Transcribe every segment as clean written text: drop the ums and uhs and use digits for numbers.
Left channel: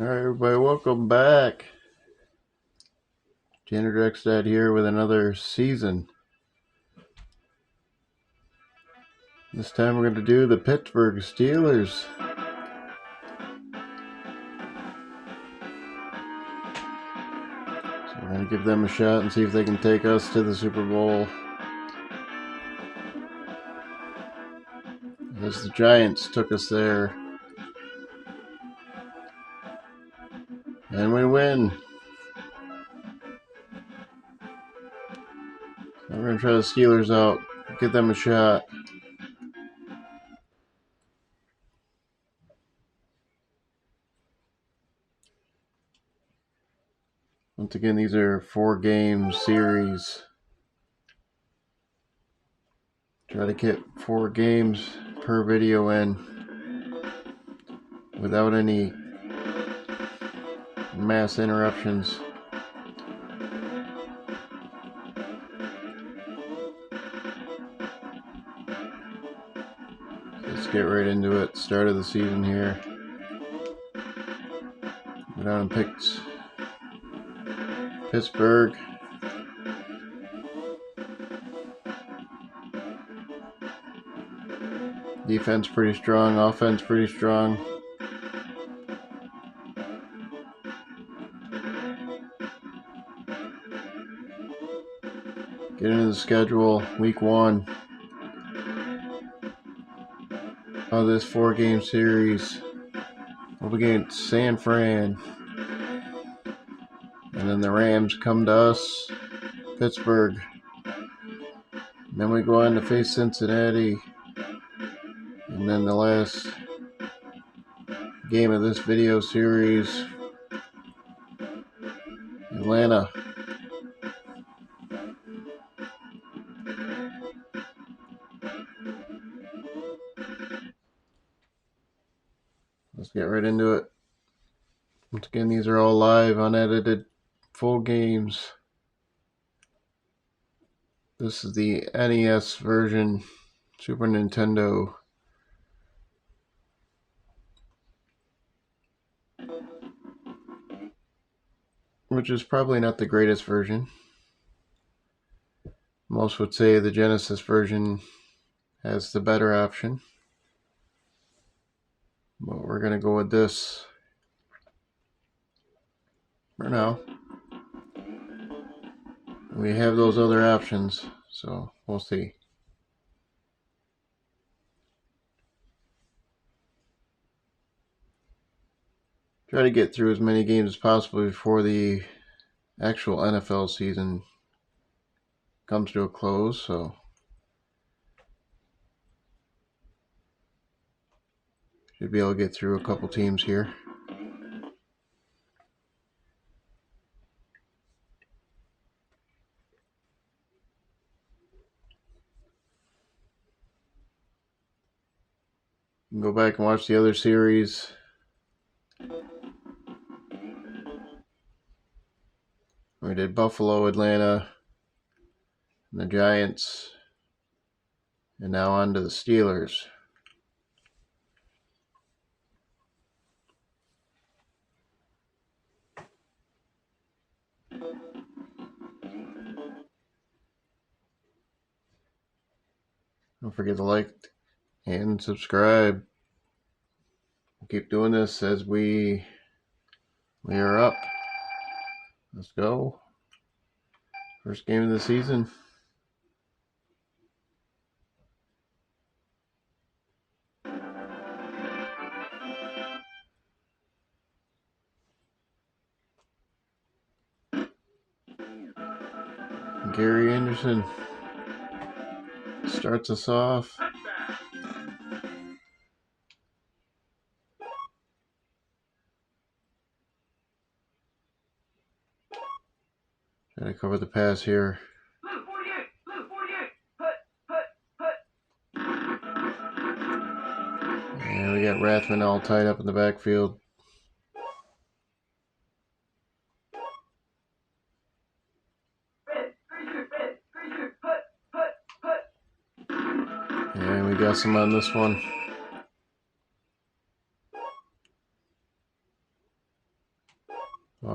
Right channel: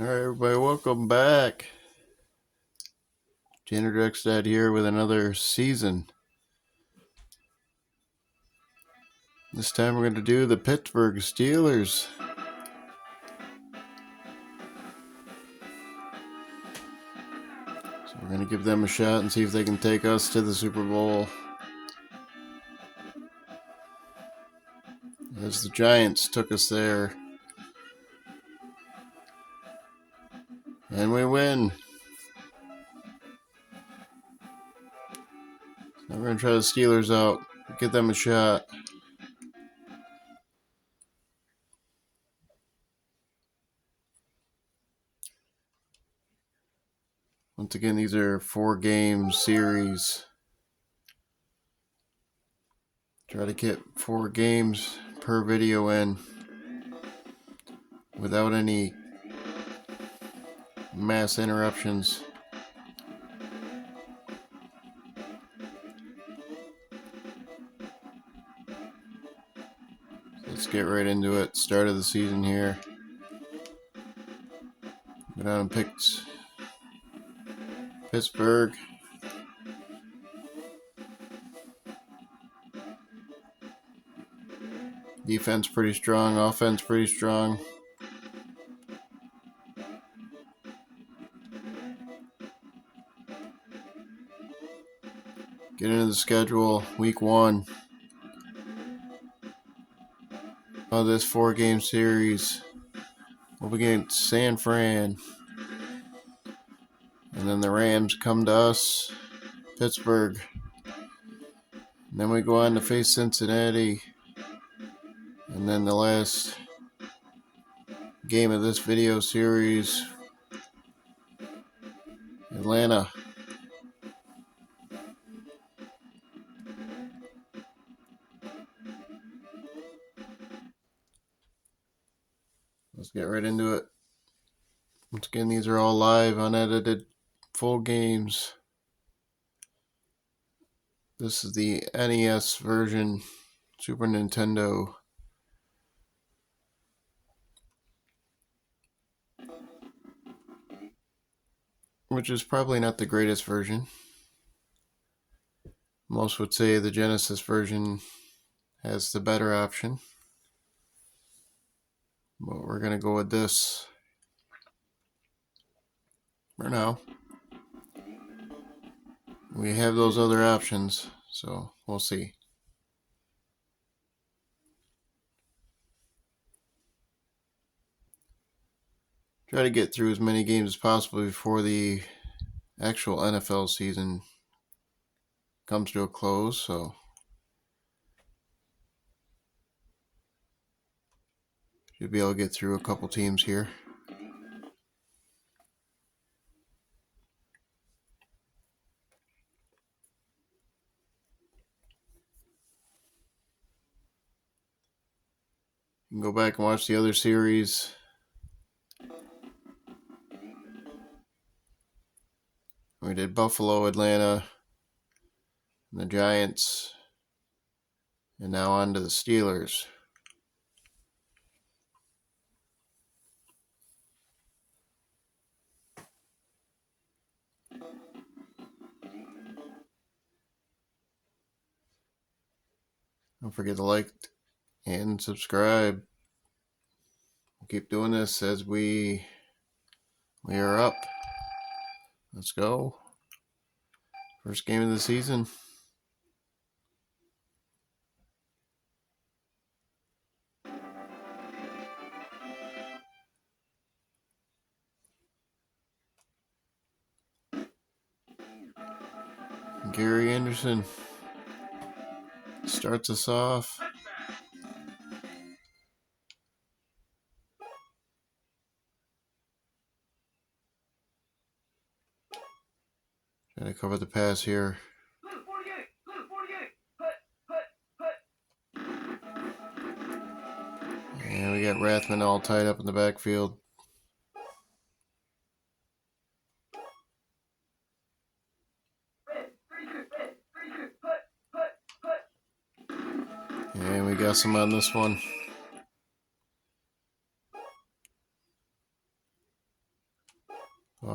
All right, everybody, welcome back. Tanner Drexdad here with another season. This time we're going to do the Pittsburgh Steelers. So we're going to give them a shot and see if they can take us to the Super Bowl. As the Giants took us there. And we win. So we're going to try the Steelers out, give them a shot. Once again, these are 4-game series. Try to get 4 games per video in without any mass interruptions. Let's get right into it. Start of the season here. Went out and picked Pittsburgh. Defense pretty strong, offense pretty strong. Get into the schedule, week 1 of this 4-game series. We'll be getting San Fran. And then the Rams come to us, Pittsburgh. And then we go on to face Cincinnati. And then the last game of this video series, Atlanta. Let's get right into it. Once again, these are all live, unedited, full games. This is the NES version, Super Nintendo. Which is probably not the greatest version. Most would say the Genesis version has the better option. But we're going to go with this for now. We have those other options, so we'll see. Try to get through as many games as possible before the actual NFL season comes to a close, so should be able to get through a couple teams here. You can go back and watch the other series. We did Buffalo, Atlanta, and the Giants, and now on to the Steelers. Don't forget to like and subscribe. We'll keep doing this as we are up. Let's go. First game of the season. Gary Anderson starts us off. Try to cover the pass here. And we got Rathman all tied up in the backfield. And we got some on this one.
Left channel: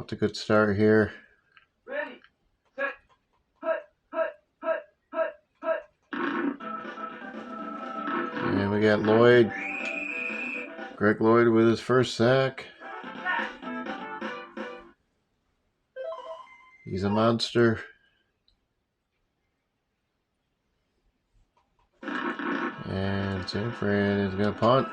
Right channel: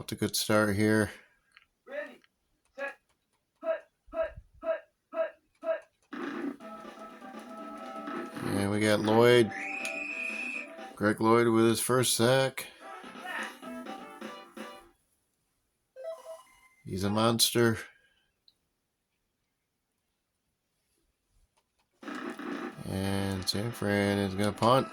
Off to a good start here. And we got Lloyd. Greg Lloyd with his first sack. He's a monster. And San Fran is going to punt.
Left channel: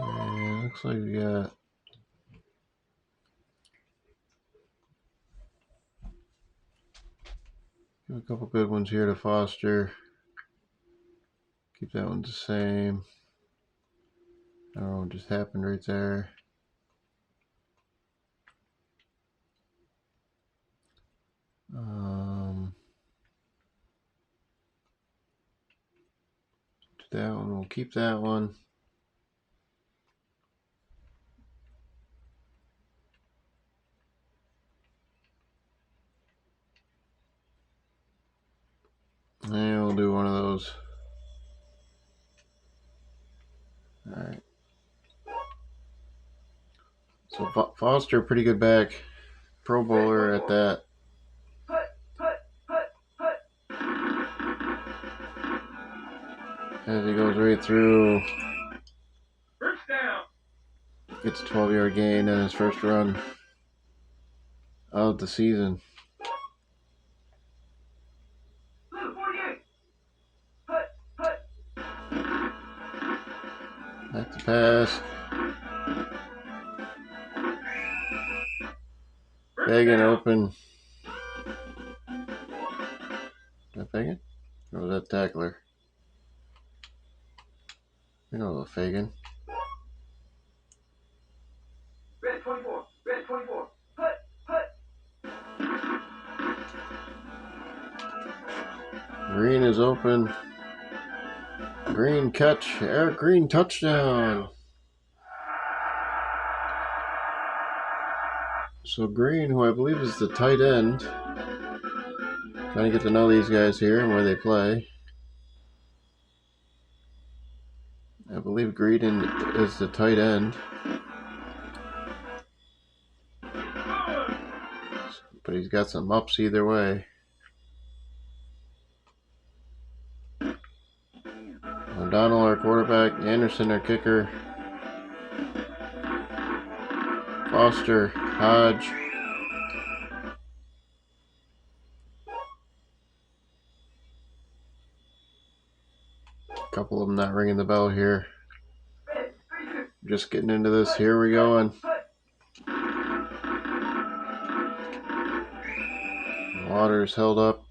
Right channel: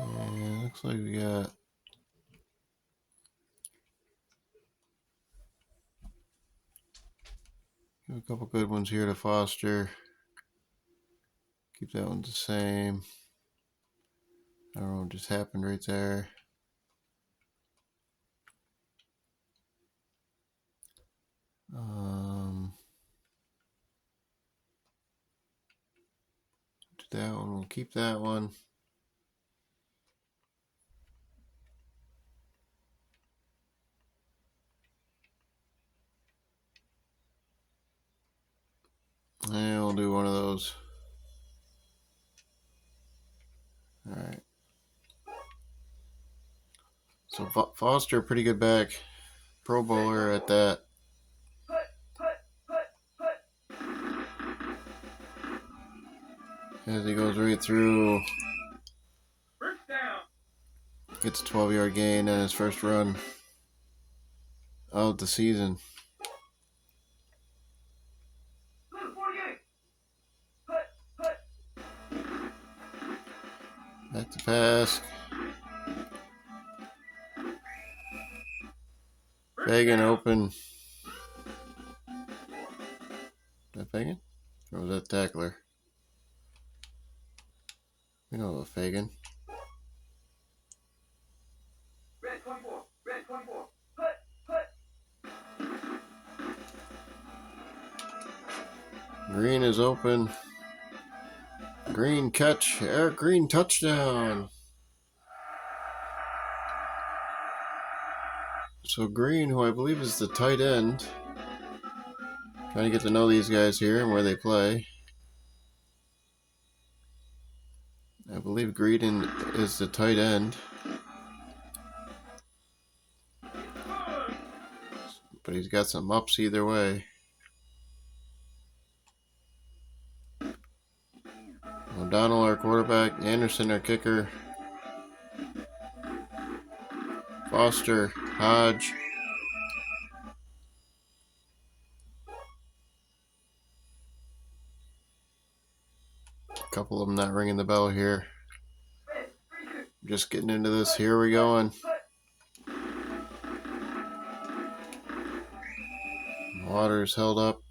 And looks like we got a couple good ones here to Foster. Keep that one the same. I don't know what just happened right there. That one, we'll keep that one. And we'll do one of those. All right. So Foster, pretty good back. Pro Bowler at that. As he goes right through. Gets a 12-yard gain on his first run of the season. Back to pass. Fagan open. Is that Fagan? Or was that Tackler? We know the Fagan. Red 24. Red 24. Green is open. Green catch. Eric Green touchdown. So Green, who I believe is the tight end. Trying to get to know these guys here and where they play. I believe Green is the tight end. But he's got some ups either way. O'Donnell, our quarterback. Anderson, our kicker. Foster, Hodge. A couple of them not ringing the bell here. Just getting into this. Here we going. Waters held up.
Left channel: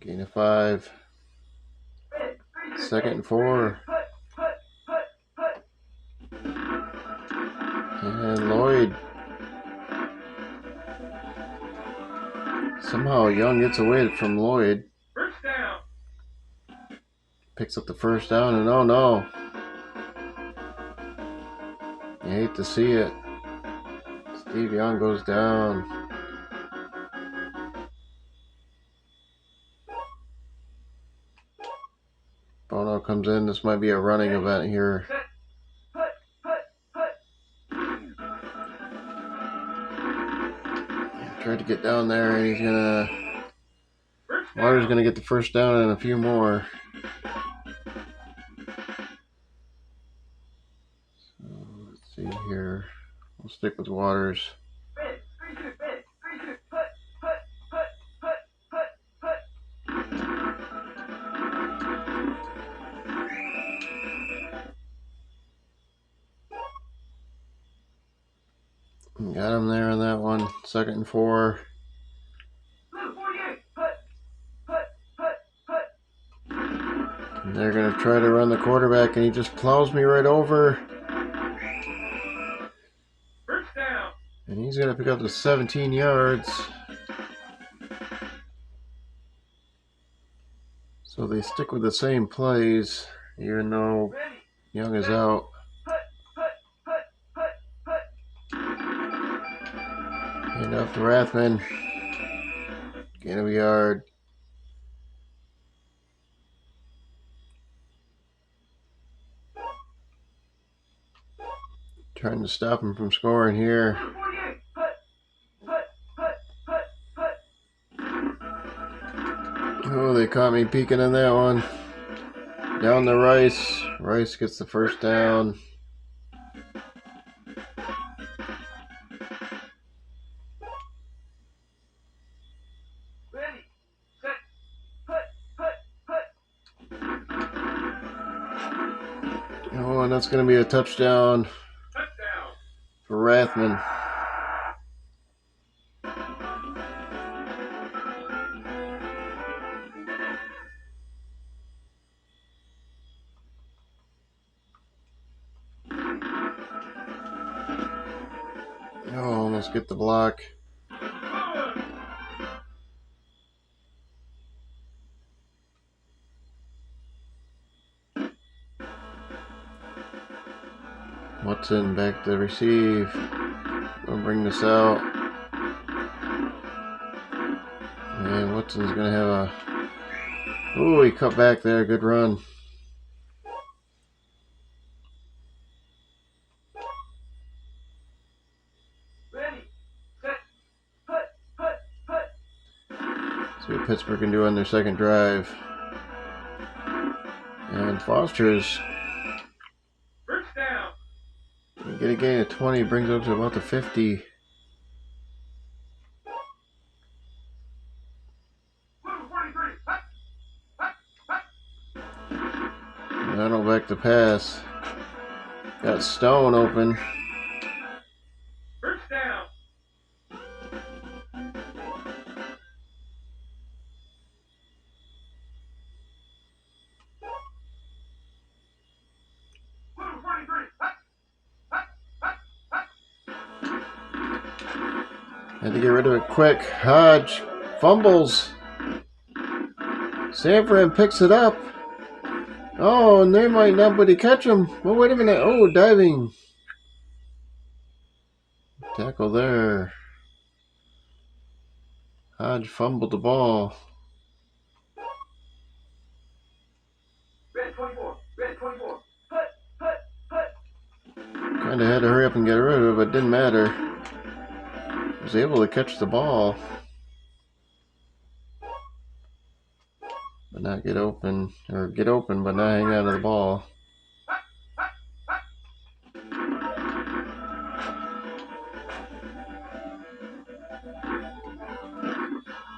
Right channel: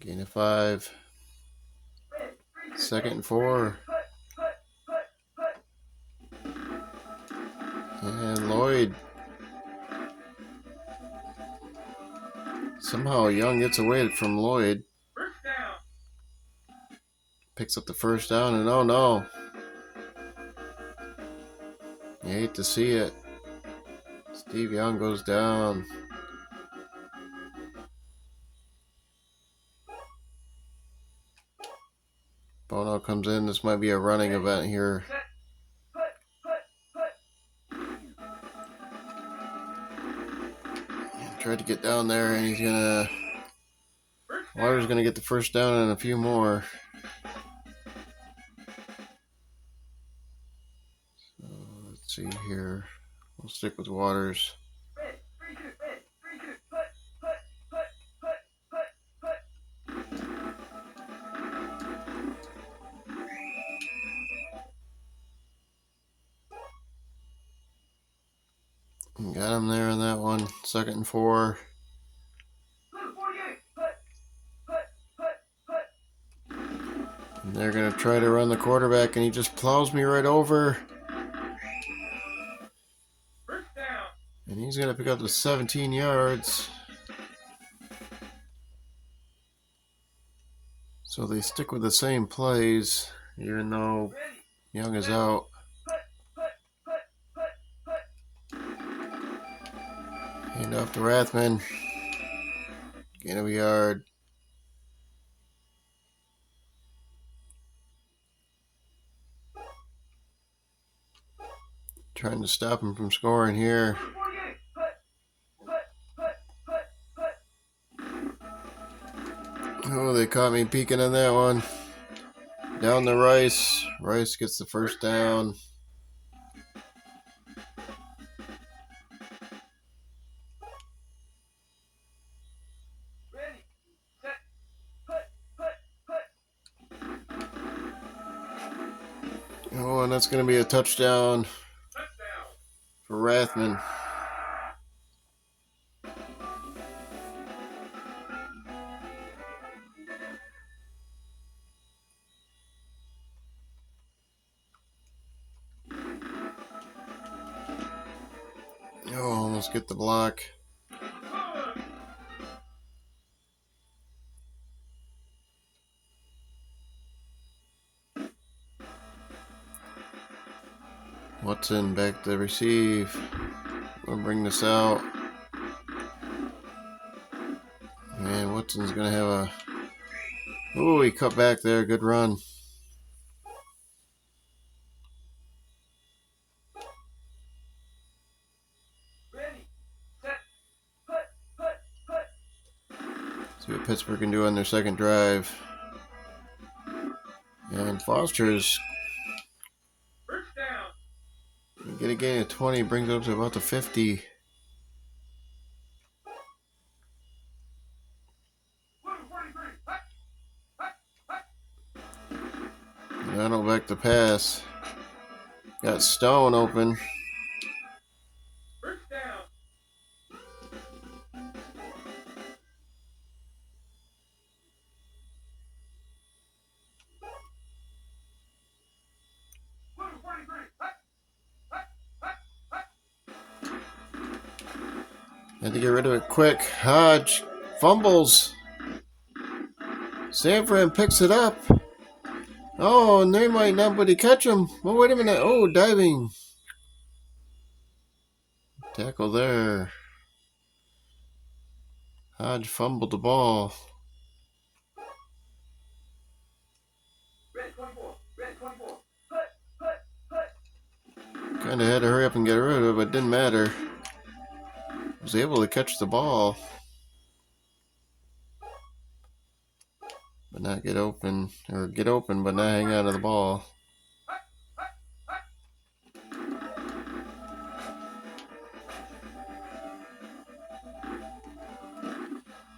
Gain of 5. 2nd and 4. And Lloyd. Somehow Young gets away from Lloyd. Picks up the first down, and oh no. You hate to see it. Steve Young goes down. Bono comes in. This might be a running event here. Tried to get down there, and he's gonna. Waters gonna get the first down and a few more. So let's see here. We'll stick with Waters. Got him there on that one. 2nd and 4. And they're going to try to run the quarterback, and he just plows me right over. And he's going to pick up the 17 yards. So they stick with the same plays, even though Young is out. Hand off to Rathman. Gain of a yard. Trying to stop him from scoring here. Oh, they caught me peeking on that one. Down to Rice. Rice gets the first down. Oh, and that's going to be a touchdown for Rathman. Oh, almost get the block. Watson back to receive. We'll bring this out. And Watson's going to have a... Oh, he cut back there. Good run. See what Pittsburgh can do on their second drive. And Foster's get a gain of 20, brings up to about the 50. That'll back the pass. Got Stone open. Had to get rid of it quick. Hodge fumbles. Sanford picks it up. Oh, and they might not, but he catch him. Oh, wait a minute. Oh, diving. Tackle there. Hodge fumbled the ball. Kind of had to hurry up and get rid of it, but it didn't matter. Was able to catch the ball, but not get open, or get open, but not hang on to the ball.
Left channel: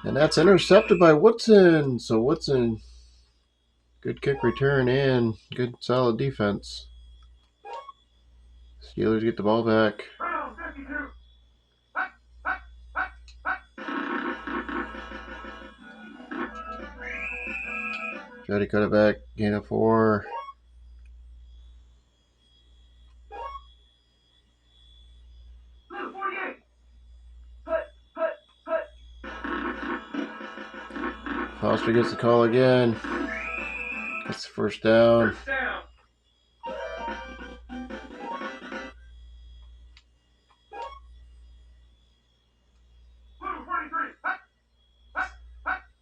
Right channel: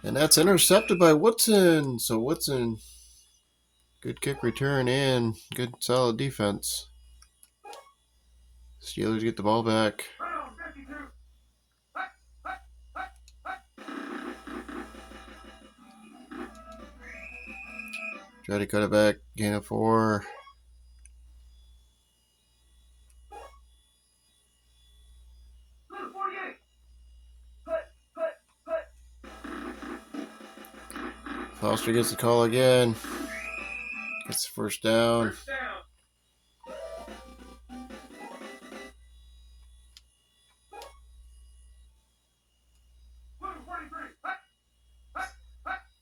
And that's intercepted by Woodson. So Woodson, good kick return and good solid defense. Steelers get the ball back. Try to cut it back. Gain of 4. Foster gets the call again. Gets the first down.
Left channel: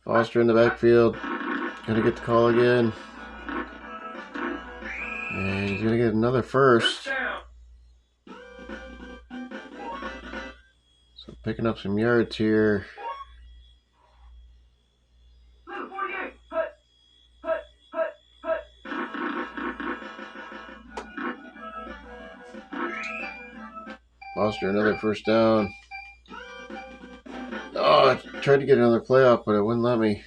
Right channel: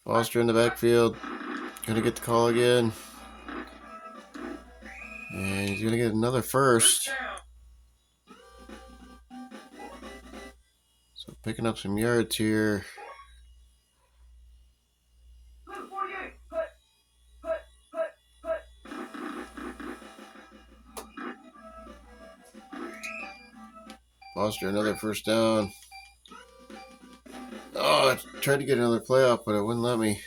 Foster in the backfield. Gonna get the call again. And he's gonna get another first. So picking up some yards here. Foster another first down. Oh, I tried to get another play up, but it wouldn't let me.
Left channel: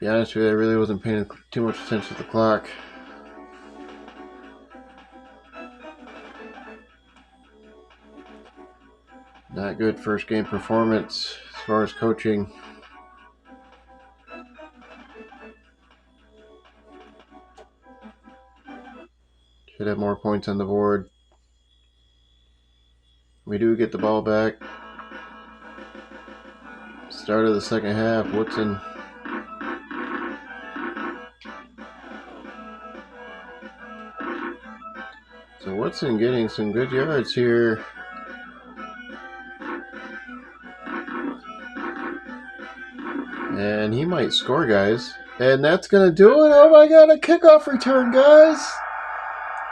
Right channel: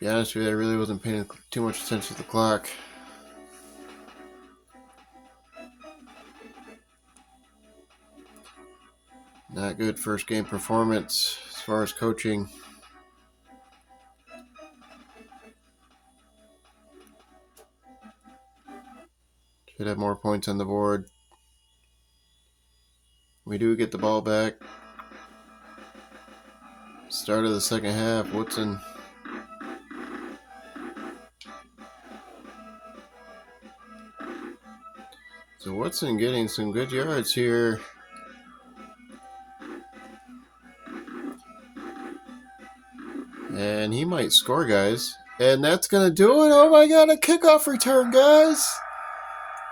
To be honest with you, I really wasn't paying too much attention to the clock. Not good first game performance as far as coaching. Should have more points on the board. We do get the ball back. Start of the second half. Woodson So Woodson getting some good yards here. And he might score, guys. And that's going to do it. Oh my God, a kickoff return, guys.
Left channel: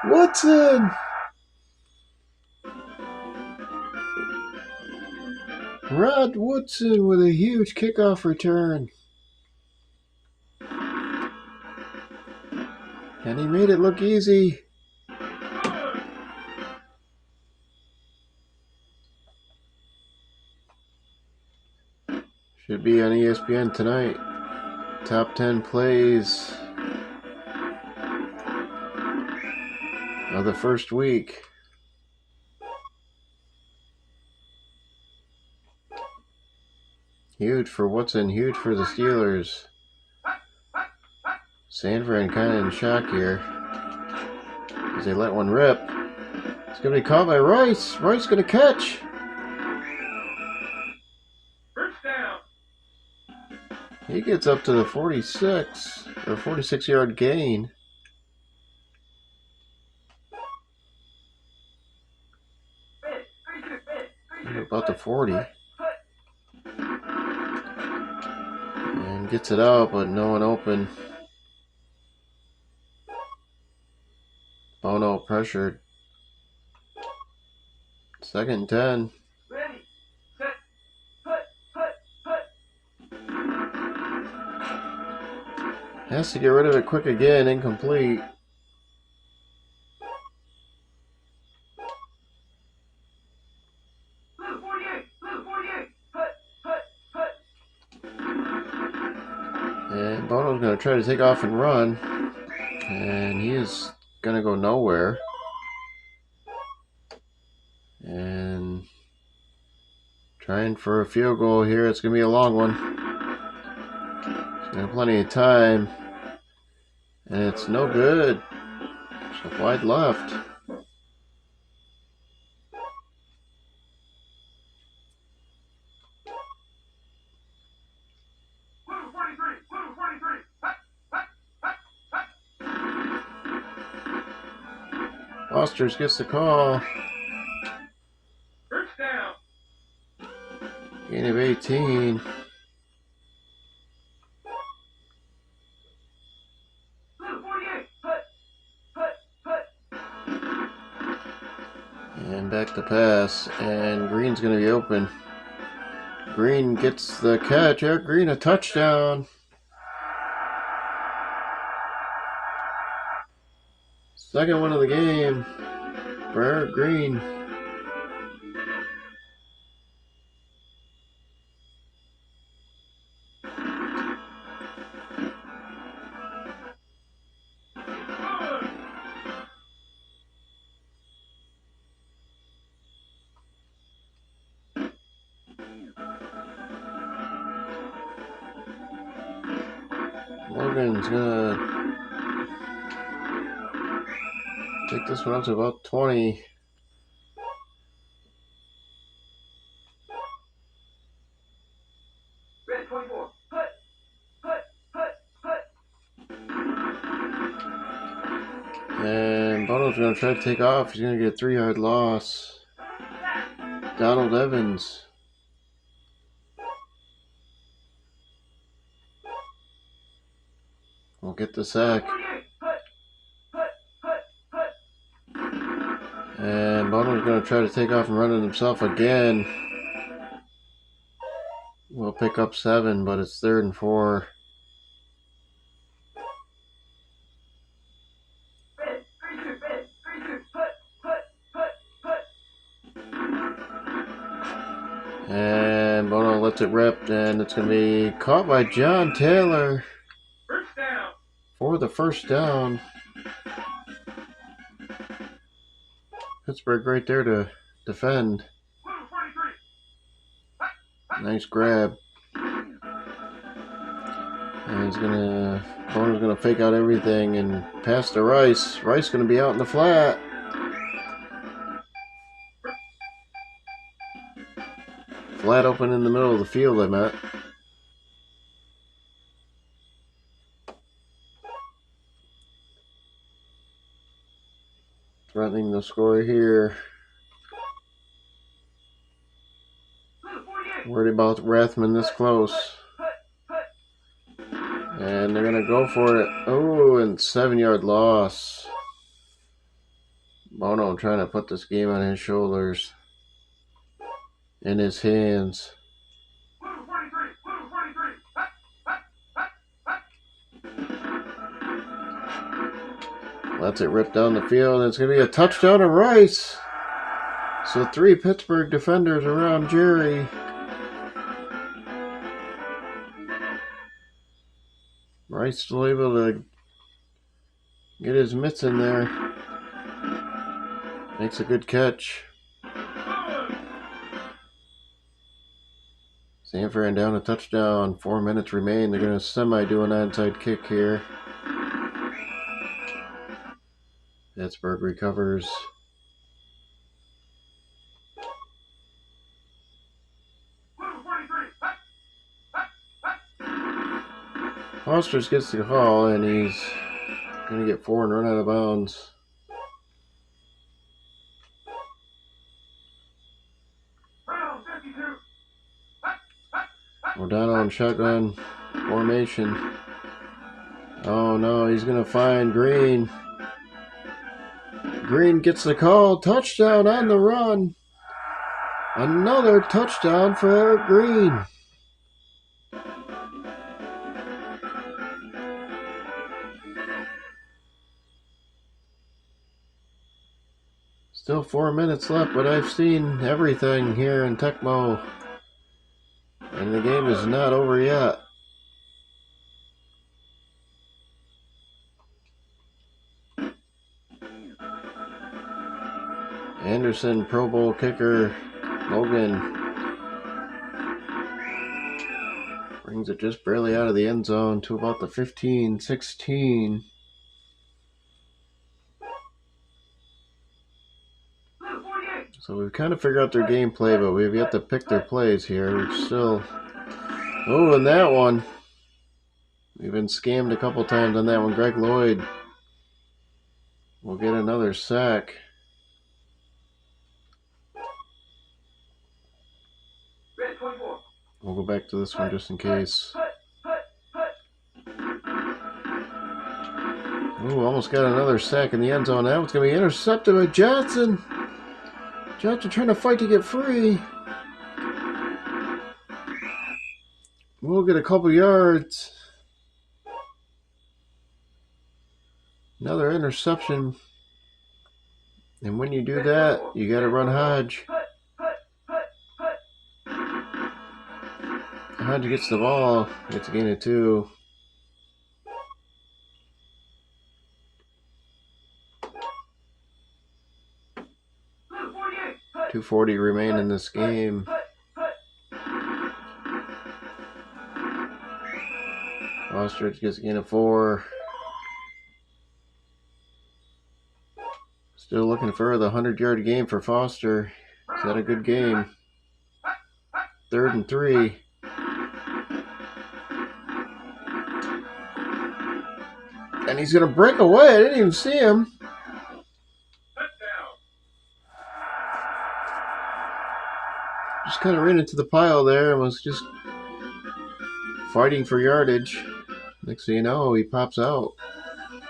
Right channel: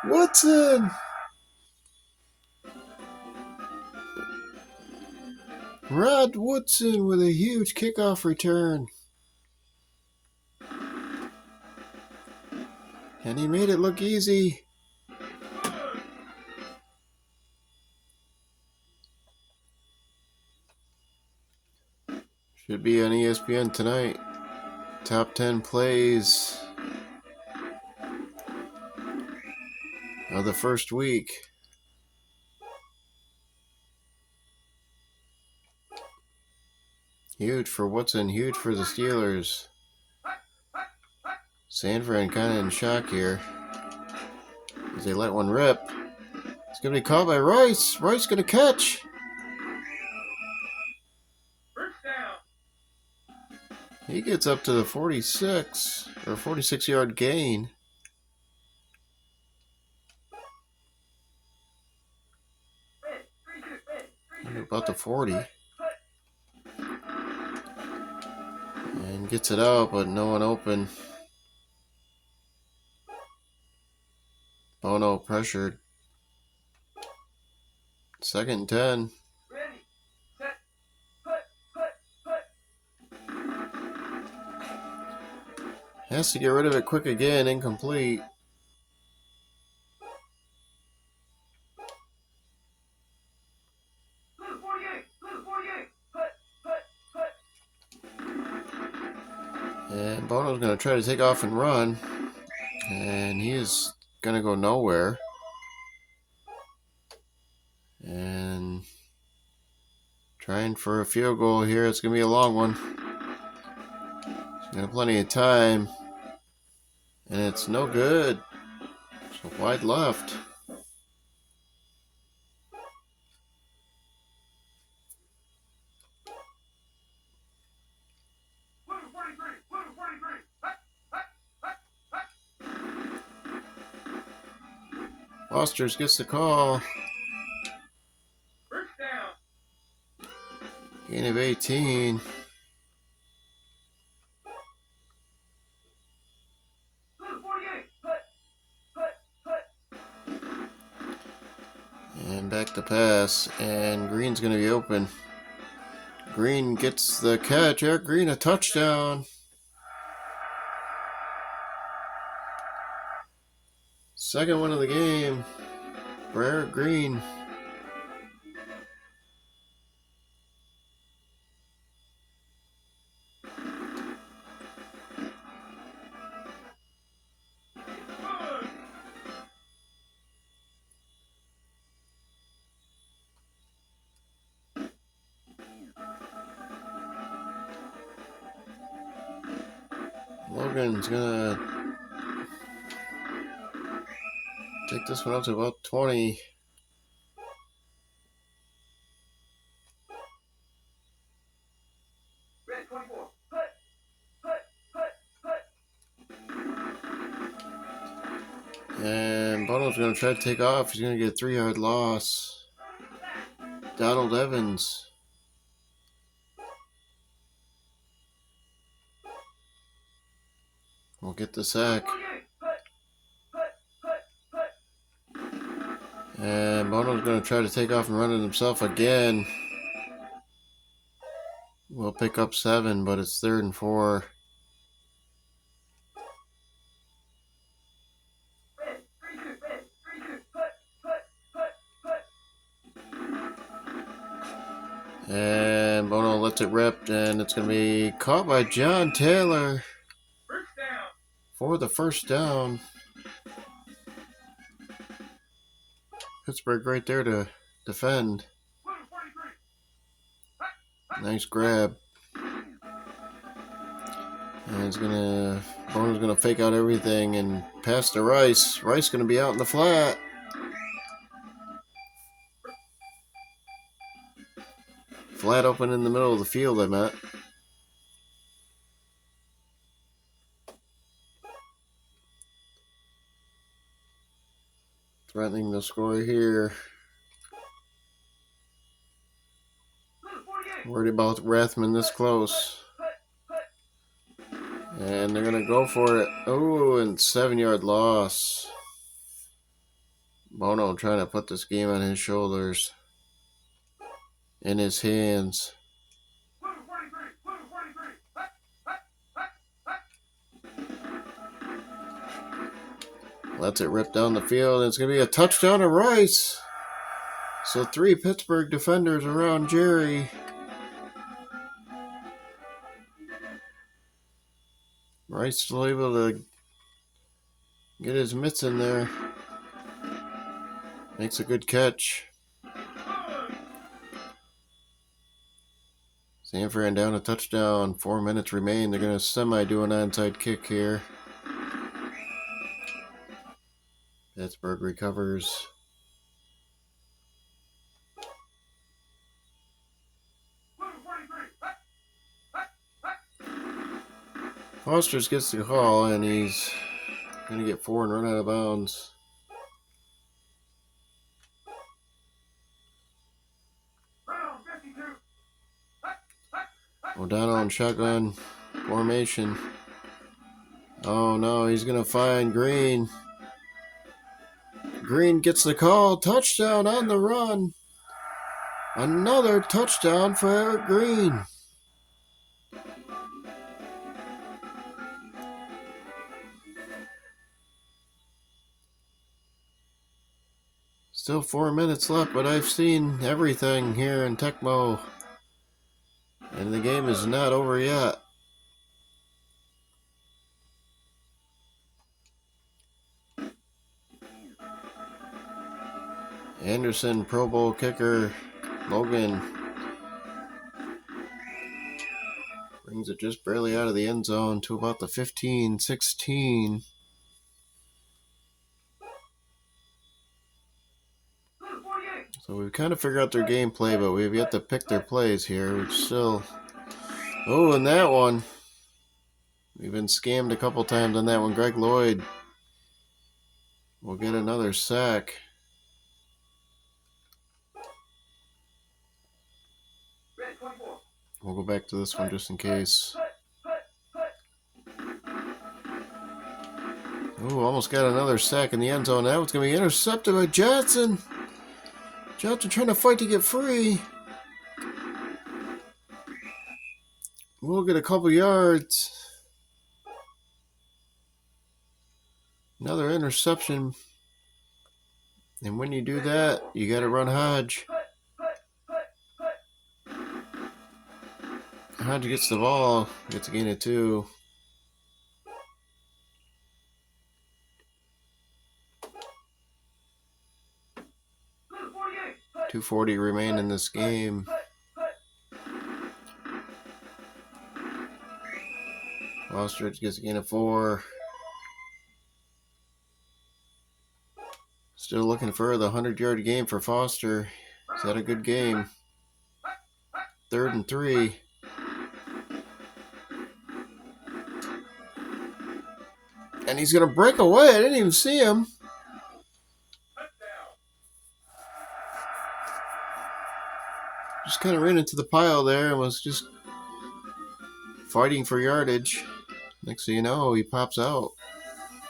Woodson. Rod Woodson with a huge kickoff return. And he made it look easy. Should be on ESPN tonight. Top 10 plays of the first week. Huge for Woodson, huge for the Steelers. Sanford kind of in shock here as they let one rip. It's going to be caught by Rice. Rice going to catch. He gets up to the 46 or 46-yard gain. About the 40. And gets it out, but no one open. Bono pressured. 2nd and 10. Has to get rid of it quick again. Incomplete. And Bono's going to try to take off and run. And he is going to go nowhere. And trying for a field goal here. It's going to be a long one. He's got plenty of time. And it's no good. So wide left. Foster's gets the call. Gain of 18. And back to pass. And Green's going to be open. Green gets the catch. Eric Green, a touchdown. Second one of the game for Eric Green. Logan's gonna take this one up to about 20. And Bono's going to try to take off. He's going to get a 3-yard loss. Donald Evans. Will get the sack. And Bono's going to try to take off and run it himself again. We'll pick up 7, but it's 3rd and 4. And Bono lets it rip, and it's going to be caught by John Taylor for the first down. Pittsburgh right there to defend. Nice grab. And Bono's gonna fake out everything and pass to Rice. Rice gonna be out in the flat. Flat open in the middle of the field, I meant. Threatening the score here. Worried about Rathman this close. And they're going to go for it. Oh, and 7-yard loss. Bono trying to put this game on his shoulders. In his hands. Lets it rip down the field. And it's going to be a touchdown to Rice. So 3 Pittsburgh defenders around Jerry. Rice still able to get his mitts in there. Makes a good catch. Sanford down a touchdown. 4 minutes remain. They're going to semi-do an onside kick here. Pittsburgh recovers. Foster's gets the call, and he's going to get 4 and run out of bounds. O'Donnell in shotgun formation. Oh no, he's going to find Green. Green gets the call. Touchdown on the run. Another touchdown for Green. Still 4 minutes left, but I've seen everything here in TECMO. And the game is not over yet. Anderson, Pro Bowl kicker, Logan brings it just barely out of the end zone to about the 15-16. So we've kind of figured out their gameplay, but we've yet to pick their plays here. We're still... Oh, and that one. We've been scammed a couple times on that one. Greg Lloyd will get another sack. We'll go back to this one just in case. Ooh, almost got another sack in the end zone. That one's going to be intercepted by Johnson. Johnson trying to fight to get free. We'll get a couple yards. Another interception. And when you do that, you got to run Hodge. Hodge gets the ball. Gets a gain of 2. .240 remain in this game. Ostrich gets a gain of 4. Still looking for the 100-yard game for Foster. Is that a good game? 3rd and 3. And he's going to break away. I didn't even see him. Just kind of ran into the pile there and was just fighting for yardage. Next thing you know, he pops out.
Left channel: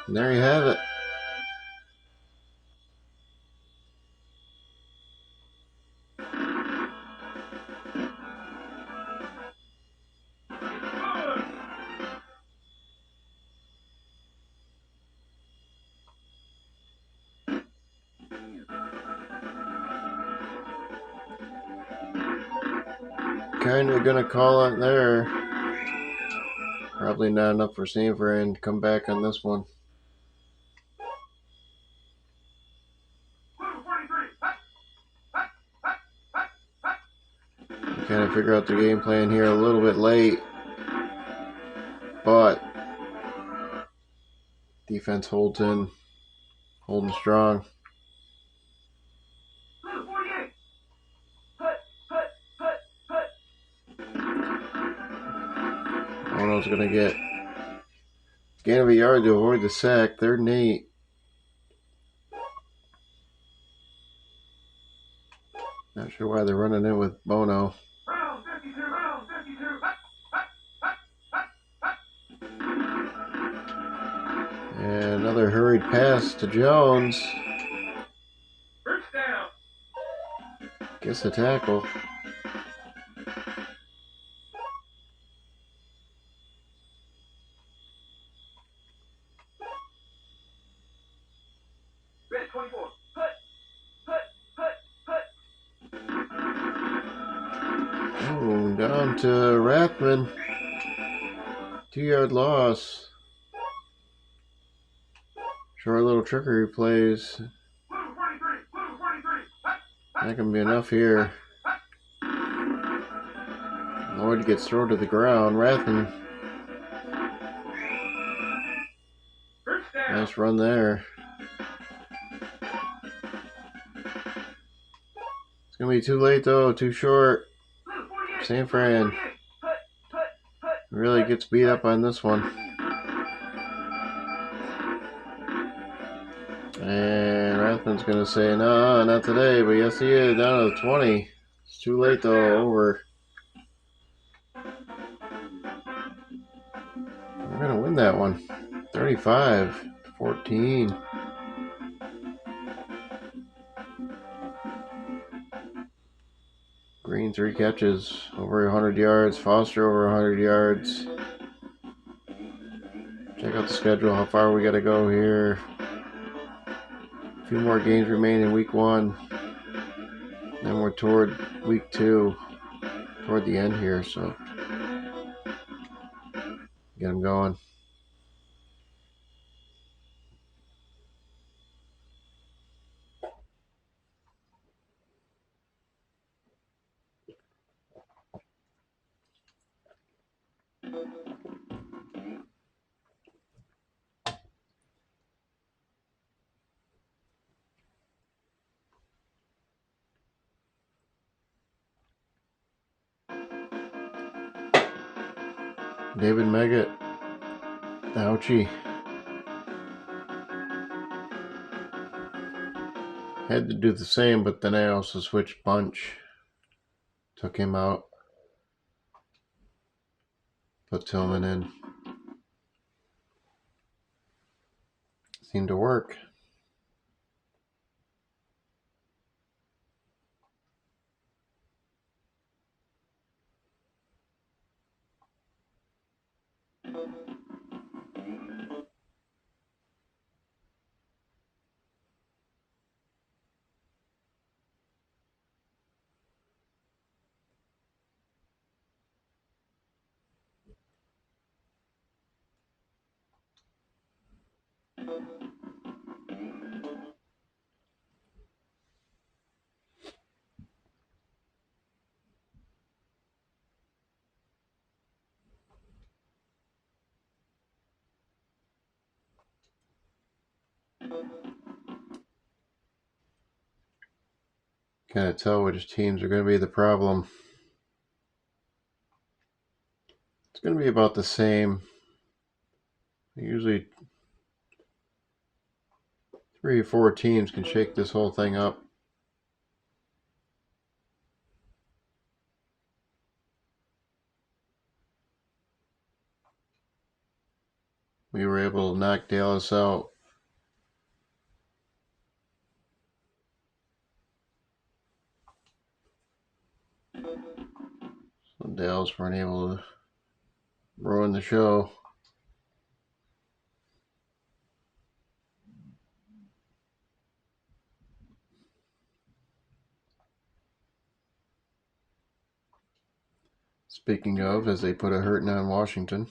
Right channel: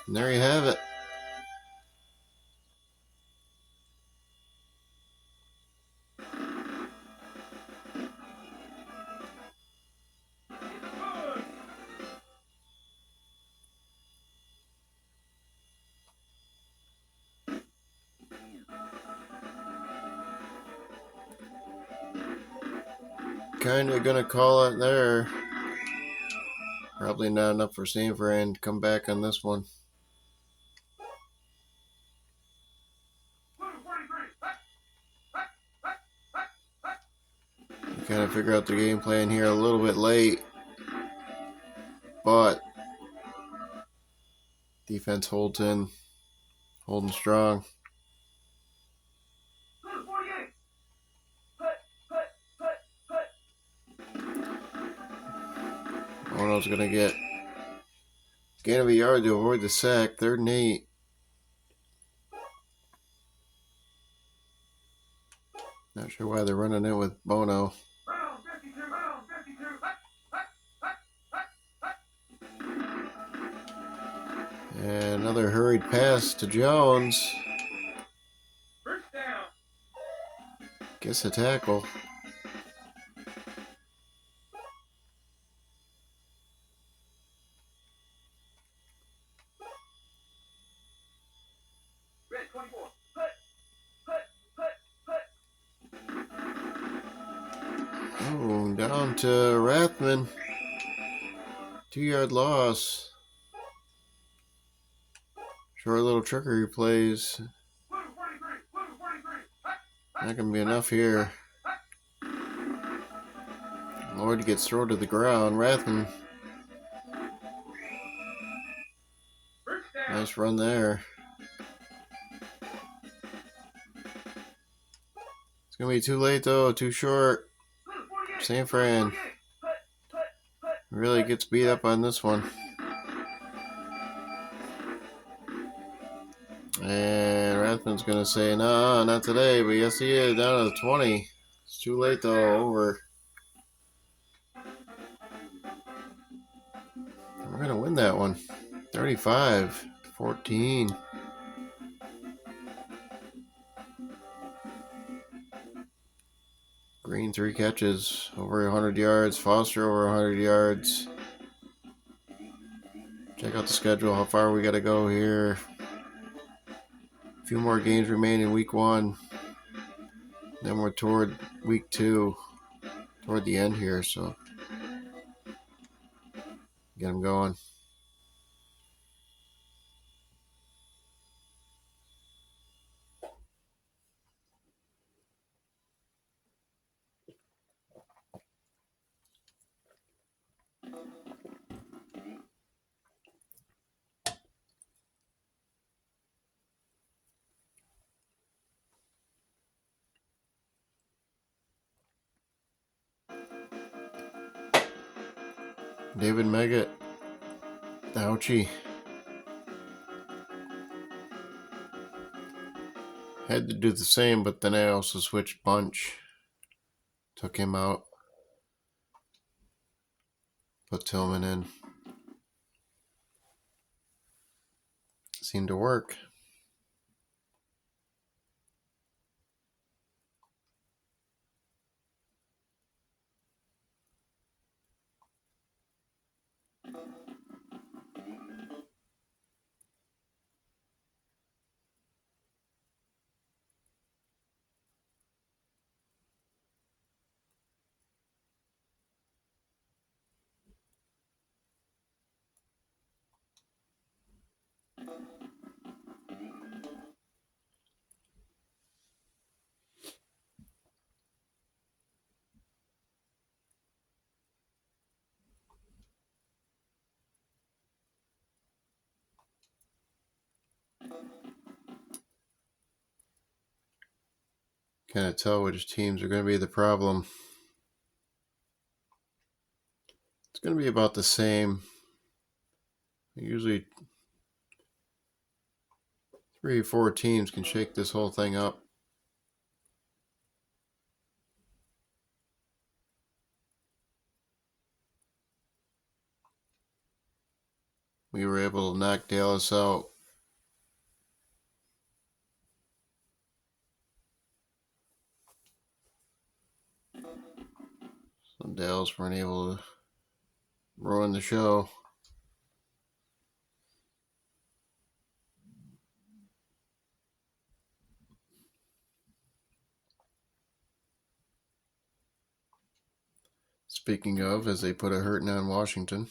And there you have it. Kind of gonna call it there. Probably not enough for Sanford to come back on this one. Kind of figure out the game plan here a little bit late, but defense holds in, holding strong. Bono's gonna get gain of a yard to avoid the sack. 3rd and 8. Not sure why they're running it with Bono. Round 52, round 52. And another hurried pass to Jones. First down. Gets a tackle. Red 24. Put. Oh, down to Rathman. 2-yard loss. Short little trickery plays. Blue 43. Blue 43. Not going to be enough here. Lloyd gets thrown to the ground. Rathman. First down. Nice run there. It's going to be too late though. Too short. Blue 48. San Fran 48. really gets beat up on this one. And Rathman's going to say, no, not today. But yes, he is. Down to the 20. It's too late though. Over. We're going to win that one. 35-14. Green 3 catches, over 100 yards. Foster over 100 yards. Check out the schedule, how far we got to go here. A few more games remain in week 1. Then we're toward week 2, toward the end here, so get them going. David Meggett. Ouchie. Had to do the same, but then I also switched Bunch. Took him out. Put Tillman in. Seemed to work. Kind of tell which teams are going to be the problem. It's going to be about the same. Usually 3 or 4 teams can shake this whole thing up. We were able to knock Dallas out. So Dallas weren't able to ruin the show. Speaking of, as they put a hurting on Washington.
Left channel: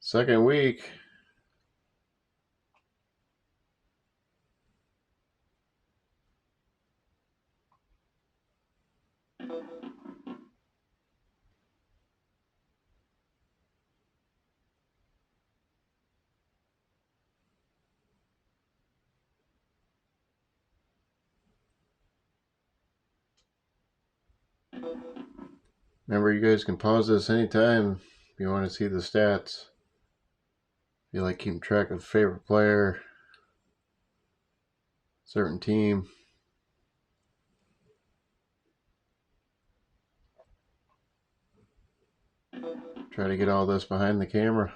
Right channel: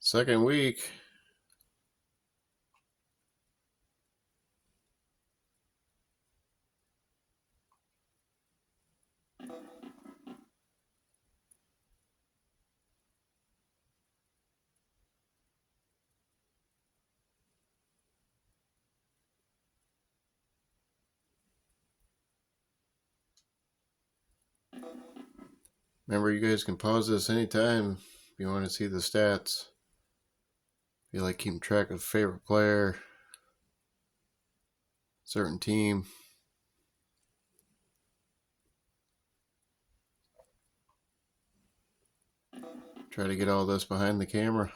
Second week. Remember, you guys can pause this anytime if you want to see the stats. If you like keeping track of favorite player, certain team. Try to get all this behind the camera.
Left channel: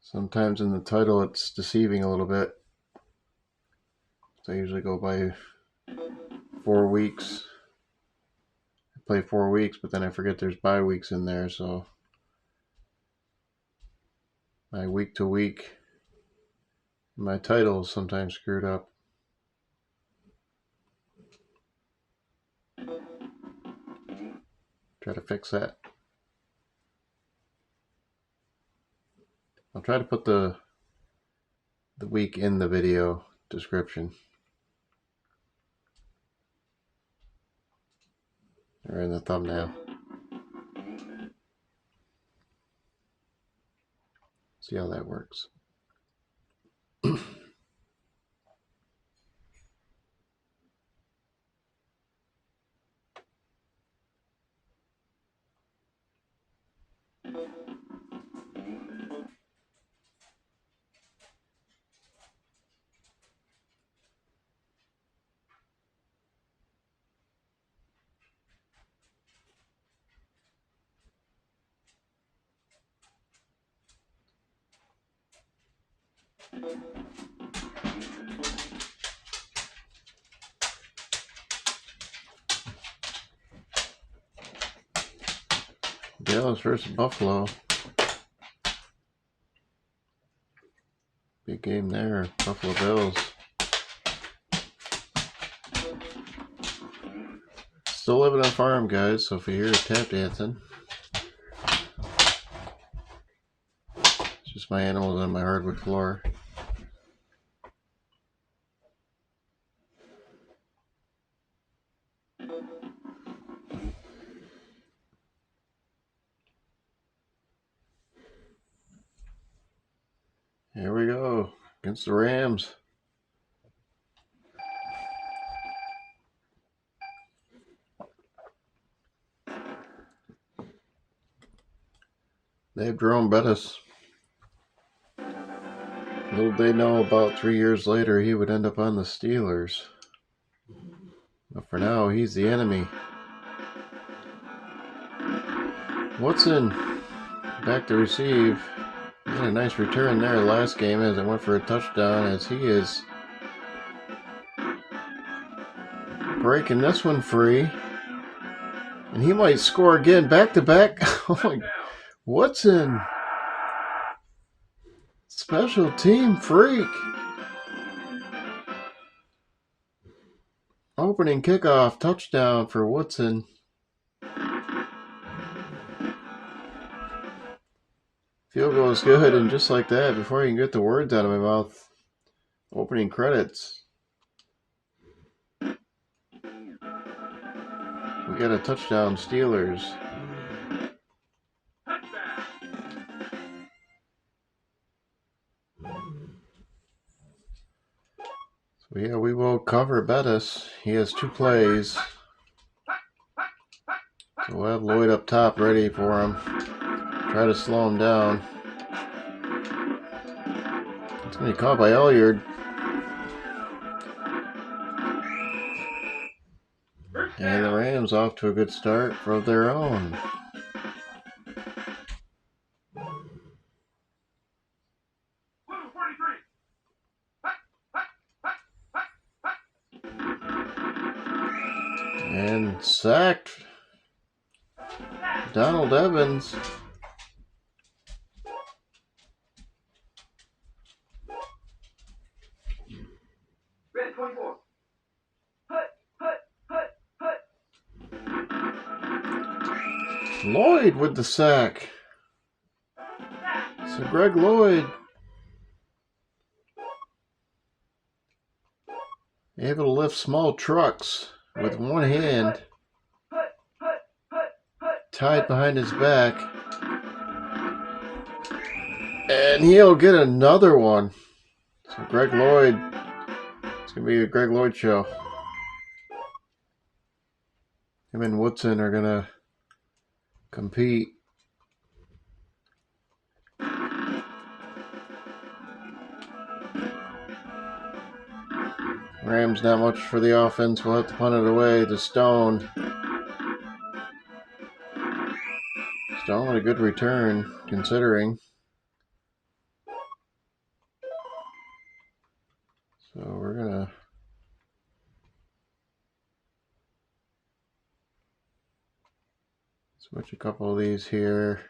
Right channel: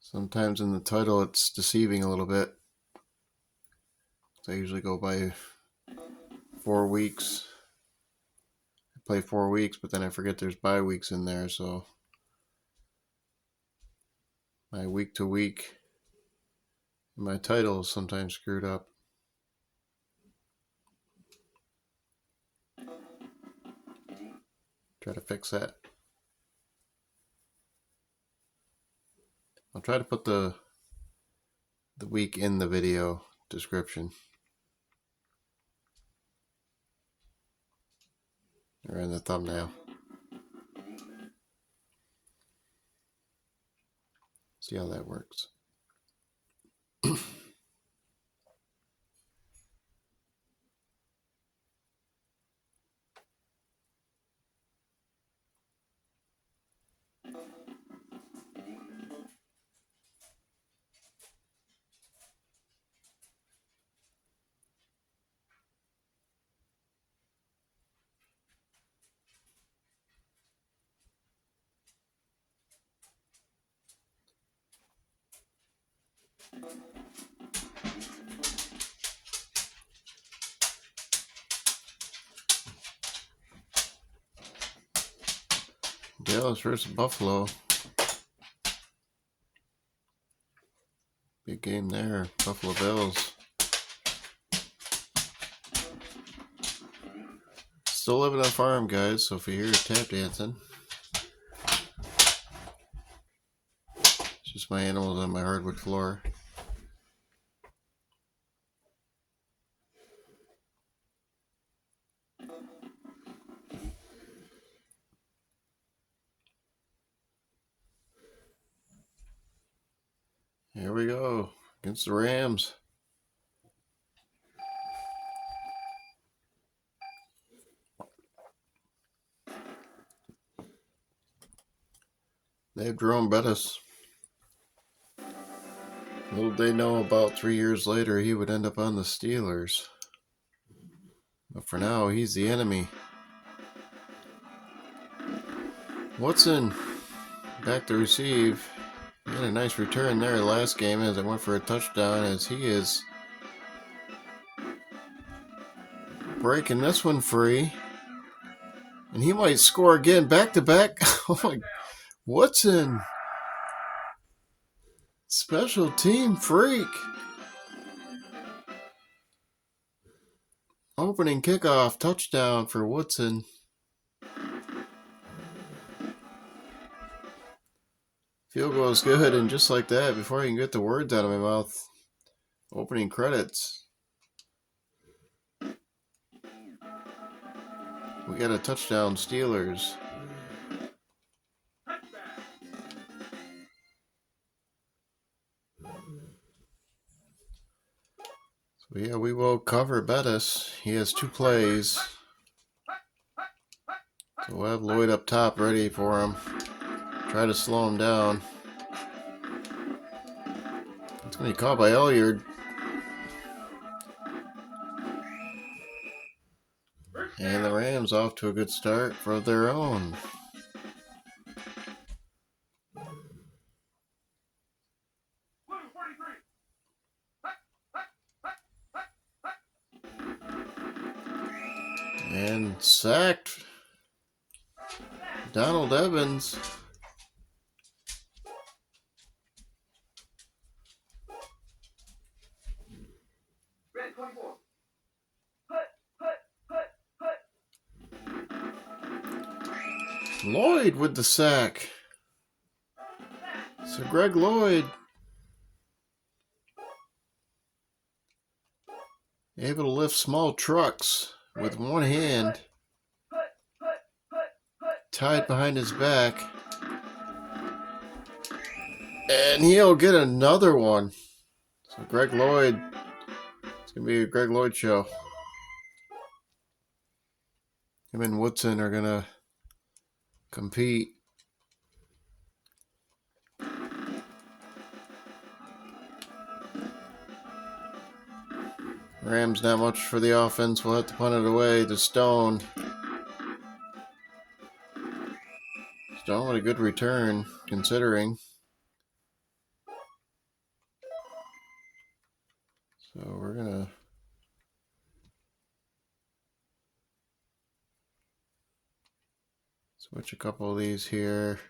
Sometimes in the title it's deceiving a little bit. So I usually go by 4 weeks. I play 4 weeks, but then I forget there's bye weeks in there, so my week to week, my title is sometimes screwed up. Try to fix that. I'll try to put the week in the video description. Or in the thumbnail. See how that works. Dallas versus Buffalo. Big game there. Buffalo Bills. Still living on a farm, guys, so if you hear tap dancing, it's just my animals on my hardwood floor. Here we go, against the Rams. They have Jerome Bettis. Little they know, about 3 years later he would end up on the Steelers. But for now, he's the enemy. Woodson back to receive. He had a nice return there last game as it went for a touchdown, as he is breaking this one free. And he might score again back to back. Oh my, Woodson. Special team freak. Opening kickoff touchdown for Woodson. Field goal is good, and just like that, before I can get the words out of my mouth, opening credits. We got a touchdown, Steelers. So yeah, we will cover Bettis. He has 2 plays. So we'll have Lloyd up top ready for him. Try to slow him down. It's going to be caught by Elyard. And the Rams off to a good start for their own. And sacked. Donald Evans. Red 24. Lloyd with the sack. So Greg Lloyd able to lift small trucks with one hand, tied behind his back, and he'll get another one. So Greg Lloyd, it's going to be a Greg Lloyd show. Him and Woodson are going to compete. Rams not much for the offense. We'll have to punt it away to Stone. Stone with a good return, considering. So we're going to switch a couple of these here.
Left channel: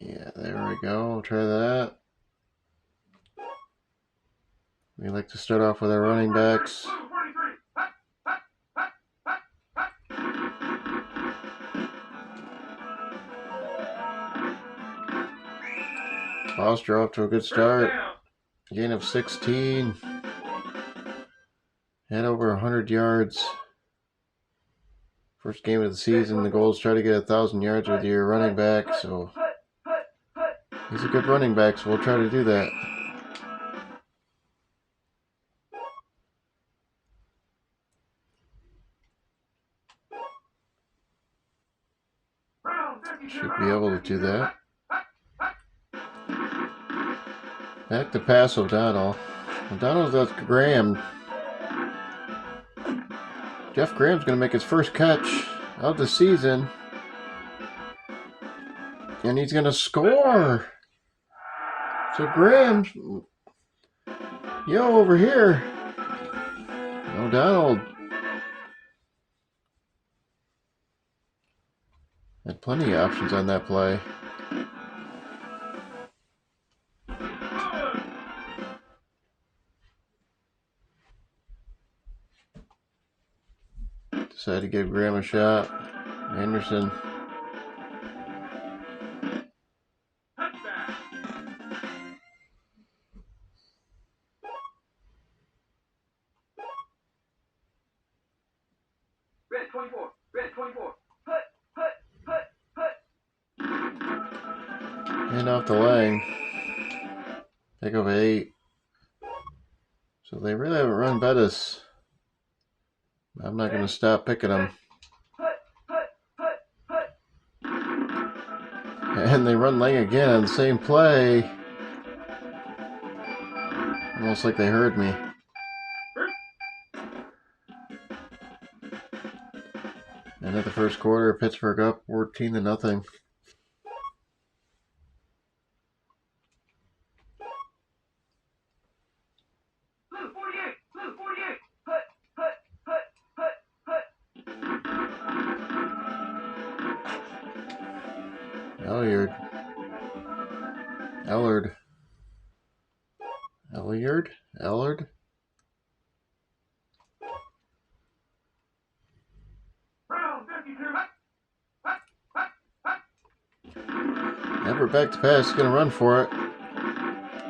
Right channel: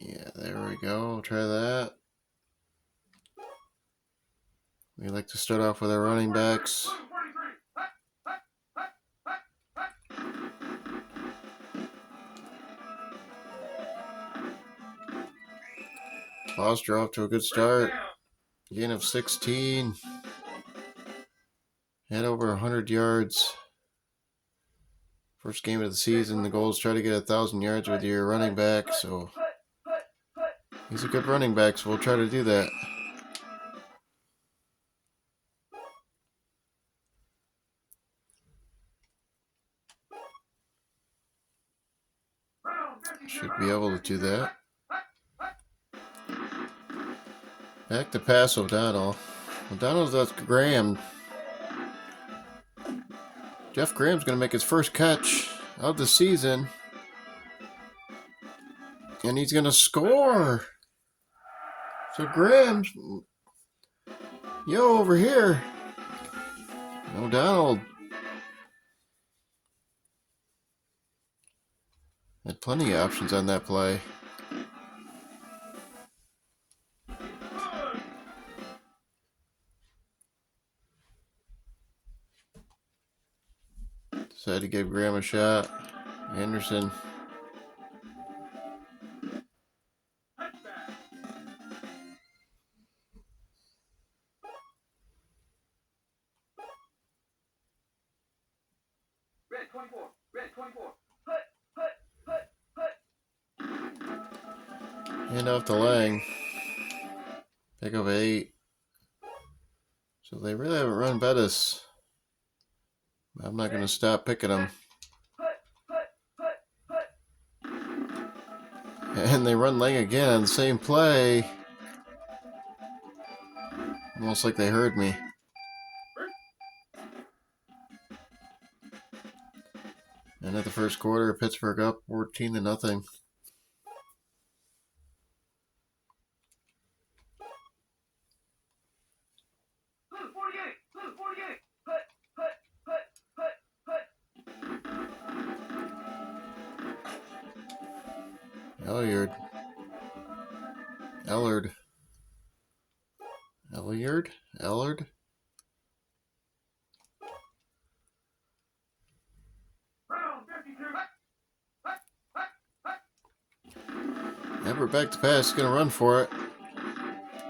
Yeah, there we go. We'll try that. We like to start off with our running backs. Foster off to a good start. Gain of 16. Had over 100 yards. First game of the season. The goal is try to get 1,000 yards with your running back. So he's a good running back, so we'll try to do that. Should be able to do that. Back to pass O'Donnell. O'Donnell's got Graham. Jeff Graham's going to make his first catch of the season. And he's going to score. So Graham's, over here. O'Donnell had plenty of options on that play. Decided to give Graham a shot. Anderson. Red 24. Red 24. And off to Lang. Pick up 8. So they really haven't run Bettis. I'm not going to stop picking them. And they run Lang again on the same play. Almost like they heard me. And at the first quarter, Pittsburgh up 14-0. Ellard. Everett back to pass. He's going to run for it.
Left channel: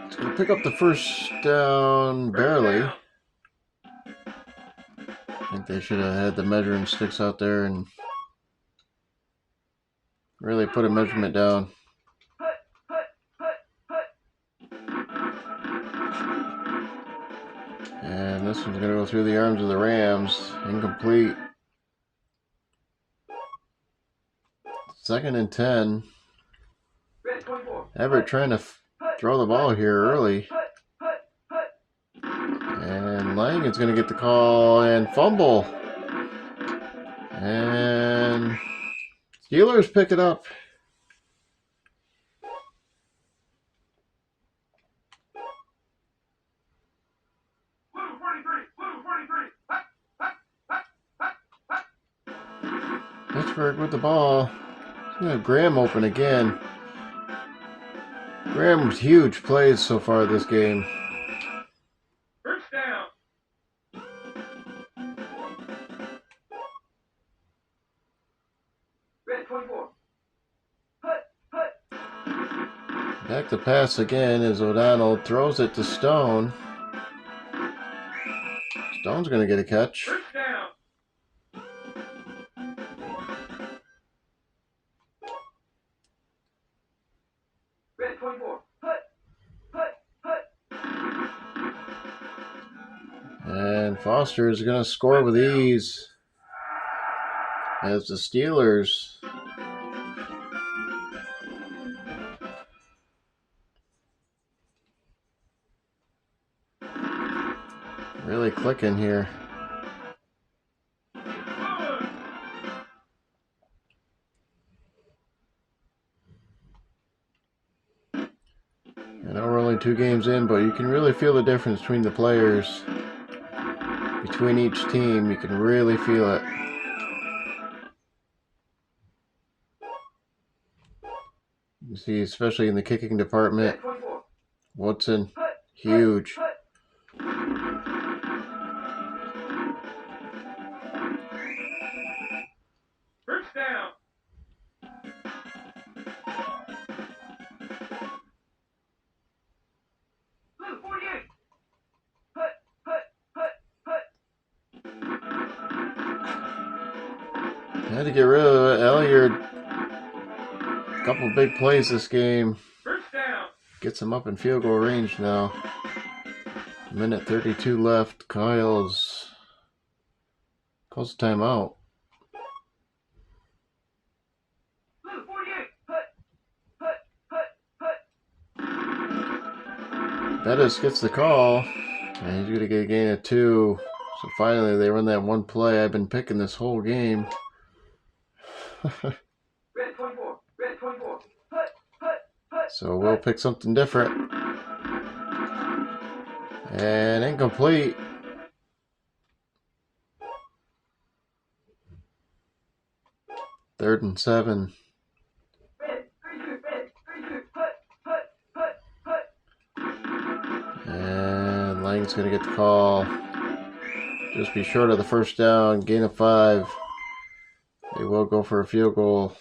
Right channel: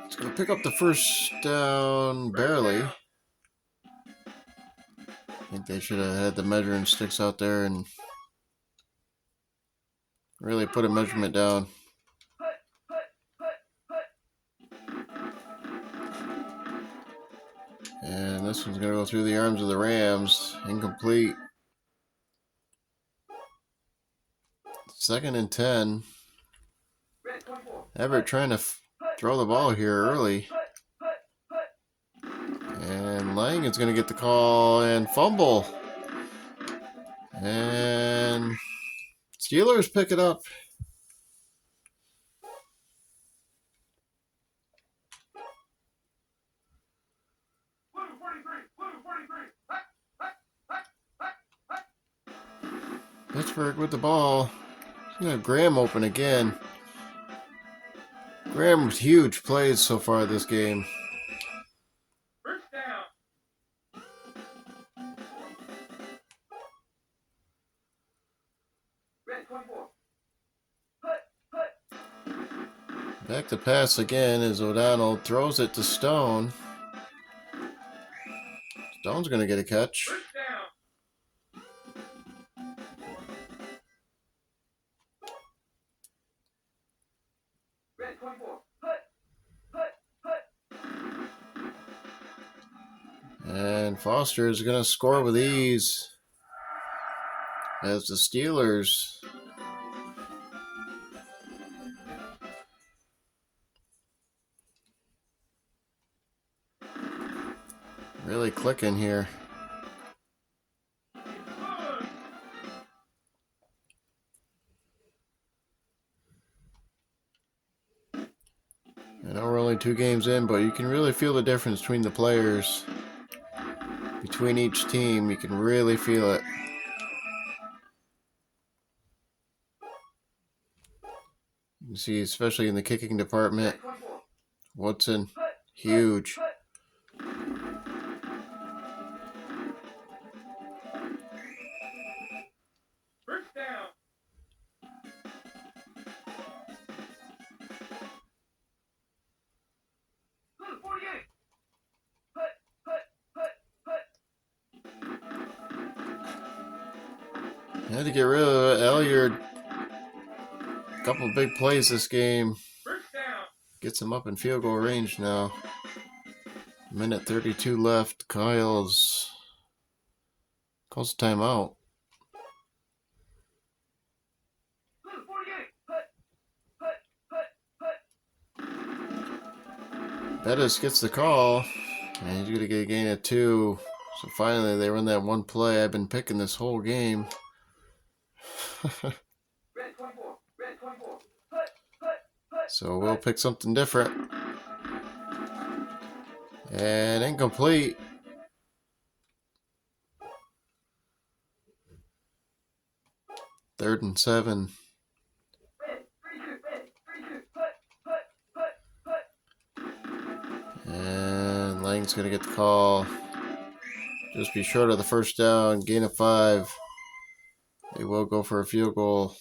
He's going to pick up the first down barely. I think they should have had the measuring sticks out there and really put a measurement down. And this one's going to go through the arms of the Rams. Incomplete. 2nd and 10. Everett trying to throw the ball here early. And Lang is going to get the call and fumble. And Steelers pick it up. Pittsburgh with the ball. We have Graham open again. Graham's huge plays so far this game. First down. Red 24. Back to pass again as O'Donnell throws it to Stone. Stone's going to get a catch. First down. Red 24. And Foster is going to score with ease as the Steelers really clicking here. I know we're only 2 games in, but you can really feel the difference between the players. Between each team, you can really feel it. You see, especially in the kicking department, Woodson, huge. First down. Blue 48. Had to get rid of Elliott. A couple big plays this game. First down. Gets him up in field goal range now. Minute 32 left. Calls a timeout. Blue 48. Bettis gets the call, and he's going to get a gain of 2. So finally, they run that one play I've been picking this whole game. Red 24. Red 24. So we'll pick something different. And incomplete. Third and 7. Red 32. And Lang's going to get the call. Just be short of the first down. Gain of 5. They will go for a field goal.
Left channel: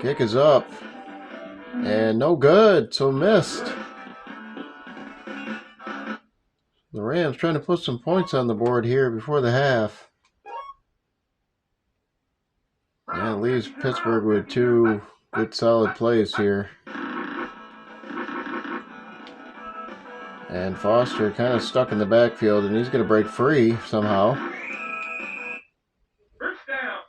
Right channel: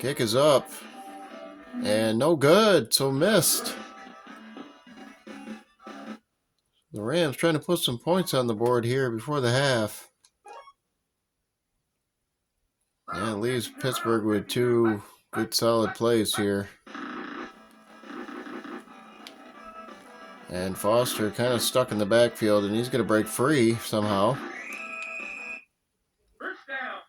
Kick is up. And no good. So missed. The Rams trying to put some points on the board here before the half. And it leaves Pittsburgh with 2 good solid plays here. And Foster kind of stuck in the backfield, and he's going to break free somehow. First down.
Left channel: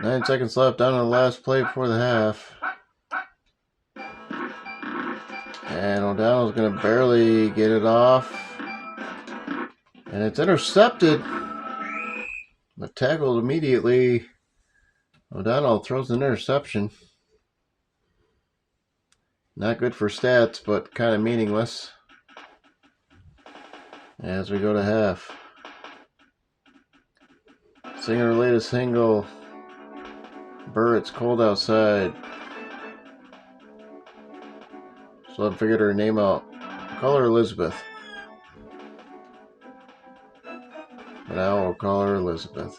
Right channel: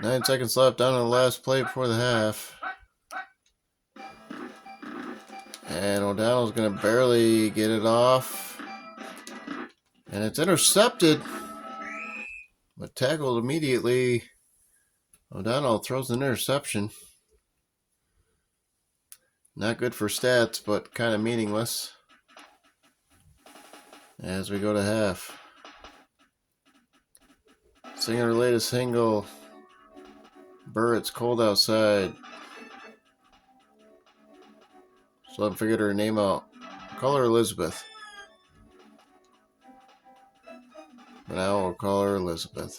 9 seconds left down to the last play before the half. And O'Donnell's going to barely get it off. And it's intercepted. But tackled immediately. O'Donnell throws an interception. Not good for stats, but kind of meaningless. As we go to half. Singer latest single. Burrett's cold outside. So I figured her name out. Call her Elizabeth. For now we'll call her Elizabeth.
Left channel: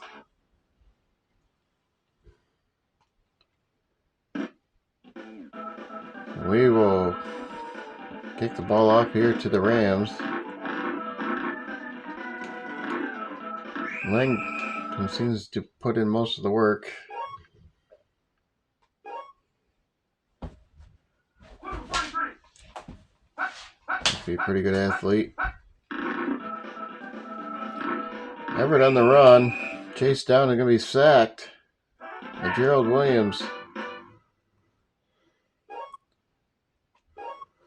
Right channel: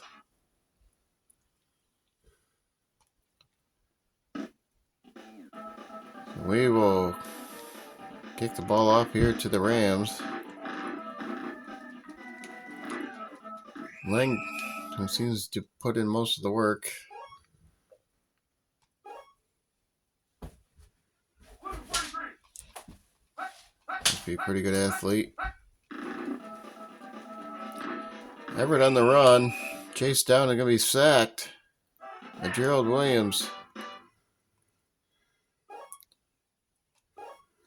We will kick the ball off here to the Rams. Lang seems to put in most of the work. Must be a pretty good athlete. Everett on the run. Chased down and going to be sacked by Gerald Williams.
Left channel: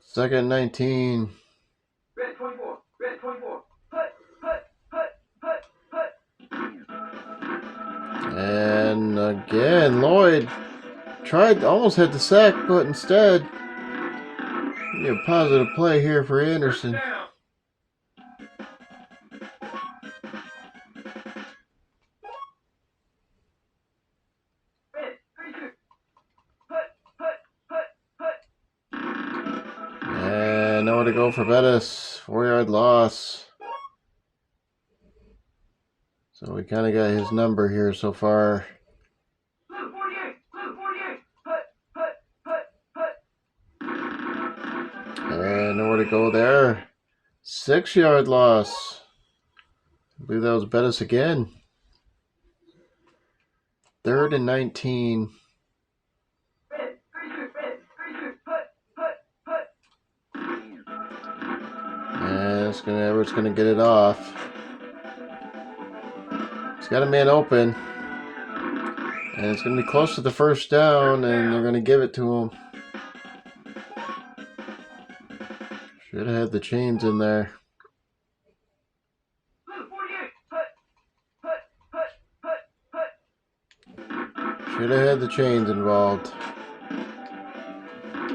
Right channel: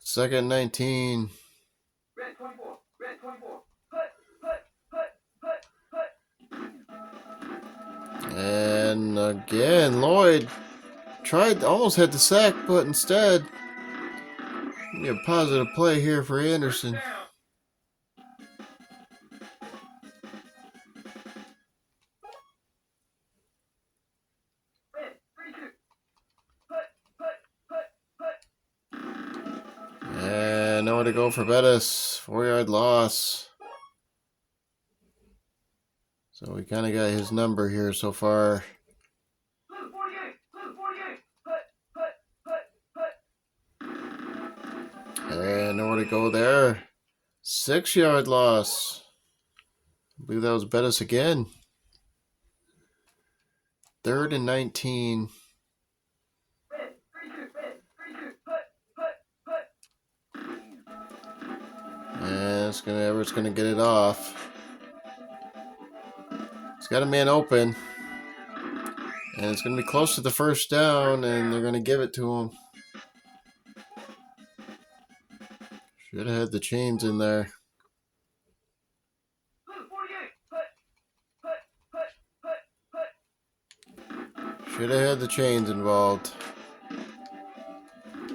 Second 19. Red 24. Red 24. And again, Lloyd almost had the sack, but instead, a positive play here for Anderson. And nowhere to go for Bettis. 4-yard loss. So we kind of got his number here so far. And nowhere to go there. 6-yard loss. I believe that was Bettis again. 3rd and 19. Red, 3-2, red, 3-2, put. And Everett's gonna get it off. He's got a man open. And it's gonna be close to the first down, and they're gonna give it to him. Should have had the chains in there. Blue, 48, put. Should have had the chains involved.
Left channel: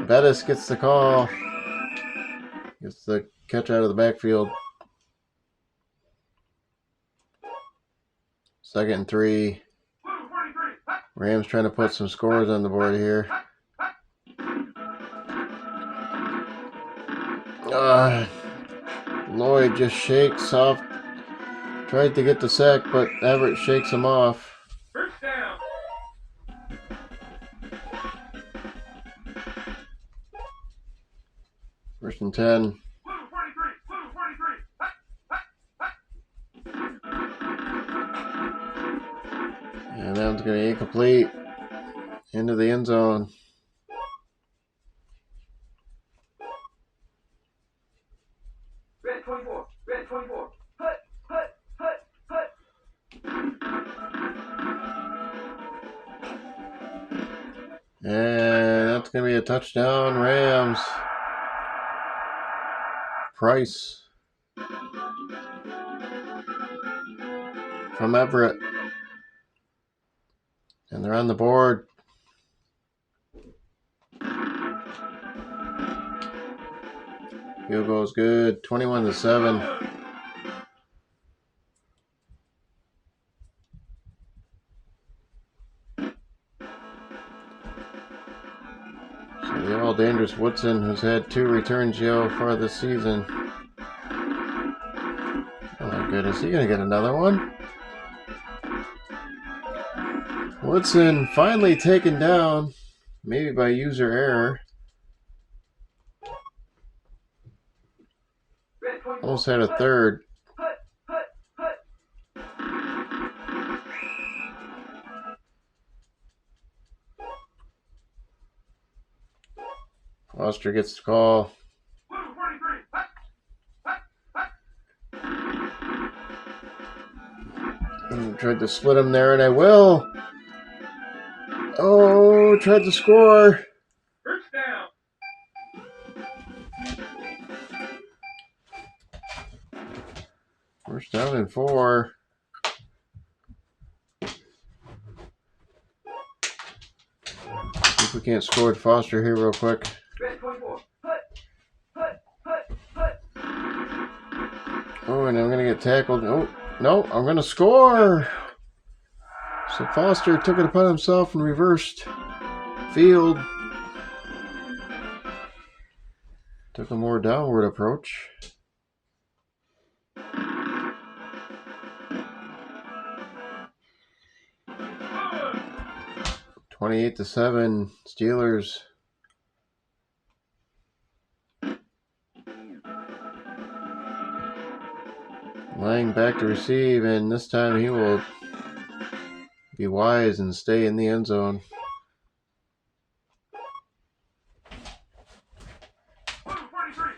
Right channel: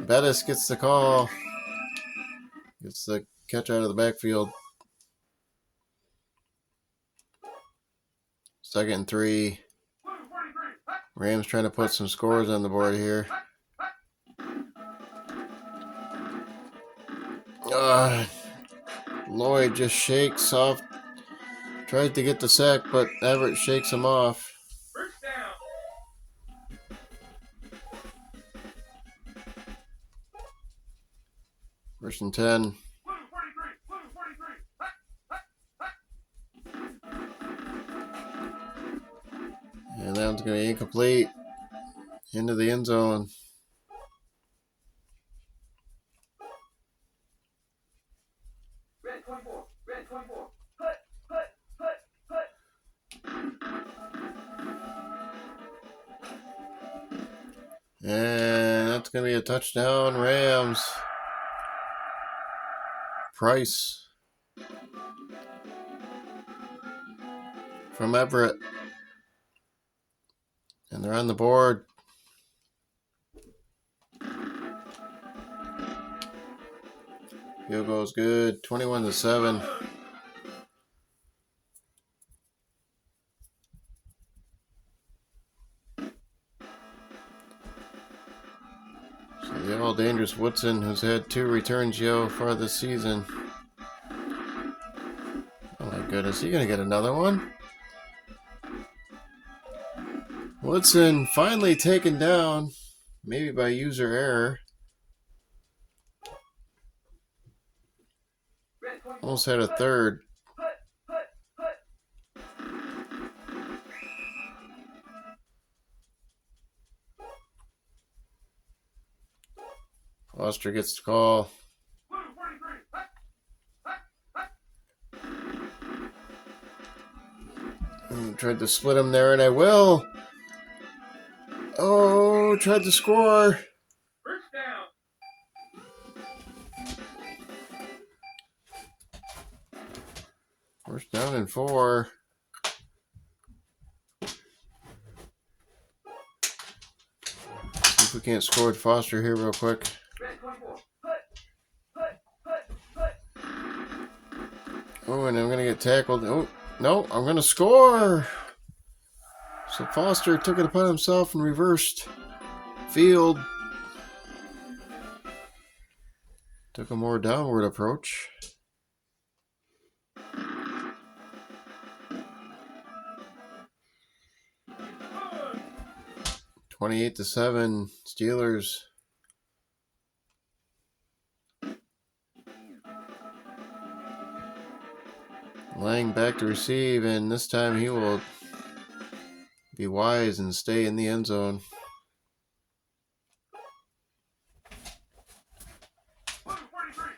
Bettis gets the call. Gets the catch out of the backfield. 2nd and 3. Blue, 43, Rams trying to put some scores on the board here. Lloyd just shakes off. Tried to get the sack, but Everett shakes him off. first down. 1st and 10. Blue, 43, And that one's going to be incomplete. Into the end zone. Red 24, red 24, put. And that's going to be a touchdown, Rams. Price from Everett. And they're on the board. Field goal's good. 21-7. So the all dangerous Woodson, who's had 2 returns so far this season. Oh my goodness, he gonna get another one? Woodson finally taken down, maybe by user error. Red 24, Almost had a third. Foster gets the call. Blue, 43, Tried to split him there, and I will. Oh, tried to score. first down. First down and 4. See if we can't score with Foster here real quick. Red 24, Oh, and I'm going to get tackled. Oh, no, I'm going to score. So Foster took it upon himself and reversed field. Took a more downward approach. Blue. 28-7, Steelers. Lang back to receive, and this time he will be wise and stay in the end zone. Blue, 43.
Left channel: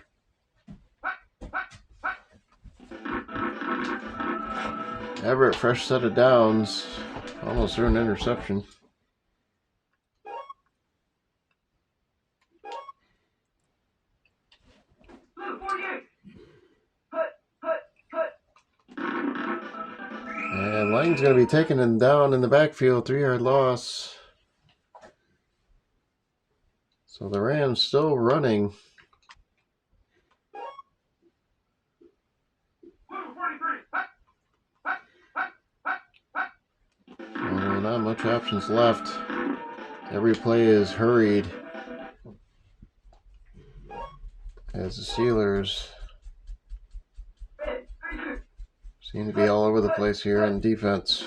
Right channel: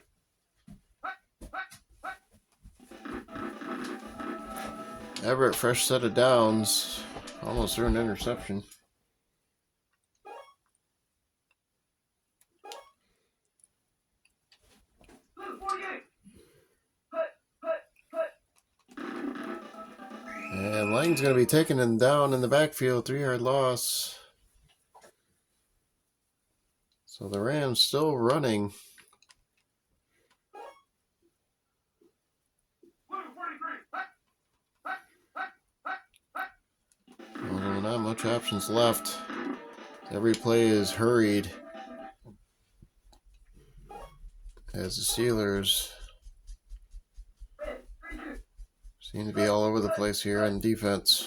Everett, fresh set of downs. Almost threw an interception. Blue, 48. And Lang's going to be taking him down in the backfield, 3-yard loss. So the Rams still running. Well, not much options left. Every play is hurried. As the Steelers seem to be all over the place here on defense.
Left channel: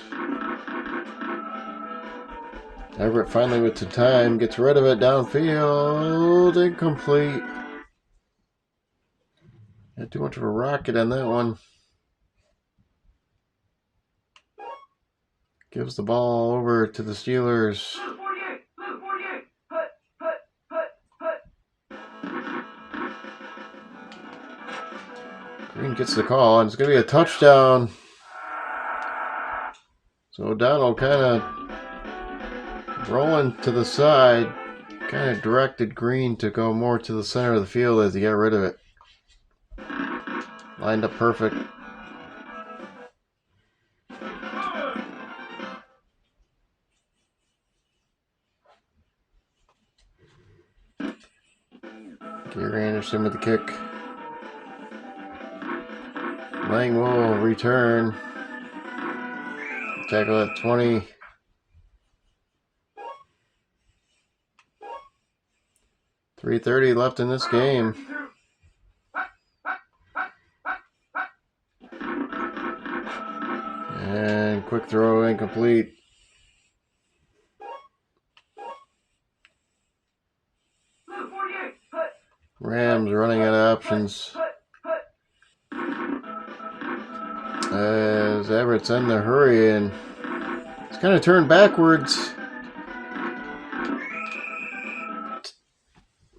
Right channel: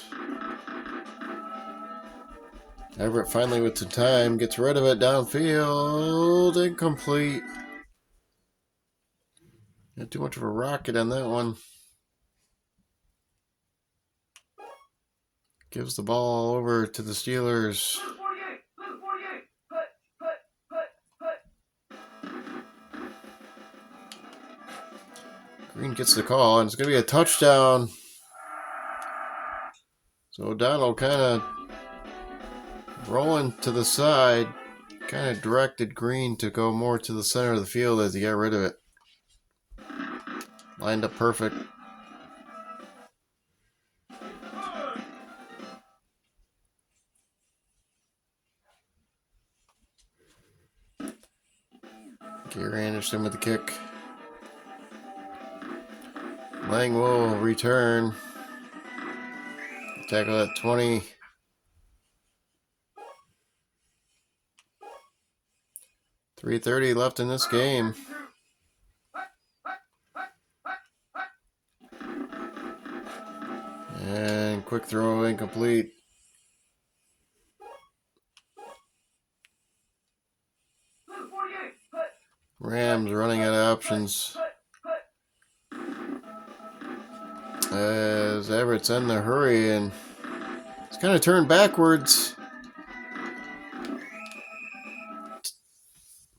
Everett finally with the time, gets rid of it downfield, incomplete. Had too much of a rocket on that one. gives the ball over to the Steelers. Blue 48. Blue 48. Hut, hut, hut, hut. Green gets the call, and it's going to be a touchdown. So O'Donnell kind of rolling to the side, kind of directed Green to go more to the center of the field as he got rid of it. Lined up perfect. Gary Anderson with the kick. Lang will return. Tackle at 20. .330 left in this game. And quick throw incomplete. Rams running out of options. As Everett's in the hurry and it's kind of turned backwards.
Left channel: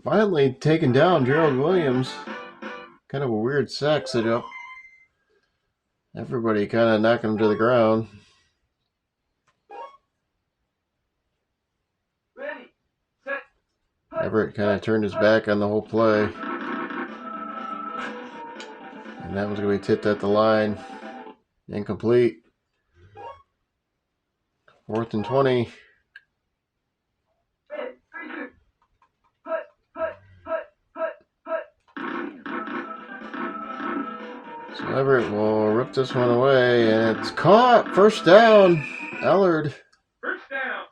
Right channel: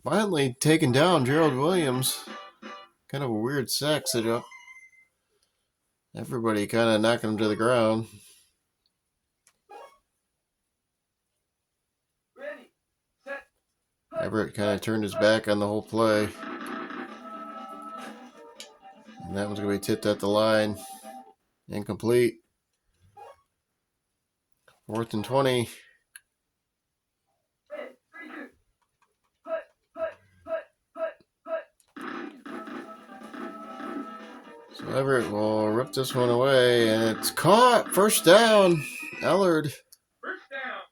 Finally taken down Gerald Williams. Kind of a weird sack setup. Everybody kind of knocking him to the ground. Everett kind of turned his back on the whole play. And that was going to be tipped at the line. Incomplete. 4th and 20. So Everett will rip this one away, and it's caught. First down. Ellard. First down.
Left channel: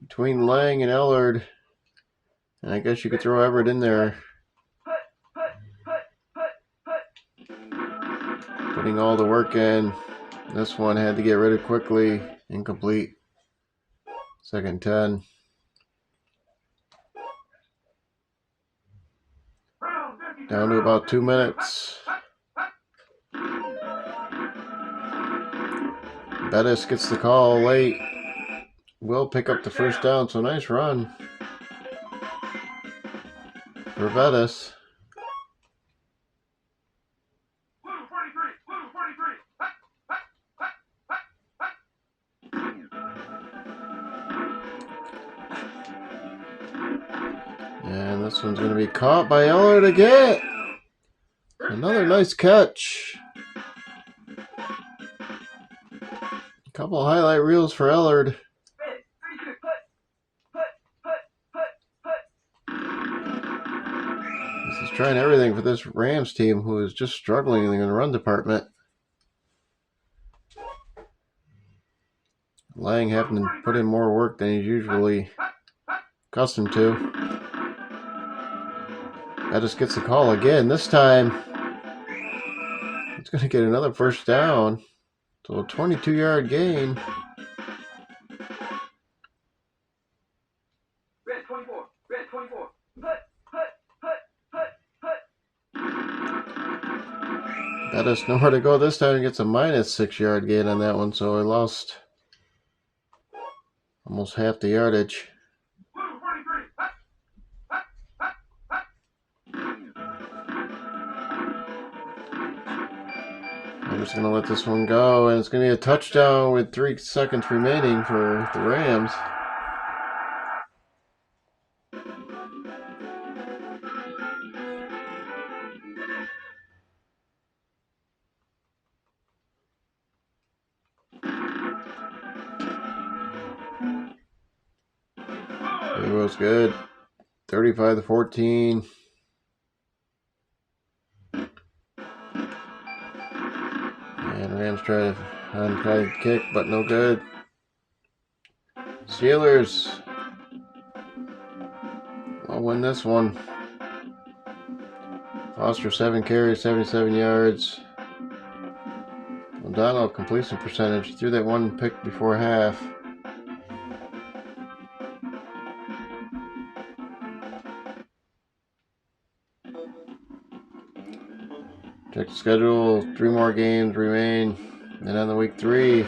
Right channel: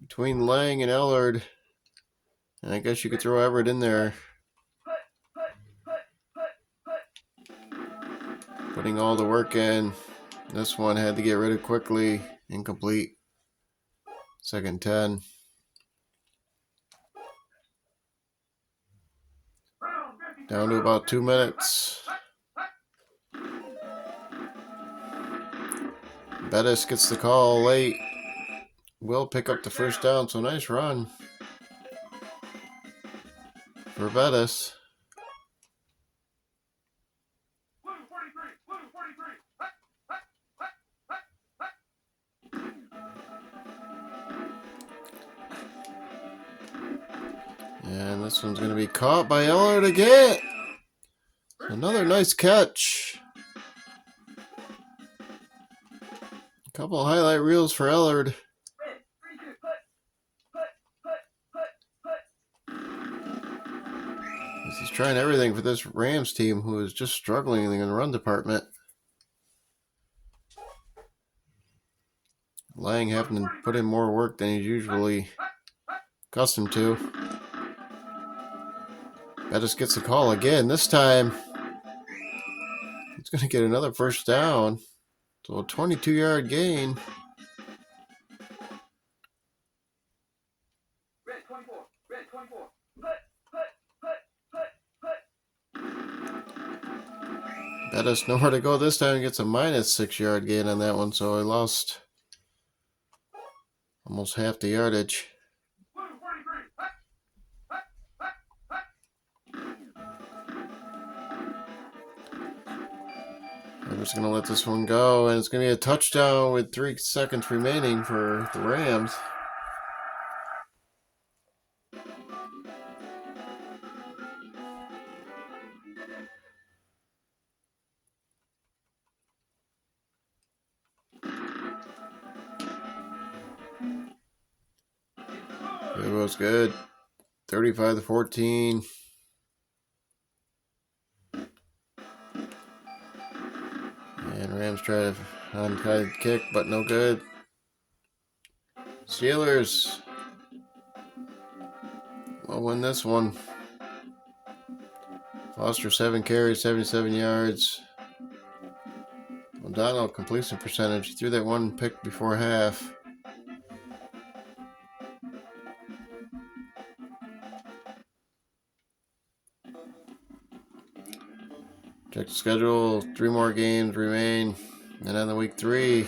Between Lang and Ellard. And I guess you could throw Everett in there. Putting all the work in. This one had to get rid of quickly. Incomplete. 2nd and 10. Down to about 2 minutes. Bettis gets the call late. Will pick up the first down, so nice run for Bettis. And this one's going to be caught by Ellard again. Another nice catch. A couple highlight reels for Ellard. This is trying everything for this Rams team who is just struggling in the run department. Lang having to put in more work than he's usually accustomed to. Bettis gets the call again. This time, he's going to get another first down. So a 22-yard gain. Red 24. Red 24. Bettis nowhere to go this time. He gets a -6-yard gain on that one. So he lost almost half the yardage. I'm just going to let this one go, and it's going to be a touchdown with 3 seconds remaining for the Rams. It was good. 35-14. And Rams try to onside kick, but no good. Steelers will win this one. Foster 7 carries, 77 yards. O'Donnell completion percentage. Threw that one pick before half. Check the schedule. 3 more games remain. And on the week 3,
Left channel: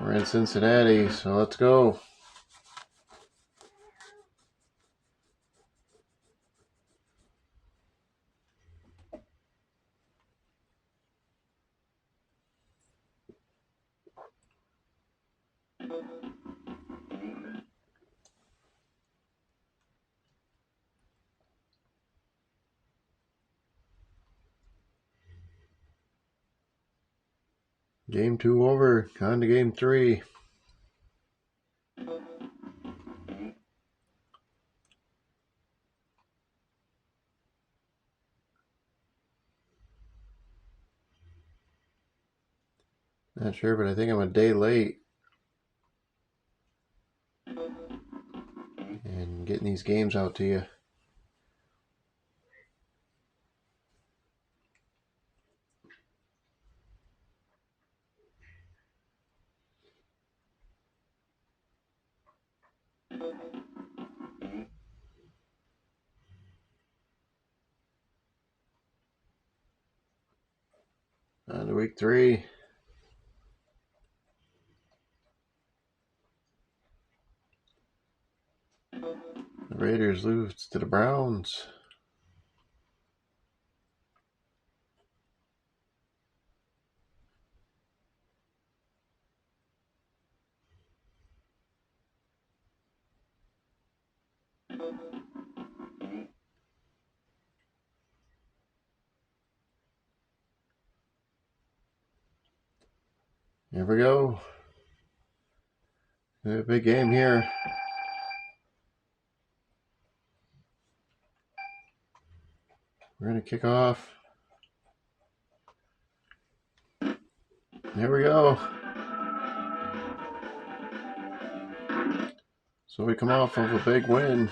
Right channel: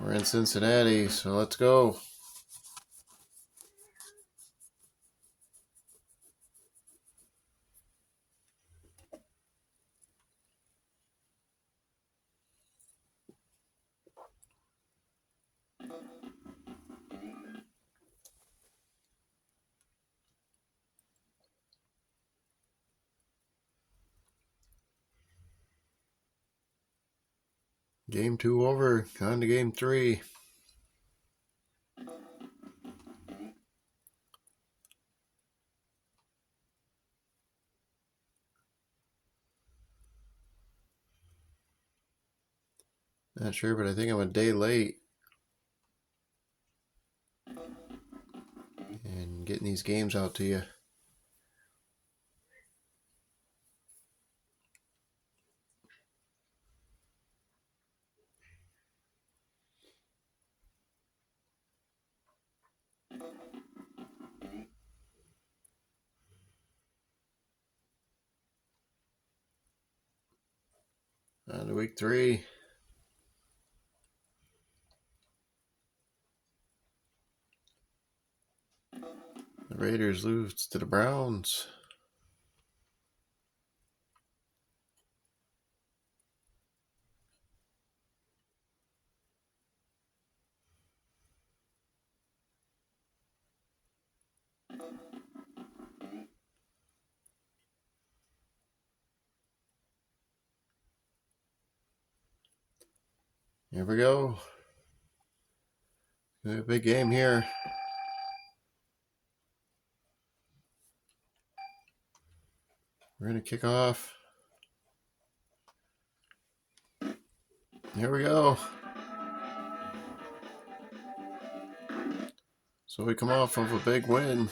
we're in Cincinnati. So let's go. Game 2 over. On to game 3. Not sure, but I think I'm a day late. And getting these games out to you. On to week 3. The Raiders lose to the Browns. Here we go. A big game here. We're going to kick off. Here we go. So we come off of a big win.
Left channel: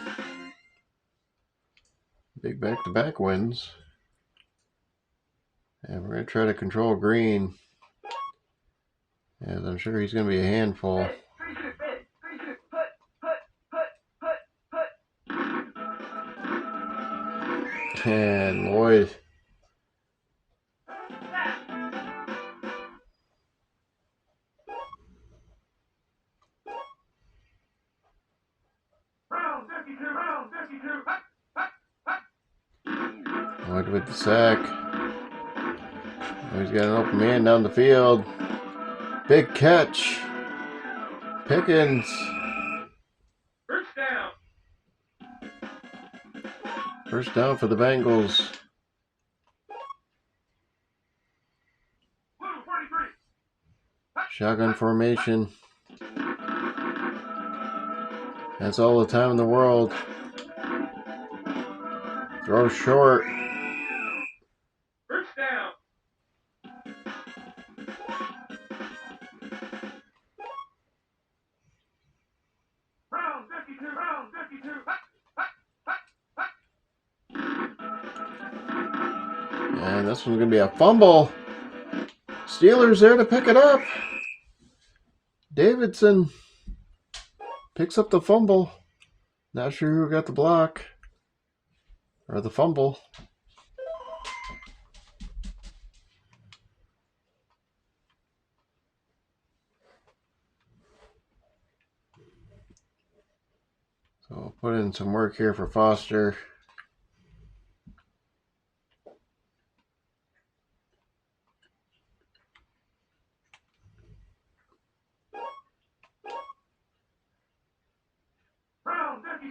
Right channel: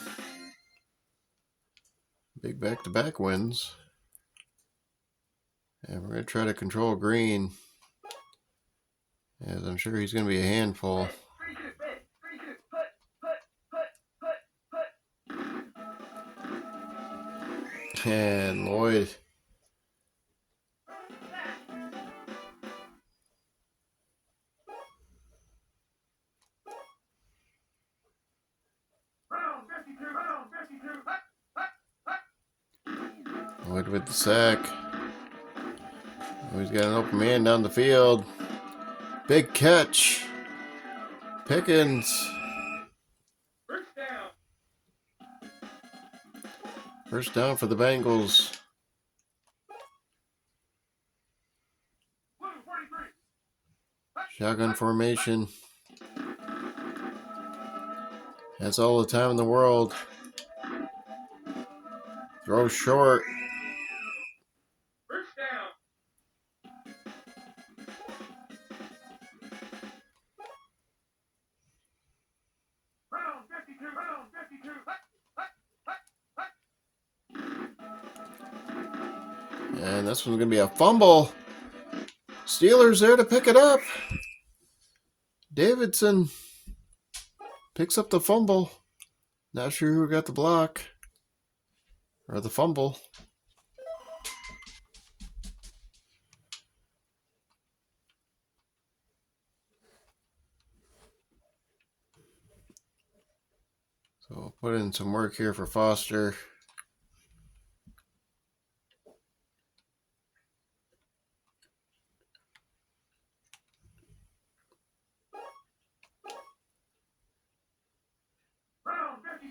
Big back-to-back wins. And we're going to try to control Green. As I'm sure he's going to be a handful. And Lloyd. Lloyd with the sack. He's got an open man down the field. Big catch. Pickens. First down for the Bengals. Shotgun formation. That's all the time in the world. Throw short. And this one's going to be a fumble. Steelers there to pick it up. Davidson picks up the fumble. Not sure who got the block or the fumble. So I'll put in some work here for Foster.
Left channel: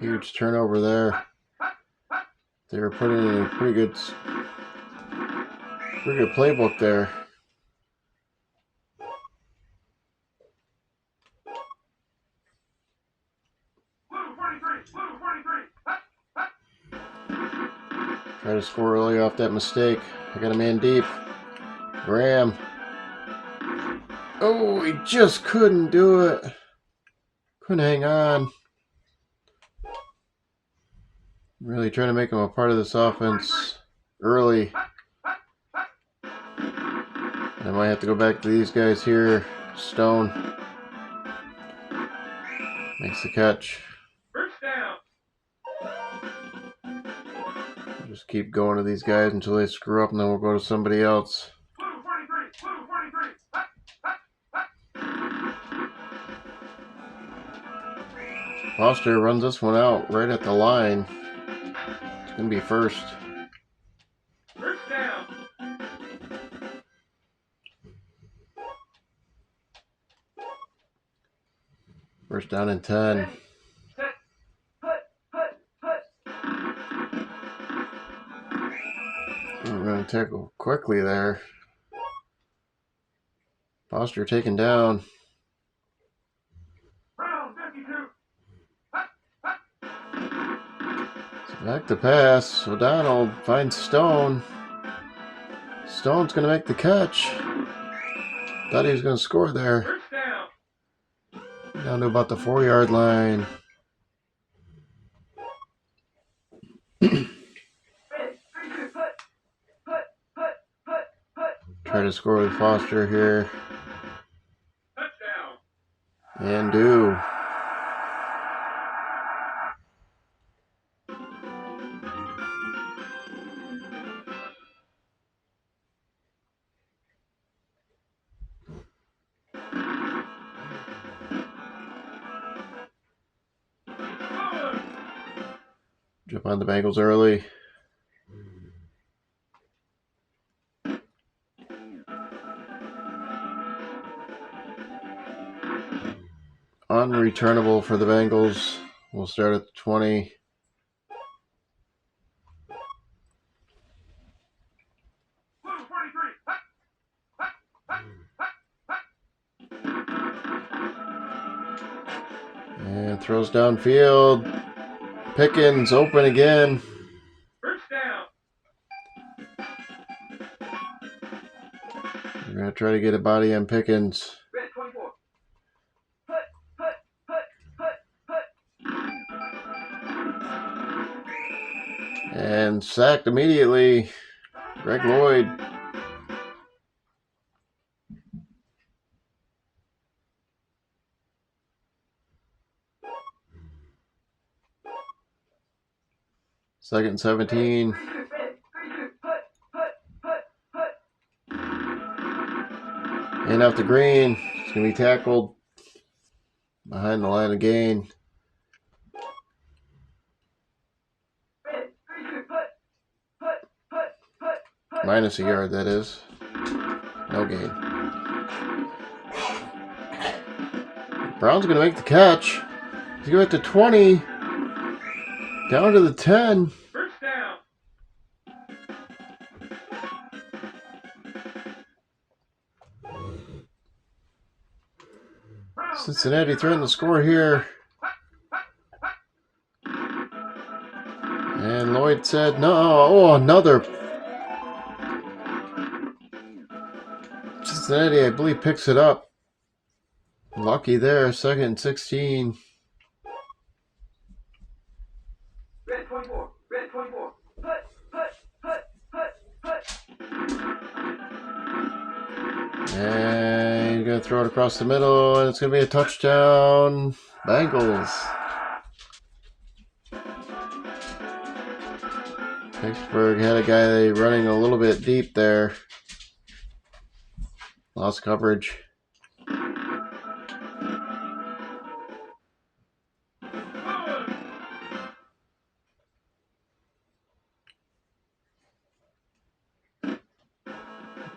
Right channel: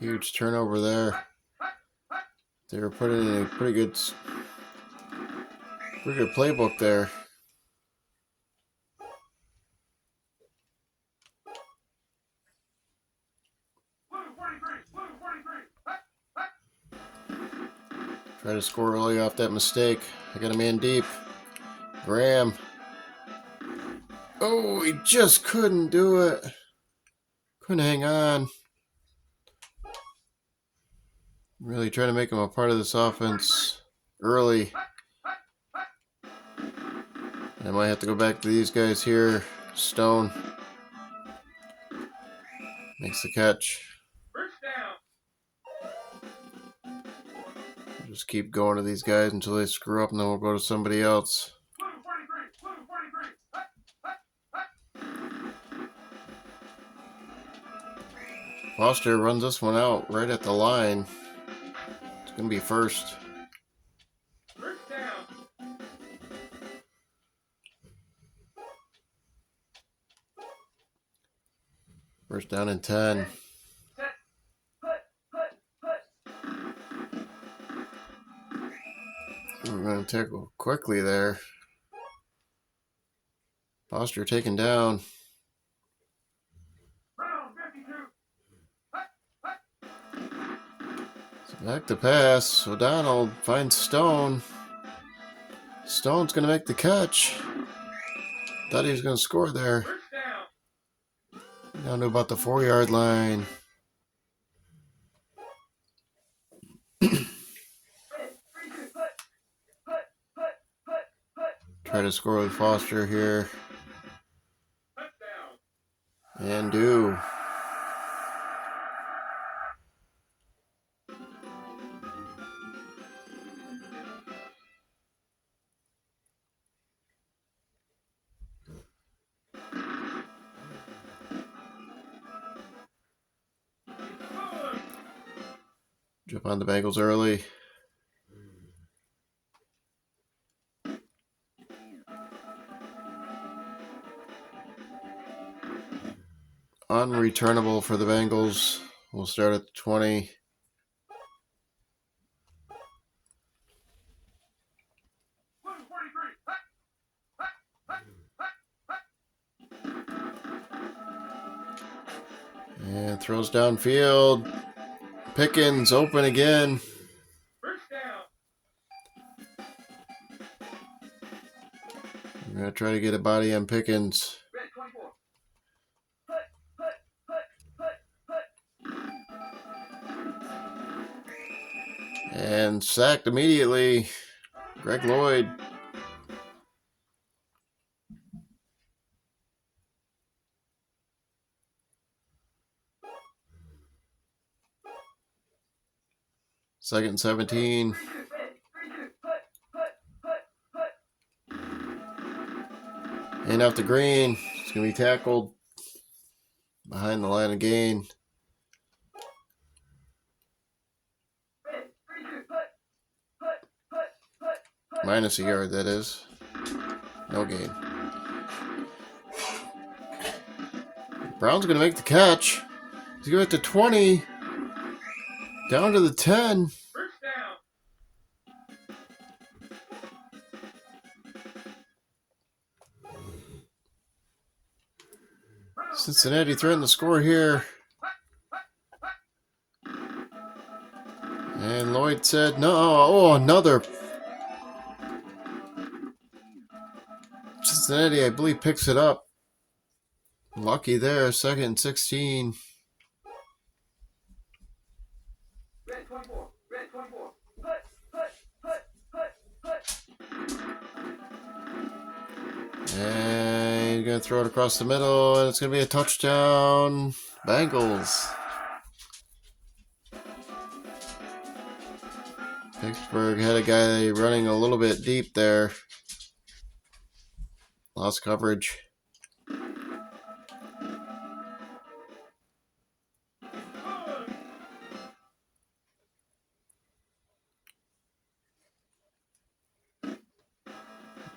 Huge turnover there. They were putting in a pretty good playbook there. Try to score early off that mistake. I got a man deep. Graham. Oh, he just couldn't do it. Couldn't hang on. Really trying to make him a part of this offense early. I might have to go back to these guys here. Stone makes the catch. Just keep going to these guys until they screw up, and then we'll go to somebody else. Blue 43, blue 43. Foster runs this one out right at the line. It's going to be first. First down. First down and 10. Set. Put. We're going to tackle quickly there. Foster taken down. Round 52. Back to pass. O'Donnell finds Stone. Stone's going to make the catch. Thought he was going to score there. First down. Down to about the 4-yard line. Try to score with Foster here. Touchdown. And do. Jump on the Bengals early. Unreturnable for the Bengals. We'll start at the 20. Blue 43. And throws downfield. Pickens open again. First down. We're going to try to get a body on Pickens. Red 24. And sacked immediately. Greg Lloyd. Second and 17. And out to Green. It's going to be tackled behind the line of gain. Minus a yard, that is. No gain. Brown's going to make the catch. He's going to the 20. Down to the 10. First down. Cincinnati threatened the score here. And Lloyd said no. Oh, another. Cincinnati, I believe, picks it up. Lucky there. Second and 16. Red 24. Red 24. And he's going to throw it across the middle, and it's going to be a touchdown. Bengals. Pittsburgh had a guy running a little bit deep there. Lost coverage.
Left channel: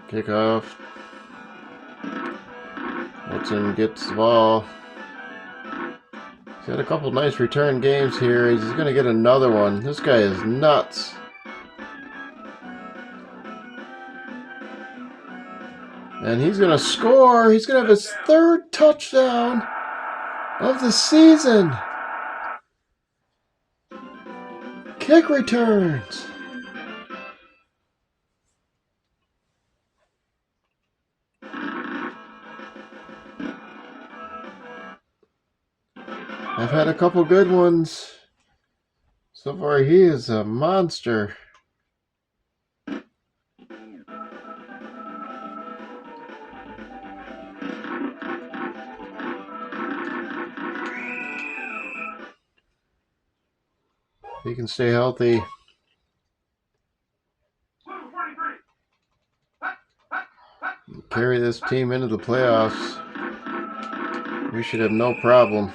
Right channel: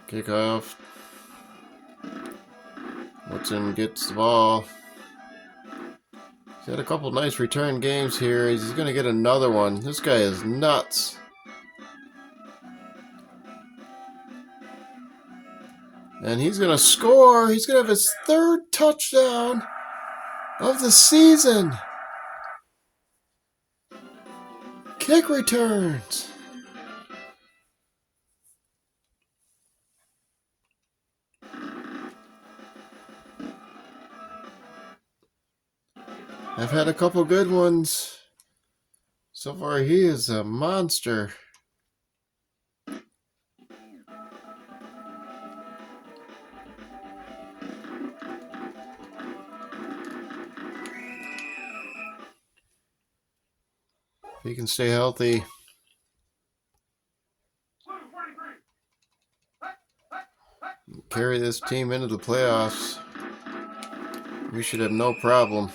Kickoff. Woodson gets the ball. He's had a couple nice return games here. He's going to get another one. This guy is nuts. And he's going to score. He's going to have his third touchdown of the season. Kick returns. I've had a couple good ones. So far, he is a monster. If he can stay healthy. carry this team into the playoffs. We should have no problem.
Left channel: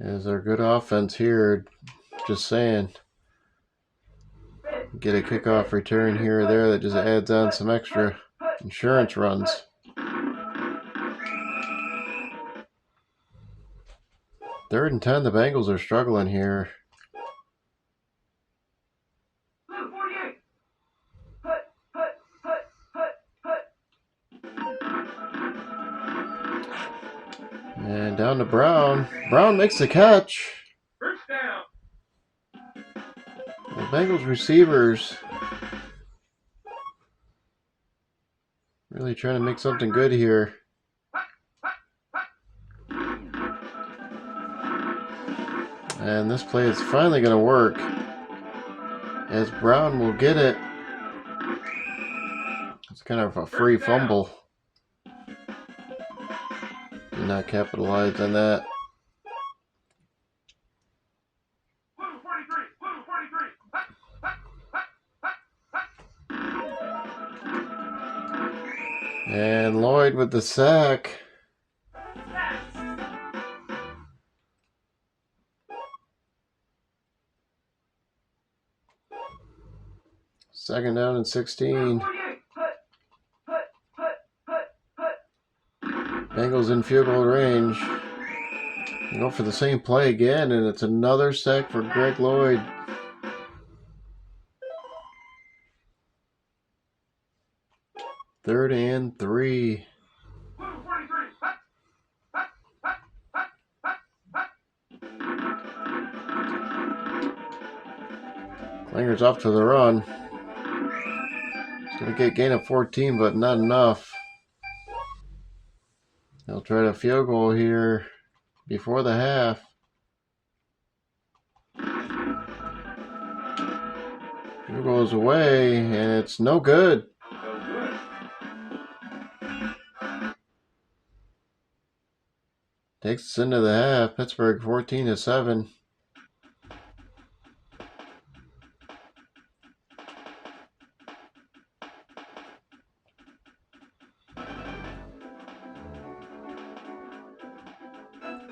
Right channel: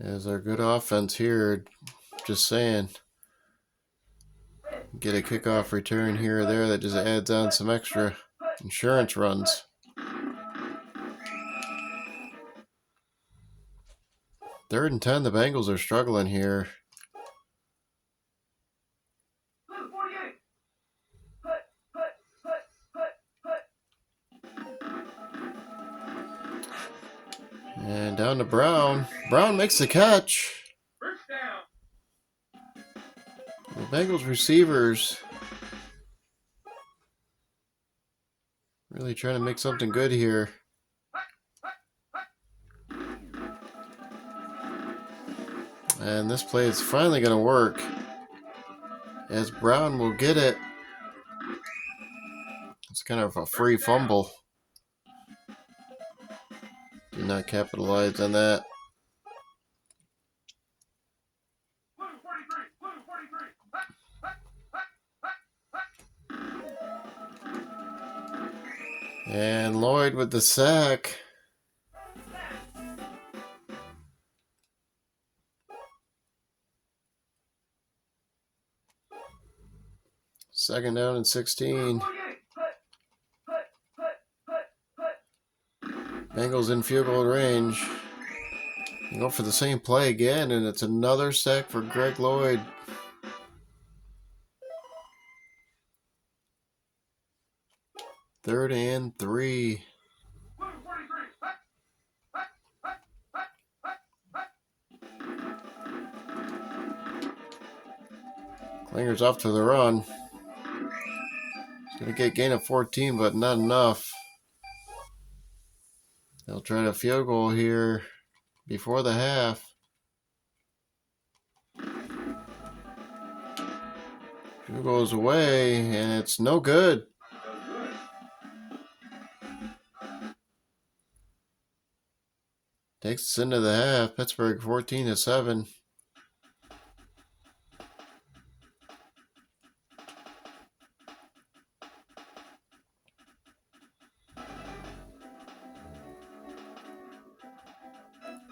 As our good offense here, just saying. Get a kickoff return here or there that just adds on some extra insurance runs. Third and 10, the Bengals are struggling here. And down to Brown. Brown makes the catch. The Bengals receivers really trying to make something good here. And this play is finally going to work, as Brown will get it. It's kind of a free fumble. Did not capitalize on that. And Lloyd with the sack. Second down and 16. Bengals in field goal range. They go for the same play again, and it's another sack for Greg Lloyd. Third and 3. Klinger's off to the run. He's going to get gain of 14, but not enough. They'll try a field goal here before the half. Field goes away, and it's no good. Takes us into the half. Pittsburgh 14-7.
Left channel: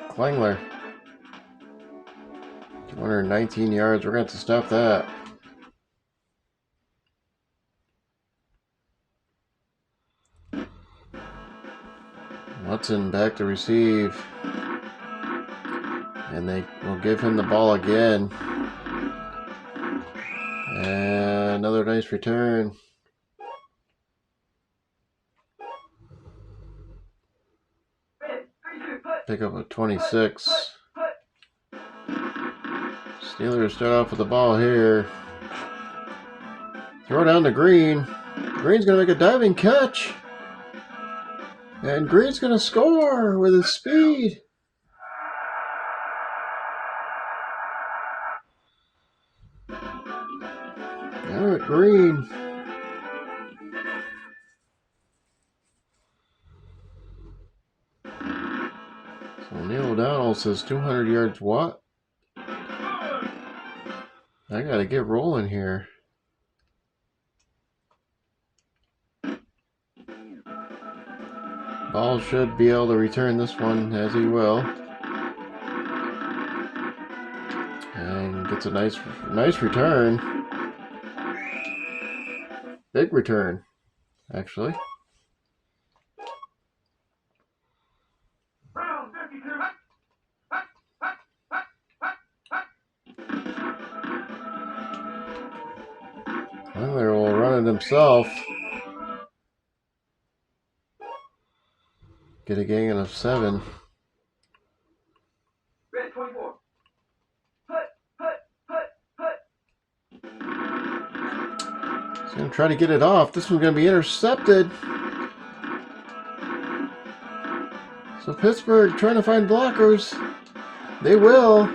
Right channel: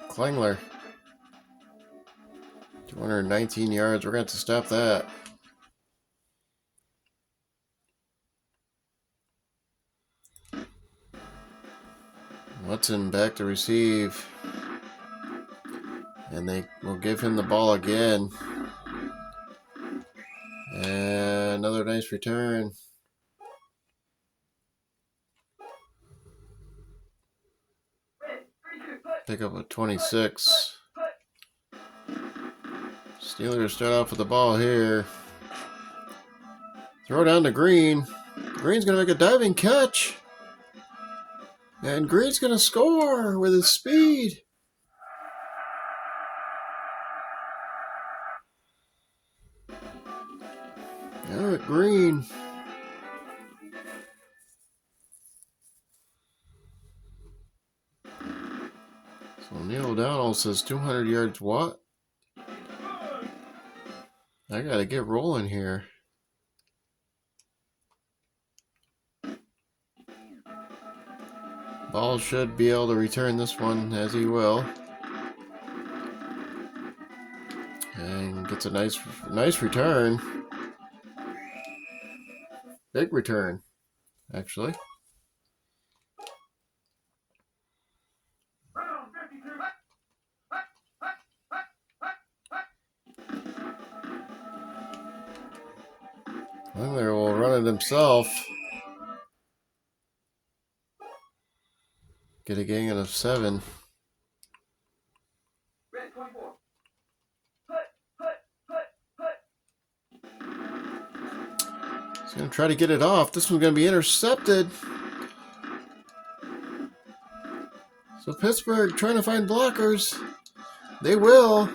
Klingler. 219 yards. We're going to have to stop that. Watson back to receive. And they will give him the ball again. And another nice return. Pick up a 26. Steelers start off with the ball here. Throw down to Green. Green's going to make a diving catch. And Green's going to score with his speed. Garrett Green. So Neil O'Donnell says 200 yards what? I got to get rolling here. Ball should be able to return this one, as he will. And gets a nice return. Big return, actually. Klingler will run it himself. Get a gain of 7. He's going to try to get it off. This one's going to be intercepted. So Pittsburgh trying to find blockers. They will.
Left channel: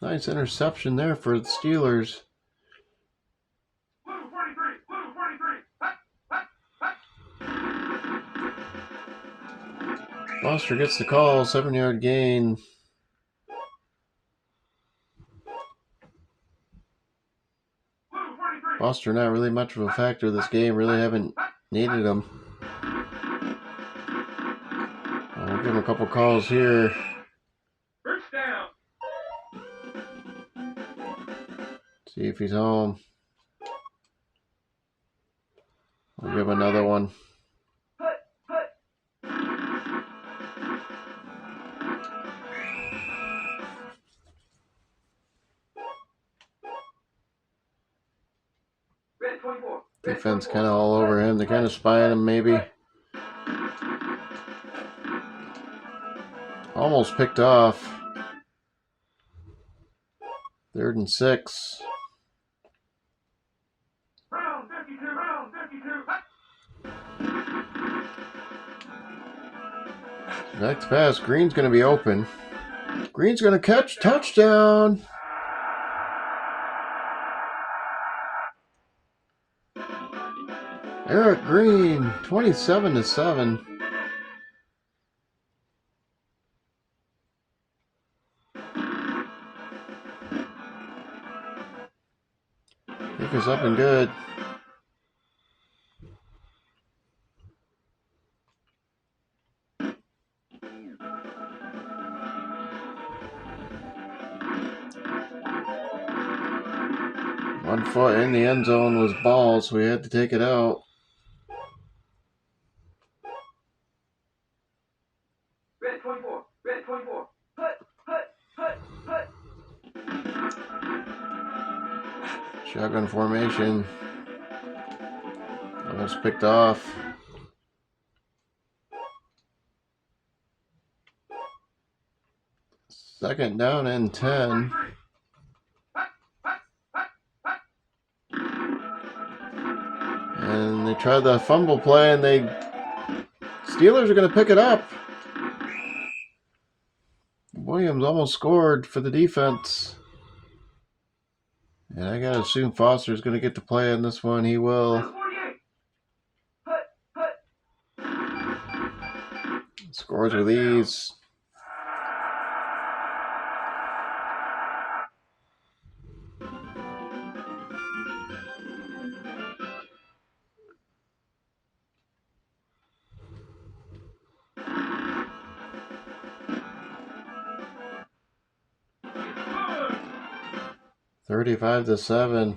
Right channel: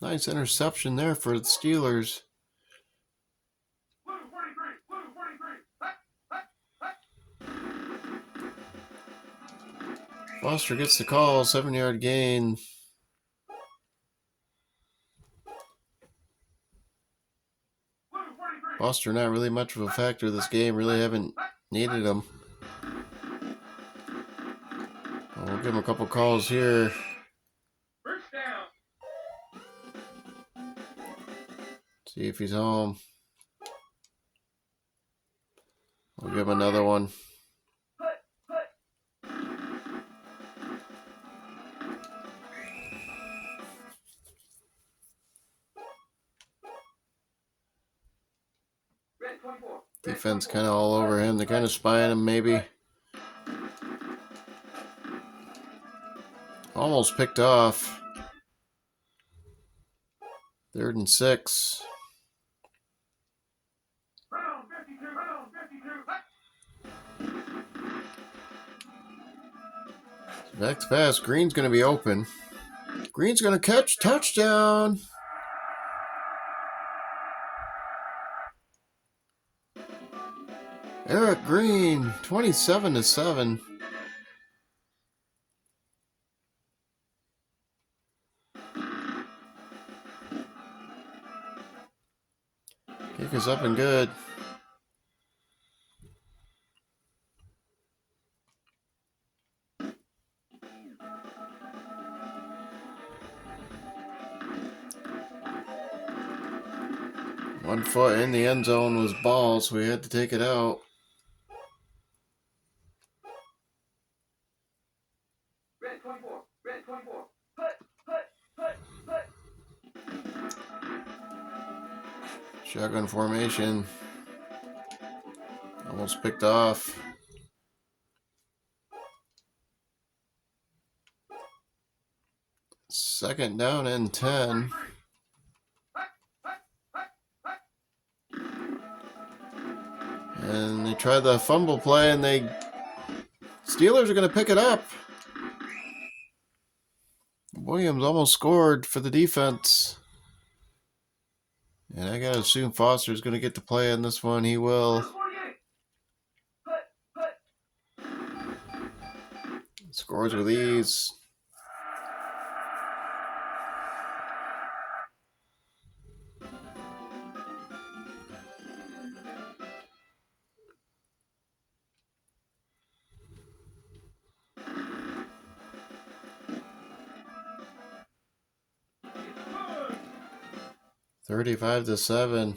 Nice interception there for the Steelers. Foster gets the call, 7-yard gain. Buster not really much of a factor this game. Really haven't needed him. We'll give him a couple calls here. First down. See if he's home. We'll give him another one. Red 24. Defense kind of all over him. They're kind of spying him maybe. Almost picked off. 3rd and 6. Round 52. Round 52. Next pass, Green's going to be open. Green's going to catch. Touchdown. Eric Green, 27-7. Pick is up and good. One foot in the end zone was ball, so we had to take it out. Red 24. Red 24. Hut. Shotgun formation. Almost picked off. Second down and 10. And they tried the fumble play, and Steelers are going to pick it up. Williams almost scored for the defense. And I got to assume Foster's going to get to play on this one. He will. Scores with ease. $35-7.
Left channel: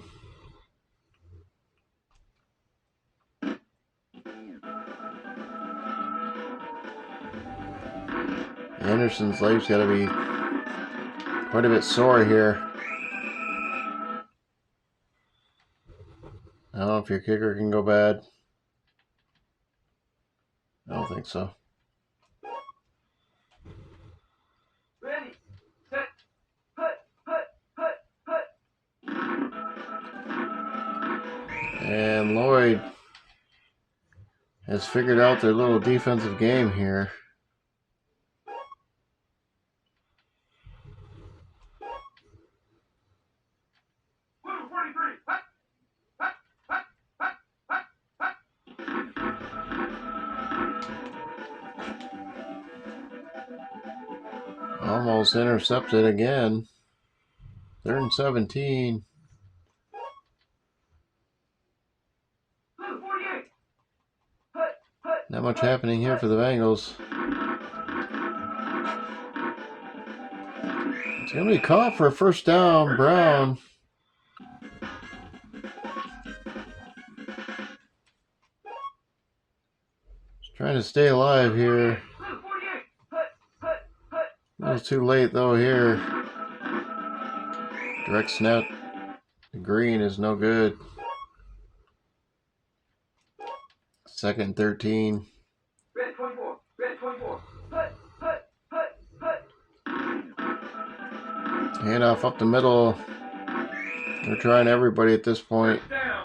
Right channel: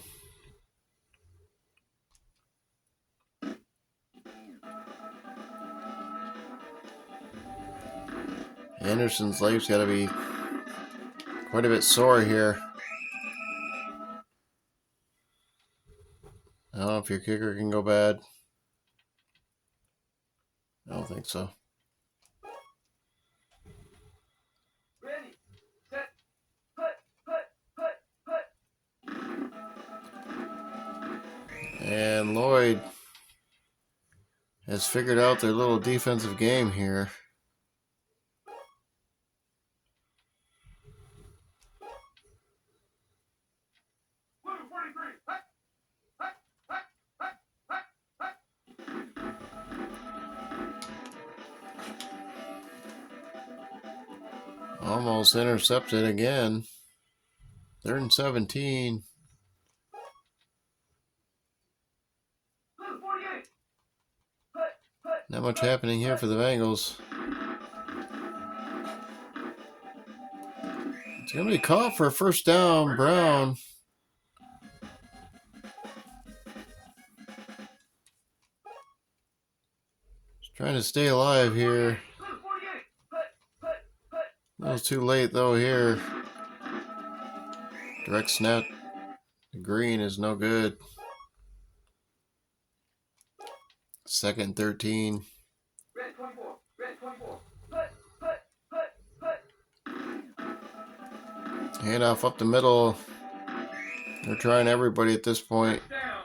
Anderson's leg's got to be quite a bit sore here. I don't know if your kicker can go bad. I don't think so. Ready. Set. Hut. And Lloyd has figured out their little defensive game here. Blue 43. Almost intercepted again. 3rd and 17. Blue 48. Not much happening here for the Bengals. It's going to be caught for a first down, Brown. Just trying to stay alive here. Blue 48. A little too late though here. Direct snap to Green is no good. 2nd and 13. Red 24. Red 24. Handoff up the middle. They're trying everybody at this point. Down.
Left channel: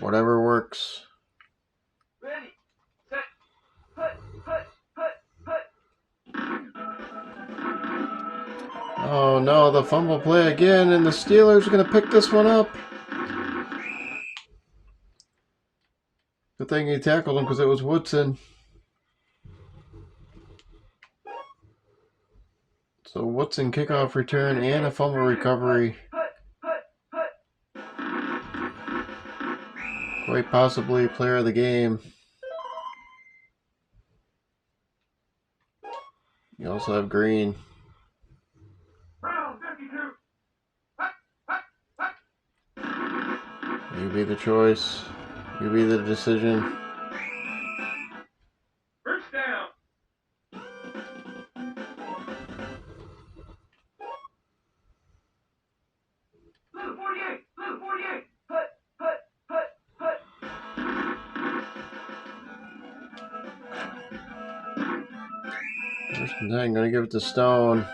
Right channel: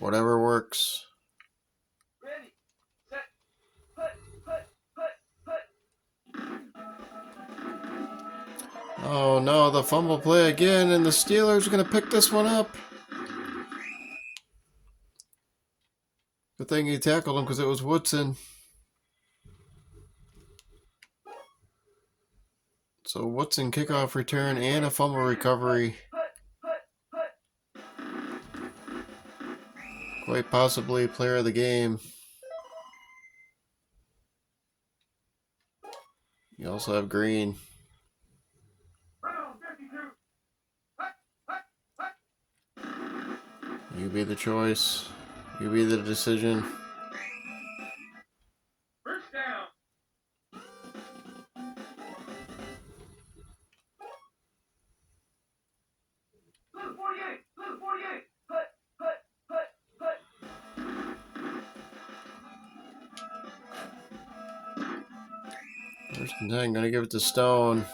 Whatever works. Ready. Set. Oh no, the fumble play again, and the Steelers are going to pick this one up. Good thing he tackled him because it was Woodson. So Woodson kickoff return and a fumble recovery. Quite possibly player of the game. You also have Green. You be the choice. You be the decision. First down. Blue 48. Blue 48. Put. First and 10, gonna give it to Stone.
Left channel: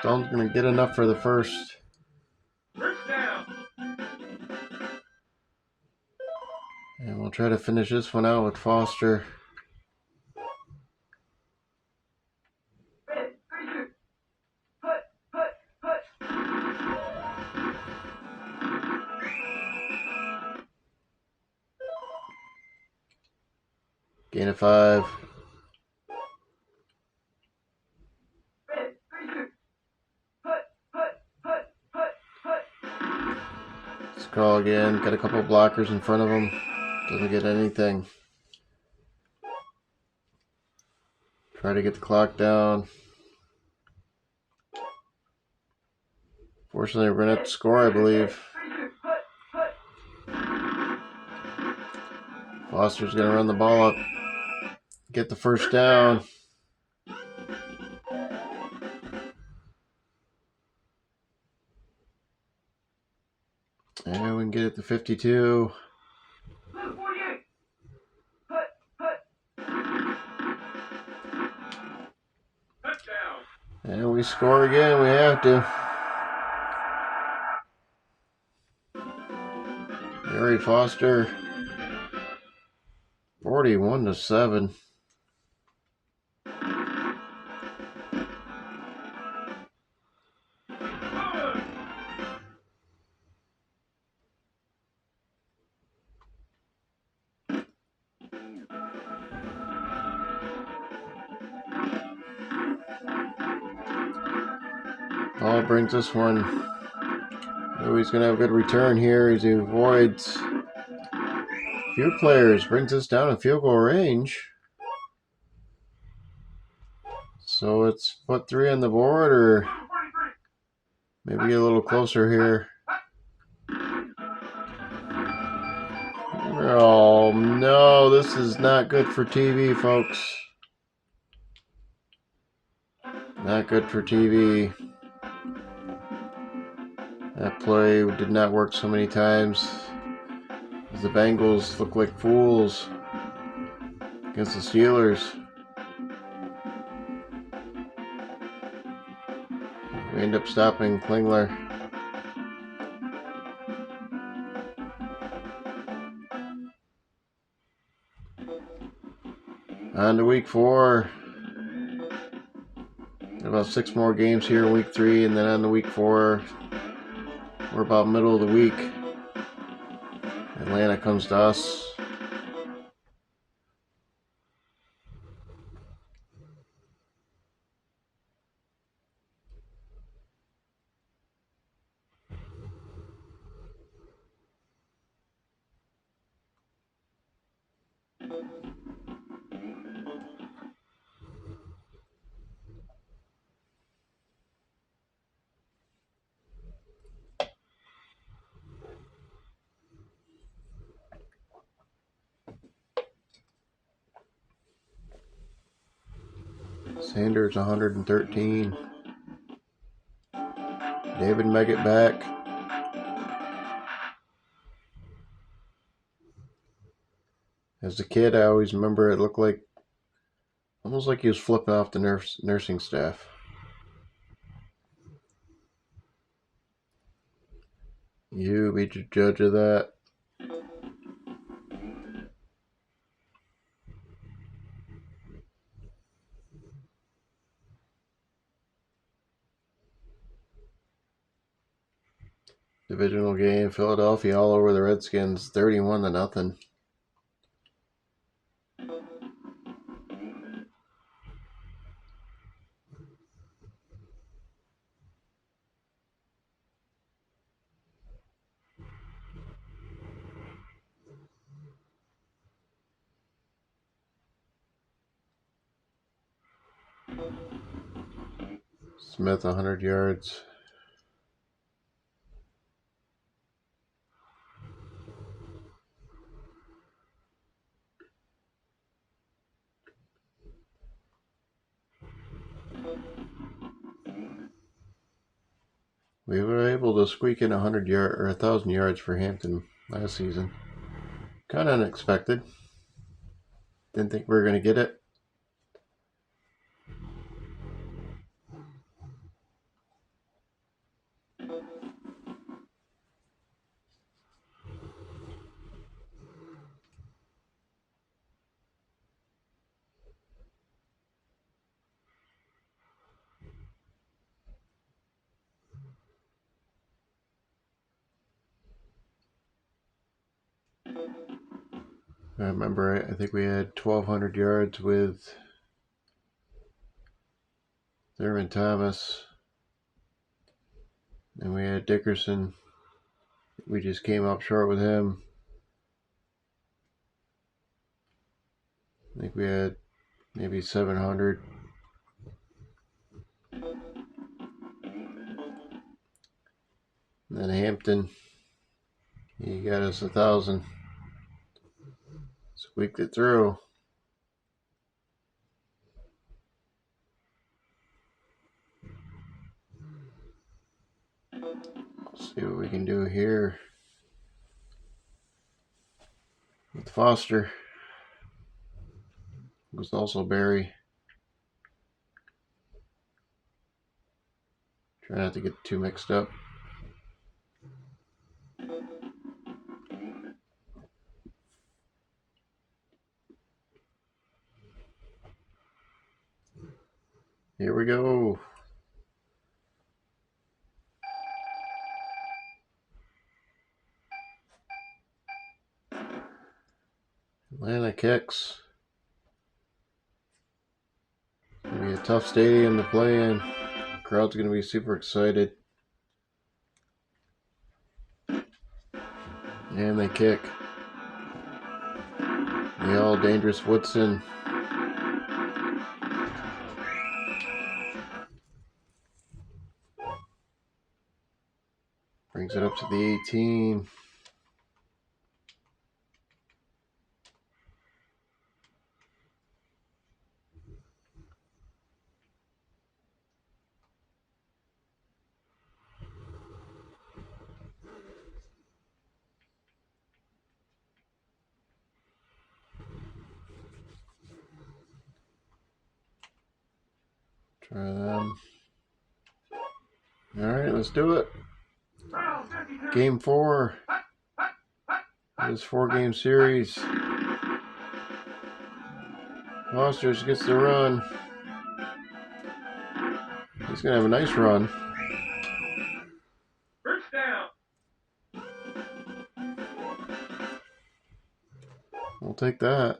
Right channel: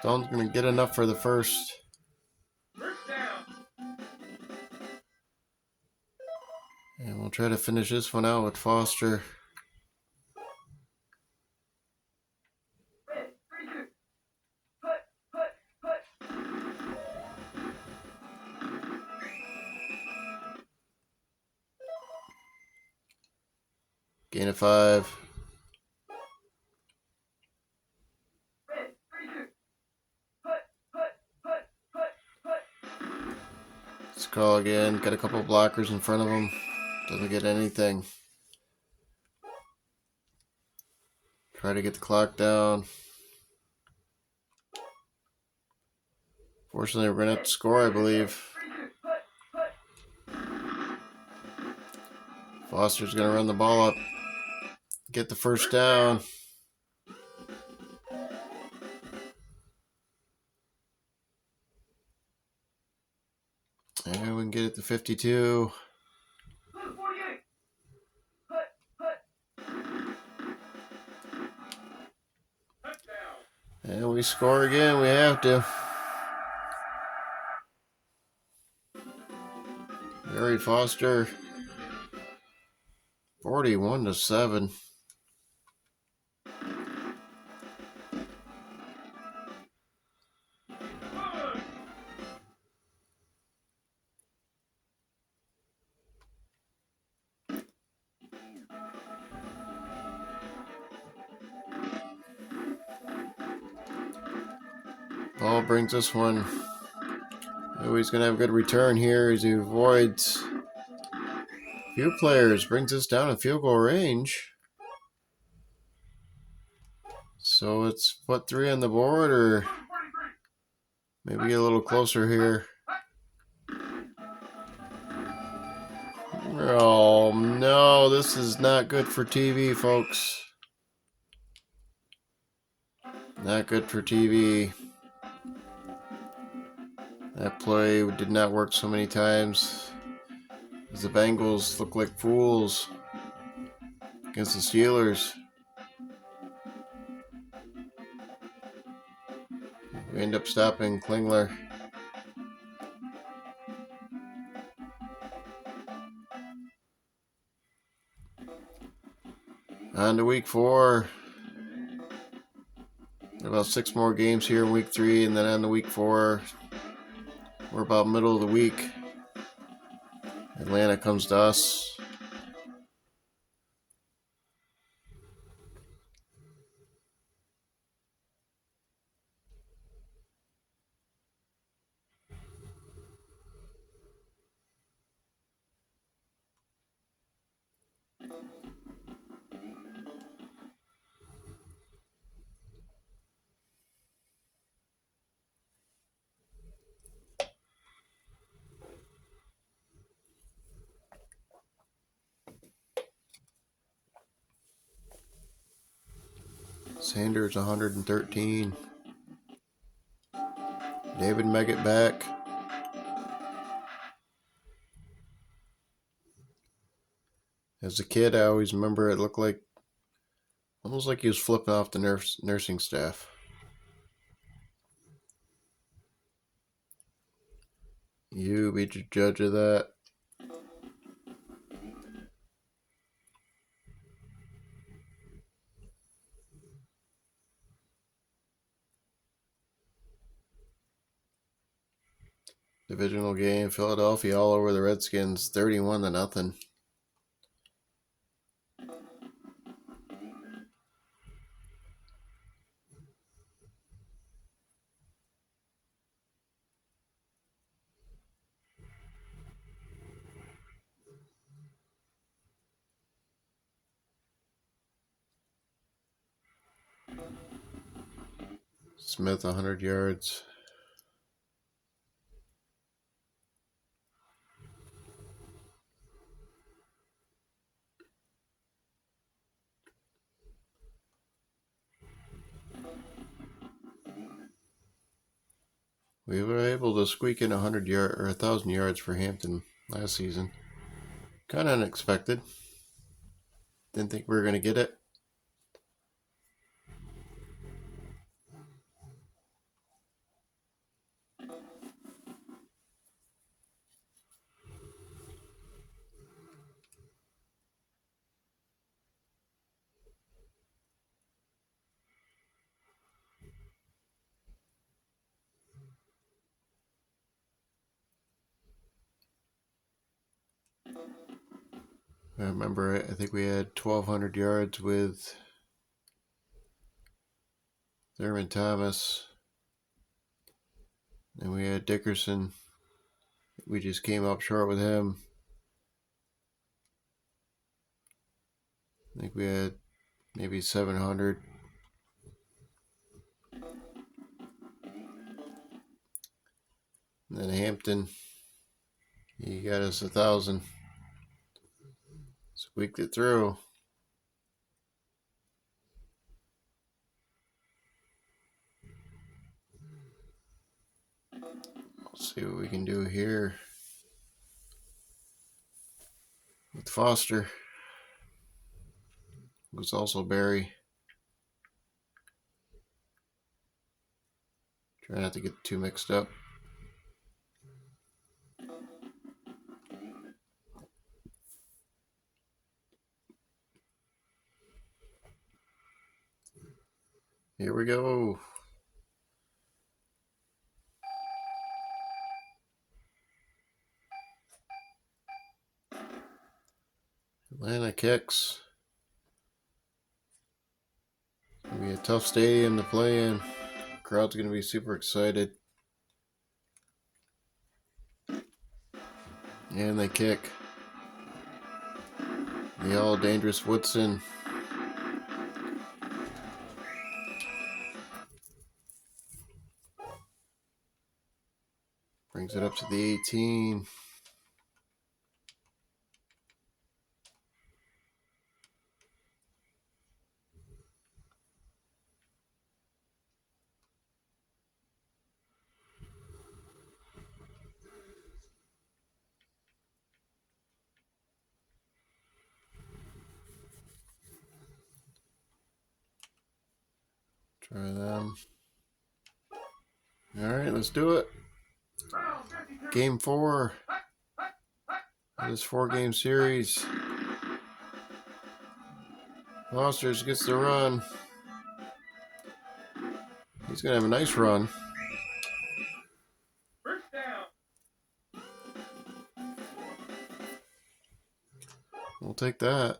Stone's gonna get enough for the first. First down. And we'll try to finish this one out with Foster. Red. 32. Put. Gain of 5. Red. 32. Put. Let's call again. Got a couple blockers in front of him. Doesn't get anything. Try to get the clock down. Fortunately, we're going to score, I believe. Foster's going to run the ball up. Get the first down. And we can get it to 52. Blue 48. Put. Touchdown. And we score again. We have to. Gary Foster. 41-7. Ball brings this one. Oh, he's going to have a good return here as he avoids a few players. Brings us down in field goal range. So it's put 3 on the board, or maybe a little closer here. Oh no, this is not good for TV, folks. Not good for TV. That play did not work so many times, as the Bengals look like fools against the Steelers. We end up stopping Klingler. On to week 4. About 6 more games here in week 3, and then on to week 4. We're about middle of the week. Atlanta comes to us. Sanders 113. David Meggett back. As a kid, I always remember it looked like almost like he was flipping off the nursing staff. You be the judge of that. Divisional game, Philadelphia all over the Redskins, 31-0. Smith 100 yards. We were able to squeak in 100 yard or 1,000 yards for Hampton last season. Kind of unexpected. Didn't think we were going to get it. I remember, I think we had 1,200 yards with Thurman Thomas. And we had Dickerson. We just came up short with him. I think we had maybe 700. And then Hampton, he got us 1,000. Squeaked it through. Let's see what we can do here with Foster. It was also Barry. Try not to get too mixed up. Here we go. Atlanta kicks. It's going to be a tough stadium to play in. Crowd's going to be super excited. And they kick. The all dangerous Woodson. Brings it up to the 18. Try them. All right, let's do it. Game 4. This 4-game series. Foster gets the run. He's going to have a nice run. We'll take that.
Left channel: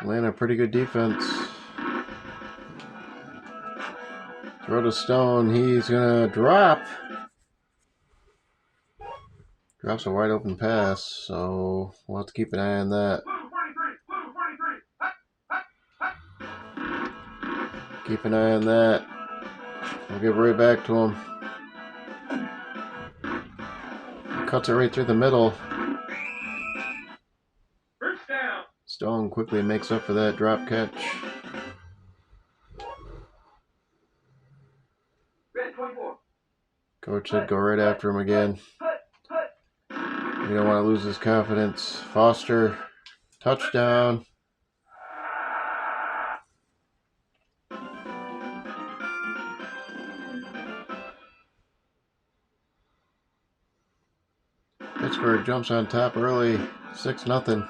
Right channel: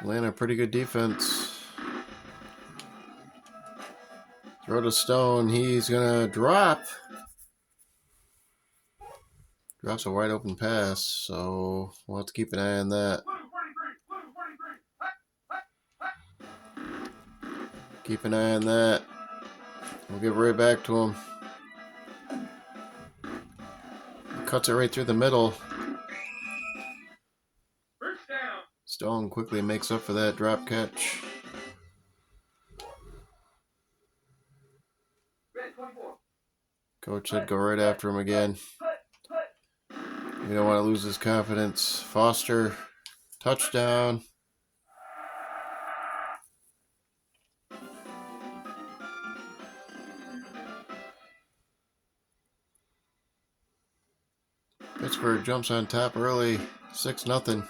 Atlanta, pretty good defense. Throw to Stone. He's going to drop. Drops a wide open pass, so we'll have to keep an eye on that. Keep an eye on that. We'll get right back to him. He cuts it right through the middle. Stone quickly makes up for that drop catch. Coach said go right after him again. We don't want to lose his confidence. Foster, touchdown. Pittsburgh jumps on top early, 6-0.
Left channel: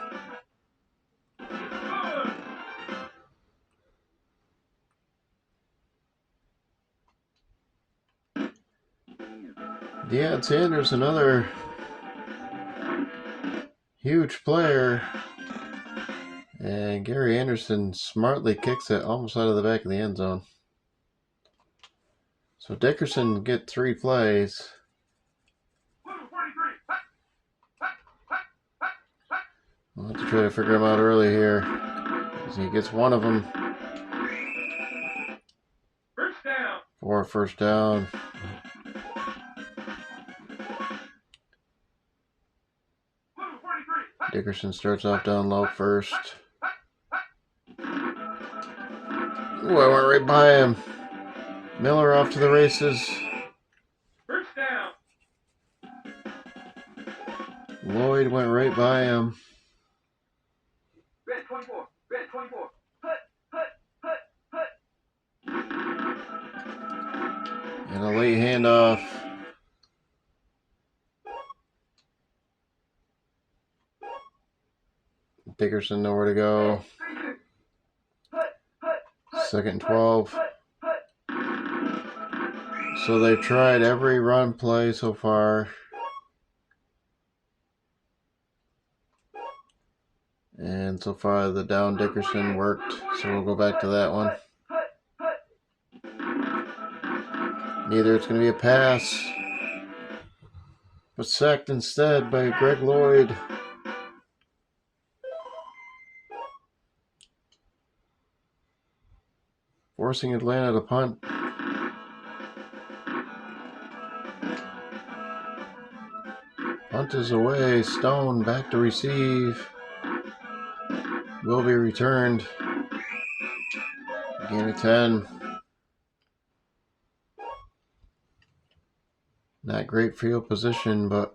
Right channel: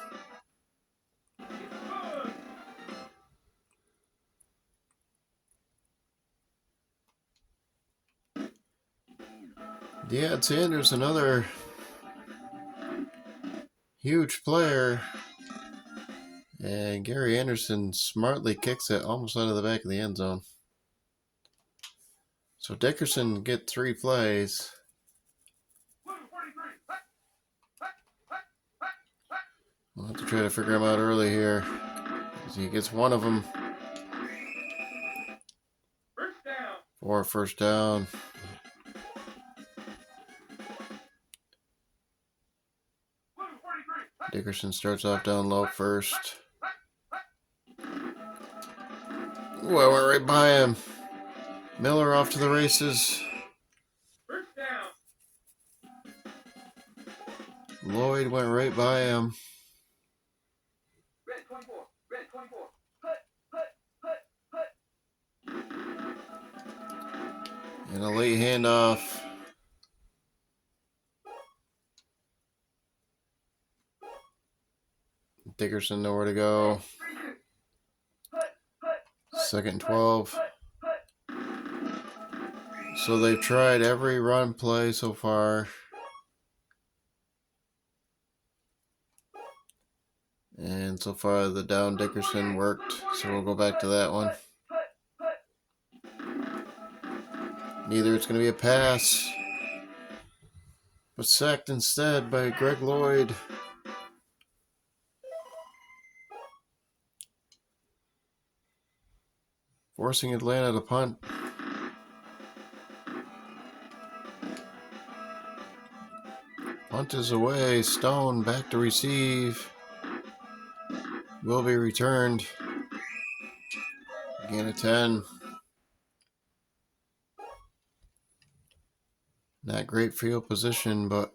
Deion Sanders, another huge player. And Gary Anderson smartly kicks it almost out of the back of the end zone. So Dickerson get 3 plays. We'll have to try to figure him out early here. So he gets one of them. for a first down. Dickerson starts off down low first. Ooh, I went right by him. Miller off to the races. Lloyd went right by him. Red 24. Red 24. And a late handoff. Dickerson nowhere to go. 2nd and 12. So they've tried every run play so far. And so far the down Dickerson worked. So we'll go back to that one. Either it's going to be a pass, but sacked instead by Greg Lloyd. Forcing Atlanta to punt. Punt is away. Stone back to receive. Will be returned. Gain of 10. Not great field position, but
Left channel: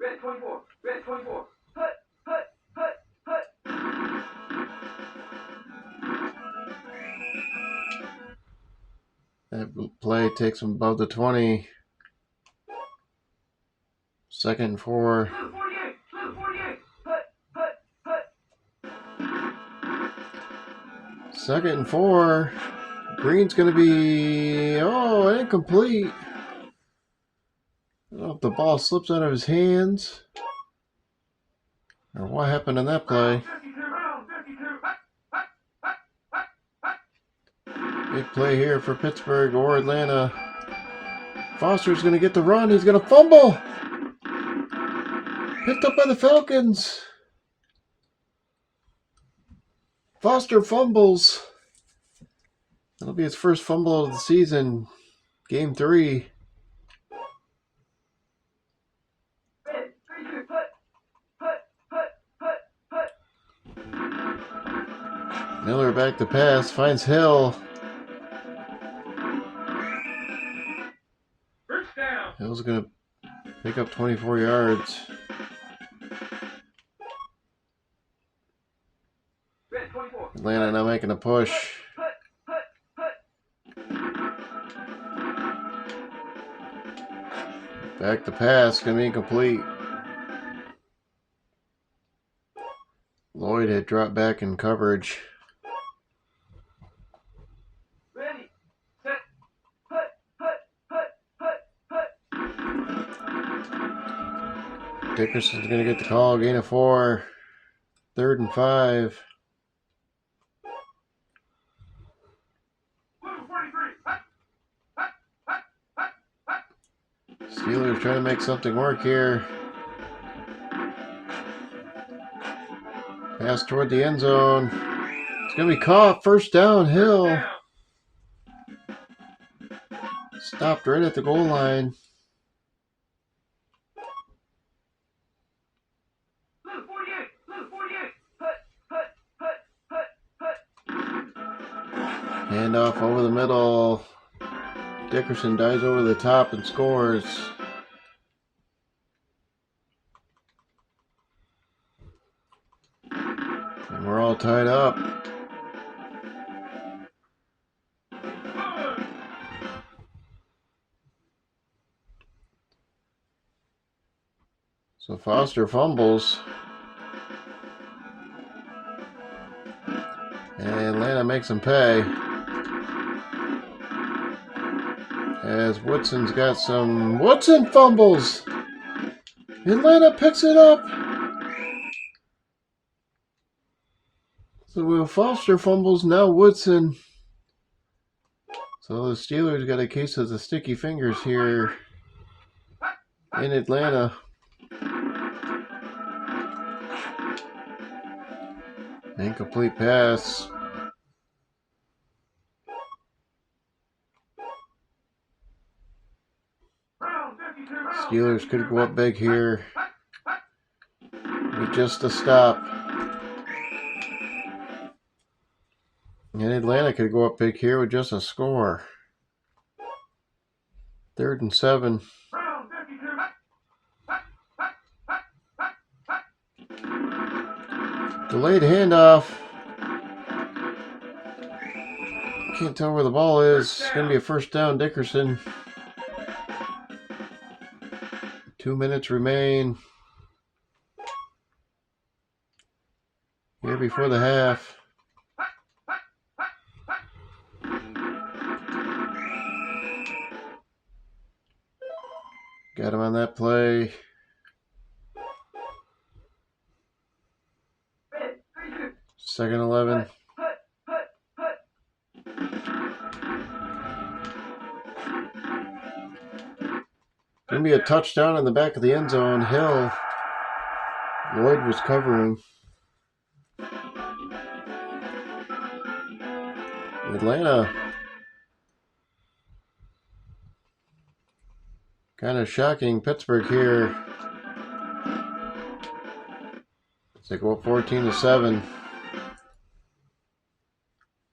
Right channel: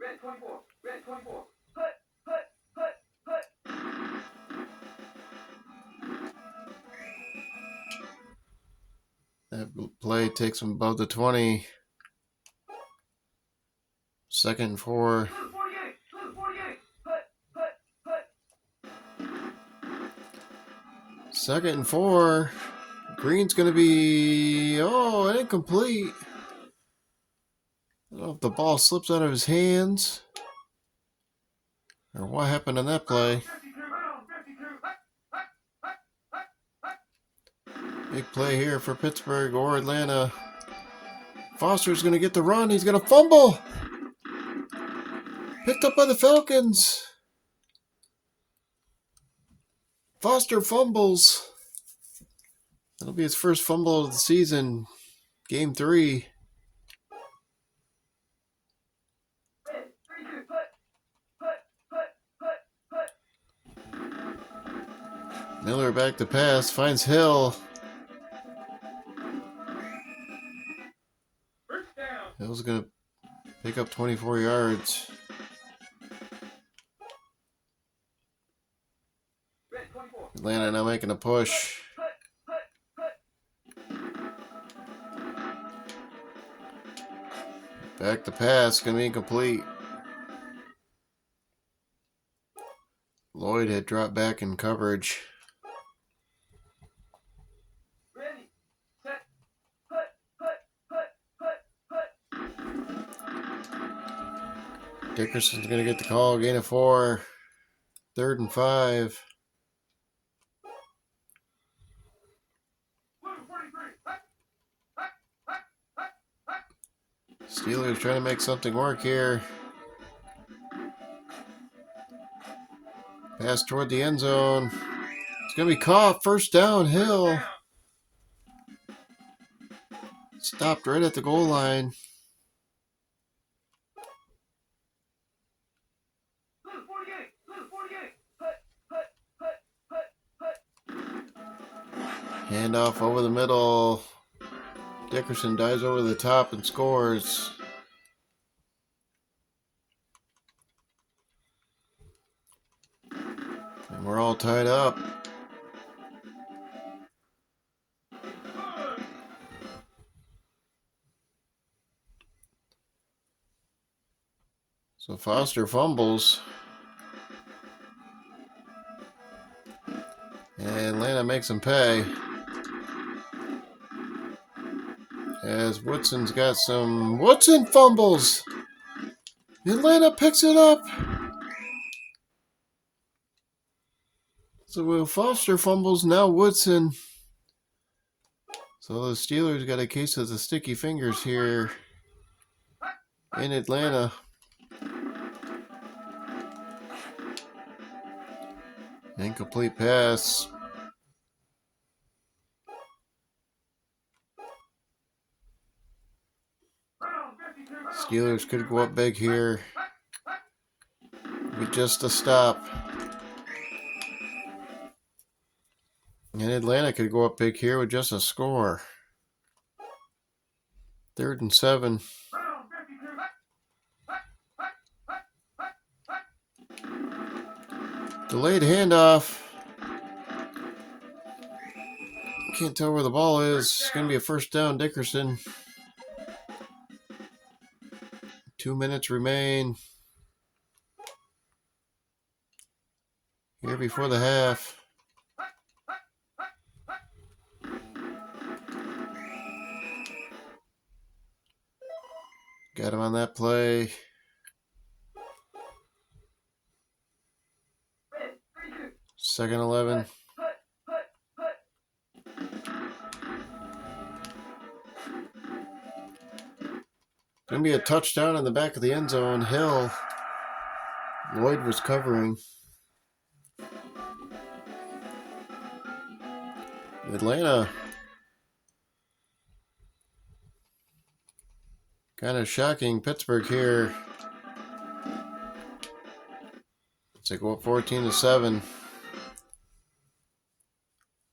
Red 24. Red 24. that play takes them above the 20. 2nd and 4. 2nd and 4. Green's going to be, incomplete. I don't know if the ball slips out of his hands or what happened on that play. Big play here for Pittsburgh or Atlanta. Foster's going to get the run. He's going to fumble. Picked up by the Falcons. Foster fumbles. That'll be his first fumble of the season. Game 3. Miller back to pass. Finds Hill. Hill's going to pick up 24 yards. Atlanta now making a push. Back to pass, gonna be incomplete. Lloyd had dropped back in coverage. Dickerson's gonna get the call, gain of 4. 3rd and 5. Steelers trying to make something work here. Pass toward the end zone. It's going to be caught. First down, Hill. Stopped right at the goal line. Handoff over the middle. Dickerson dives over the top and scores. And we're all tied up. So Foster fumbles. And Atlanta makes him pay. As Woodson's got some... Woodson fumbles! Atlanta picks it up! So Will Foster fumbles, now Woodson. So the Steelers got a case of the sticky fingers here in Atlanta. Incomplete pass. Steelers could go up big here with just a stop. And Atlanta could go up big here with just a score. 3rd and 7. Delayed handoff. Can't tell where the ball is. It's going to be a first down, Dickerson. 2 minutes remain. Here before the half. Got him on that play. Second 11. Gonna be a touchdown in the back of the end zone. Hill. Lloyd was covering. Atlanta. Kind of shocking. Pittsburgh here. It's like, well, 14-7.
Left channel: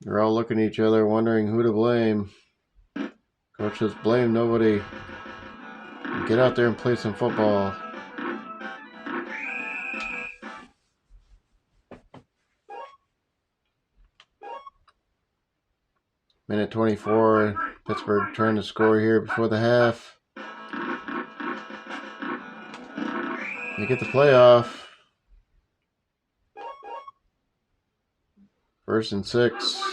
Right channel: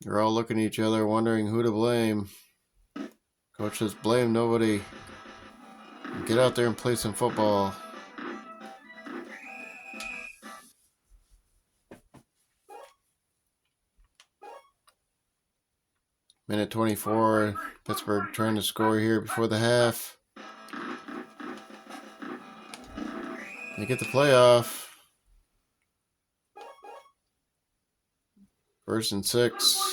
They're all looking at each other, wondering who to blame. Coach says, blame nobody. Get out there and play some football. Minute 24. Pittsburgh trying to score here before the half. They get the playoff. 1st and 6.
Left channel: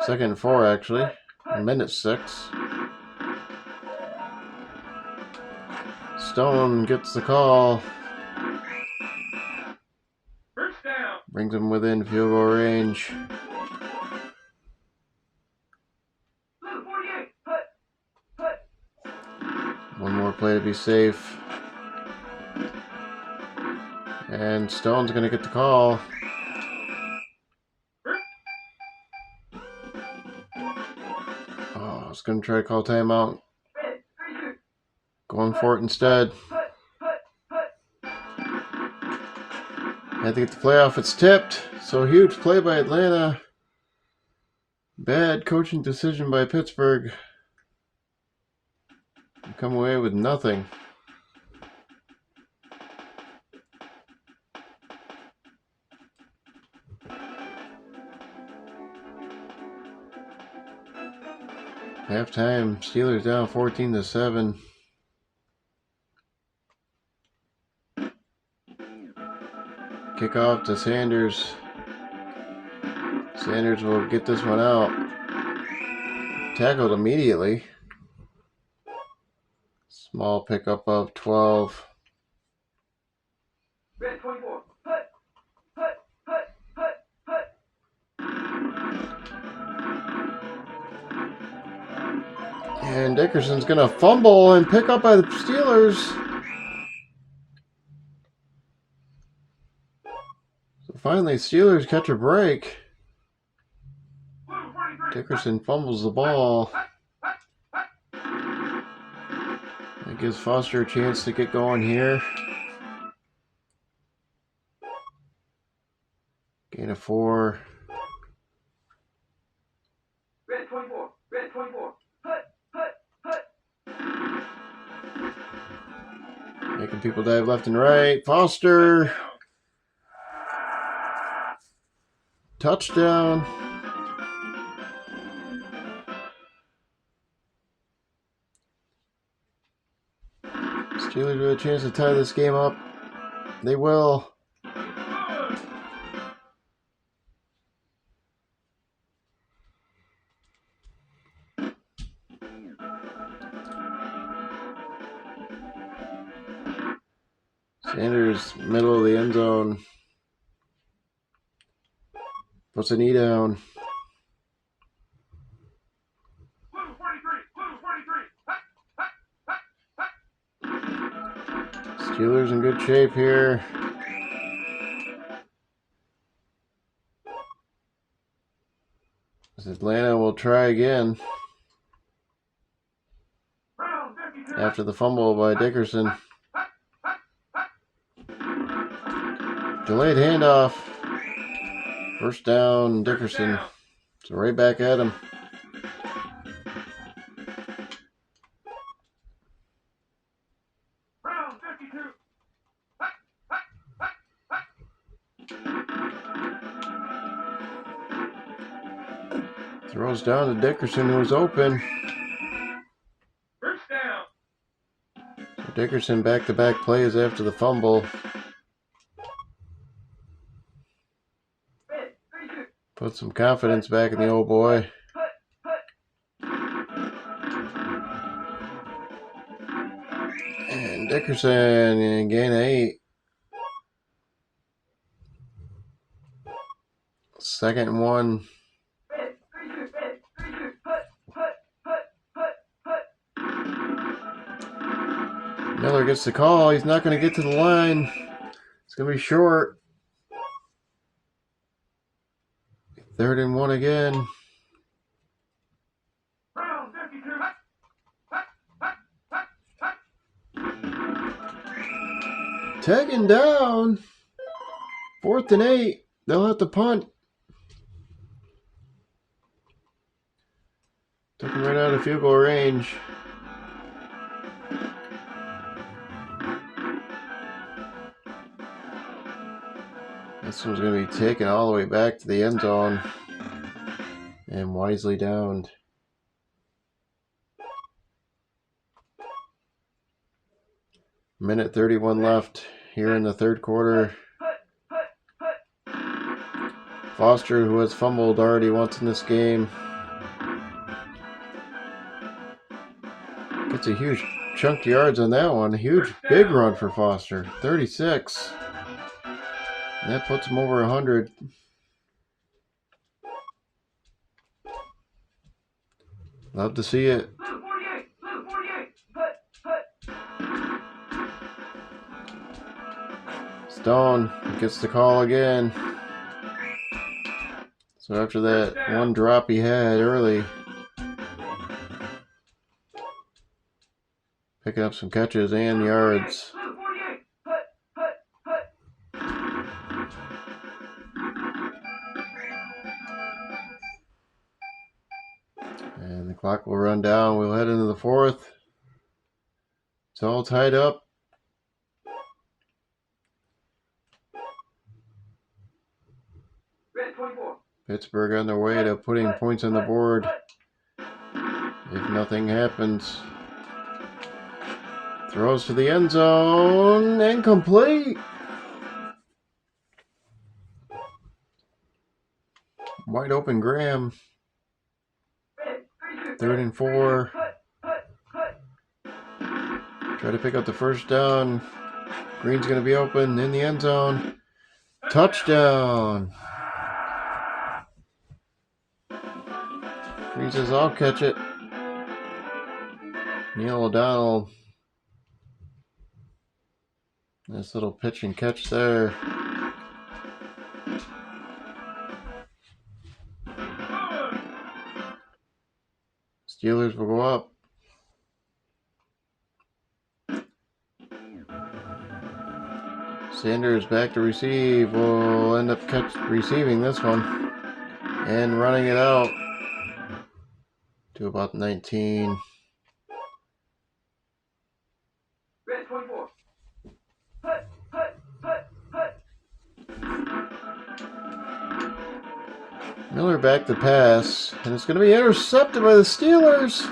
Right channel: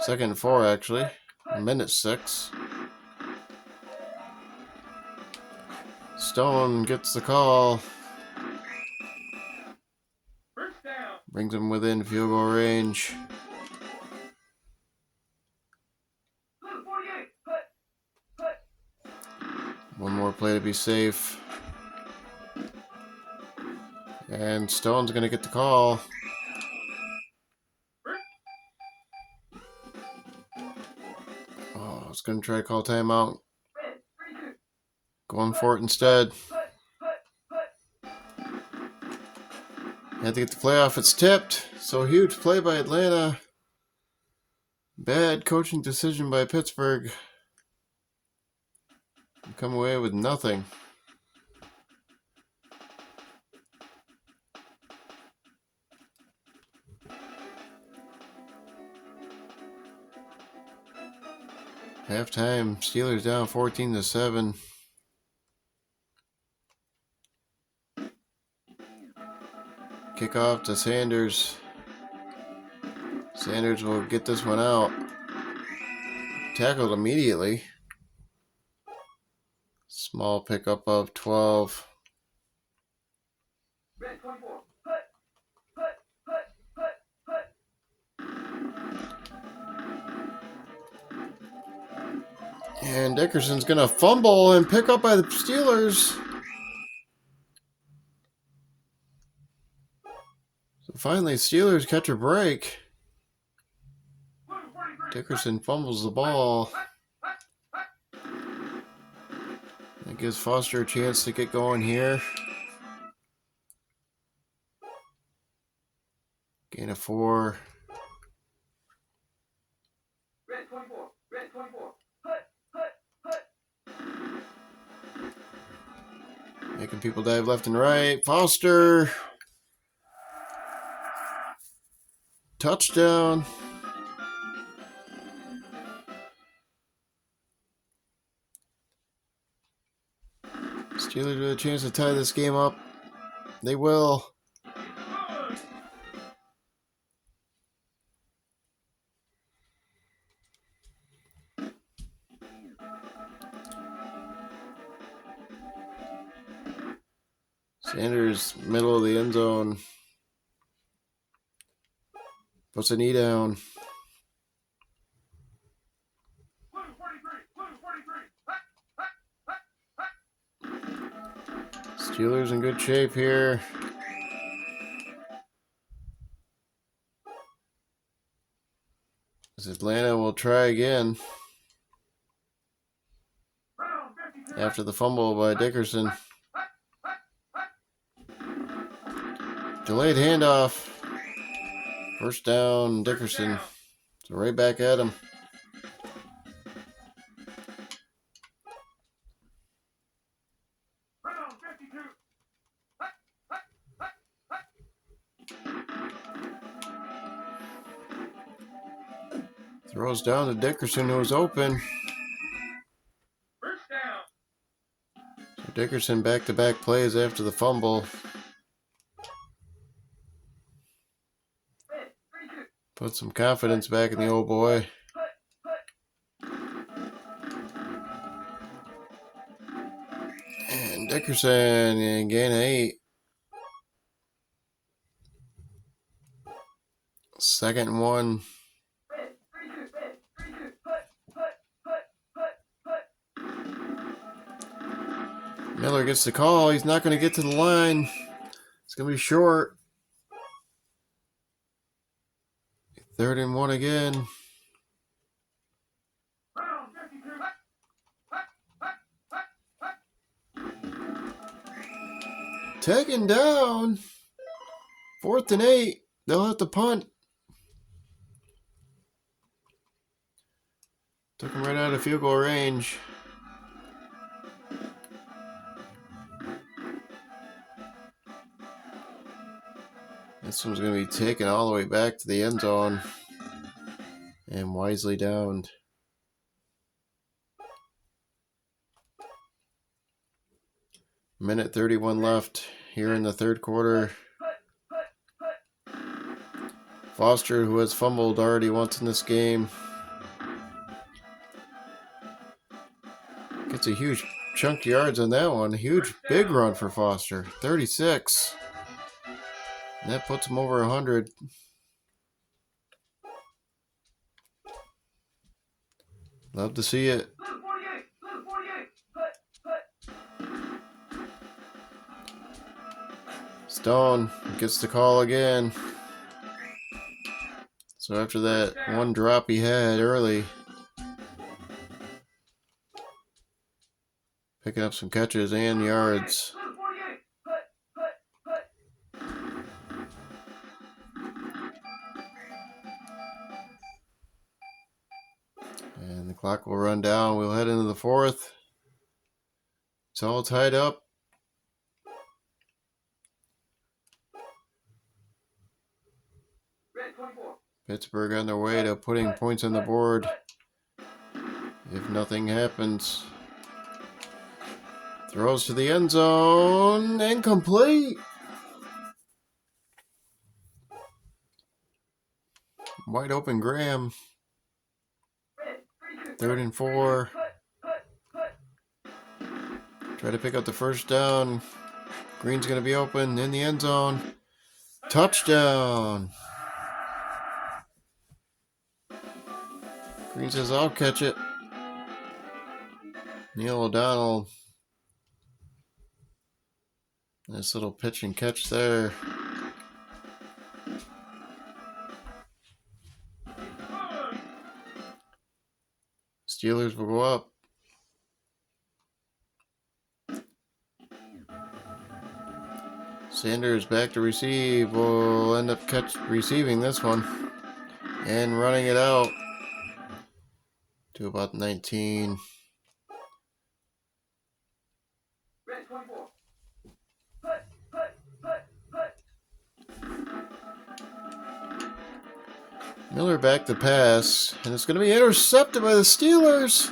2nd and 4, actually. Minute 6. Stone gets the call. Brings him within field goal range. One more play to be safe. And Stone's going to get the call. Oh, I was going to try to call timeout. Going for it instead. Had to get the playoff. It's tipped. So huge play by Atlanta. Bad coaching decision by Pittsburgh. Come away with nothing. Halftime, Steelers down 14-7. Kickoff to Sanders. Sanders will get this one out. Tackled immediately. Small pickup of 12. And Dickerson's going to fumble and pick up by the Steelers. So finally, Steelers catch a break. Dickerson fumbles the ball. That gives Foster a chance to get going here. Gain of 4. Making people dive left and right. Foster. Touchdown. Steelers with a chance to tie this game up. They will. Sanders, middle of the end zone. Puts a knee down. Steelers in good shape here. As Atlanta will try again. after the fumble by Dickerson. Delayed handoff. First down, Dickerson. So right back at him. Throws down to Dickerson, who was open. So Dickerson back-to-back plays after the fumble. Put some confidence back in the old boy. And Dickerson in gain of 8. Second and 1. Miller gets the call. He's not going to get to the line. It's going to be short. 3rd and 1 again. Taken down. 4th and 8. They'll have to punt. Took him right out of field goal range. This one's going to be taken all the way back to the end zone and wisely downed. Minute 31 left here in the third quarter. Foster, who has fumbled already once in this game, gets a huge chunk of yards on that one. A huge, big run for Foster. 36. And that puts him over 100. Love to see it. Stone gets the call again. So after that one drop he had early, picking up some catches and yards. And the clock will run down. We'll head into the fourth. It's all tied up. Pittsburgh on their way to putting points on the board if nothing happens. Throws to the end zone. Incomplete. Wide open Graham. 3rd and 4. Try to pick up the first down. Green's going to be open in the end zone. Touchdown. Green says, I'll catch it. Neil O'Donnell. Nice little pitch and catch there. Steelers will go up. Sanders back to receive. Will end up receiving this one and running it out to about 19. Miller back to pass, and it's going to be intercepted by the Steelers.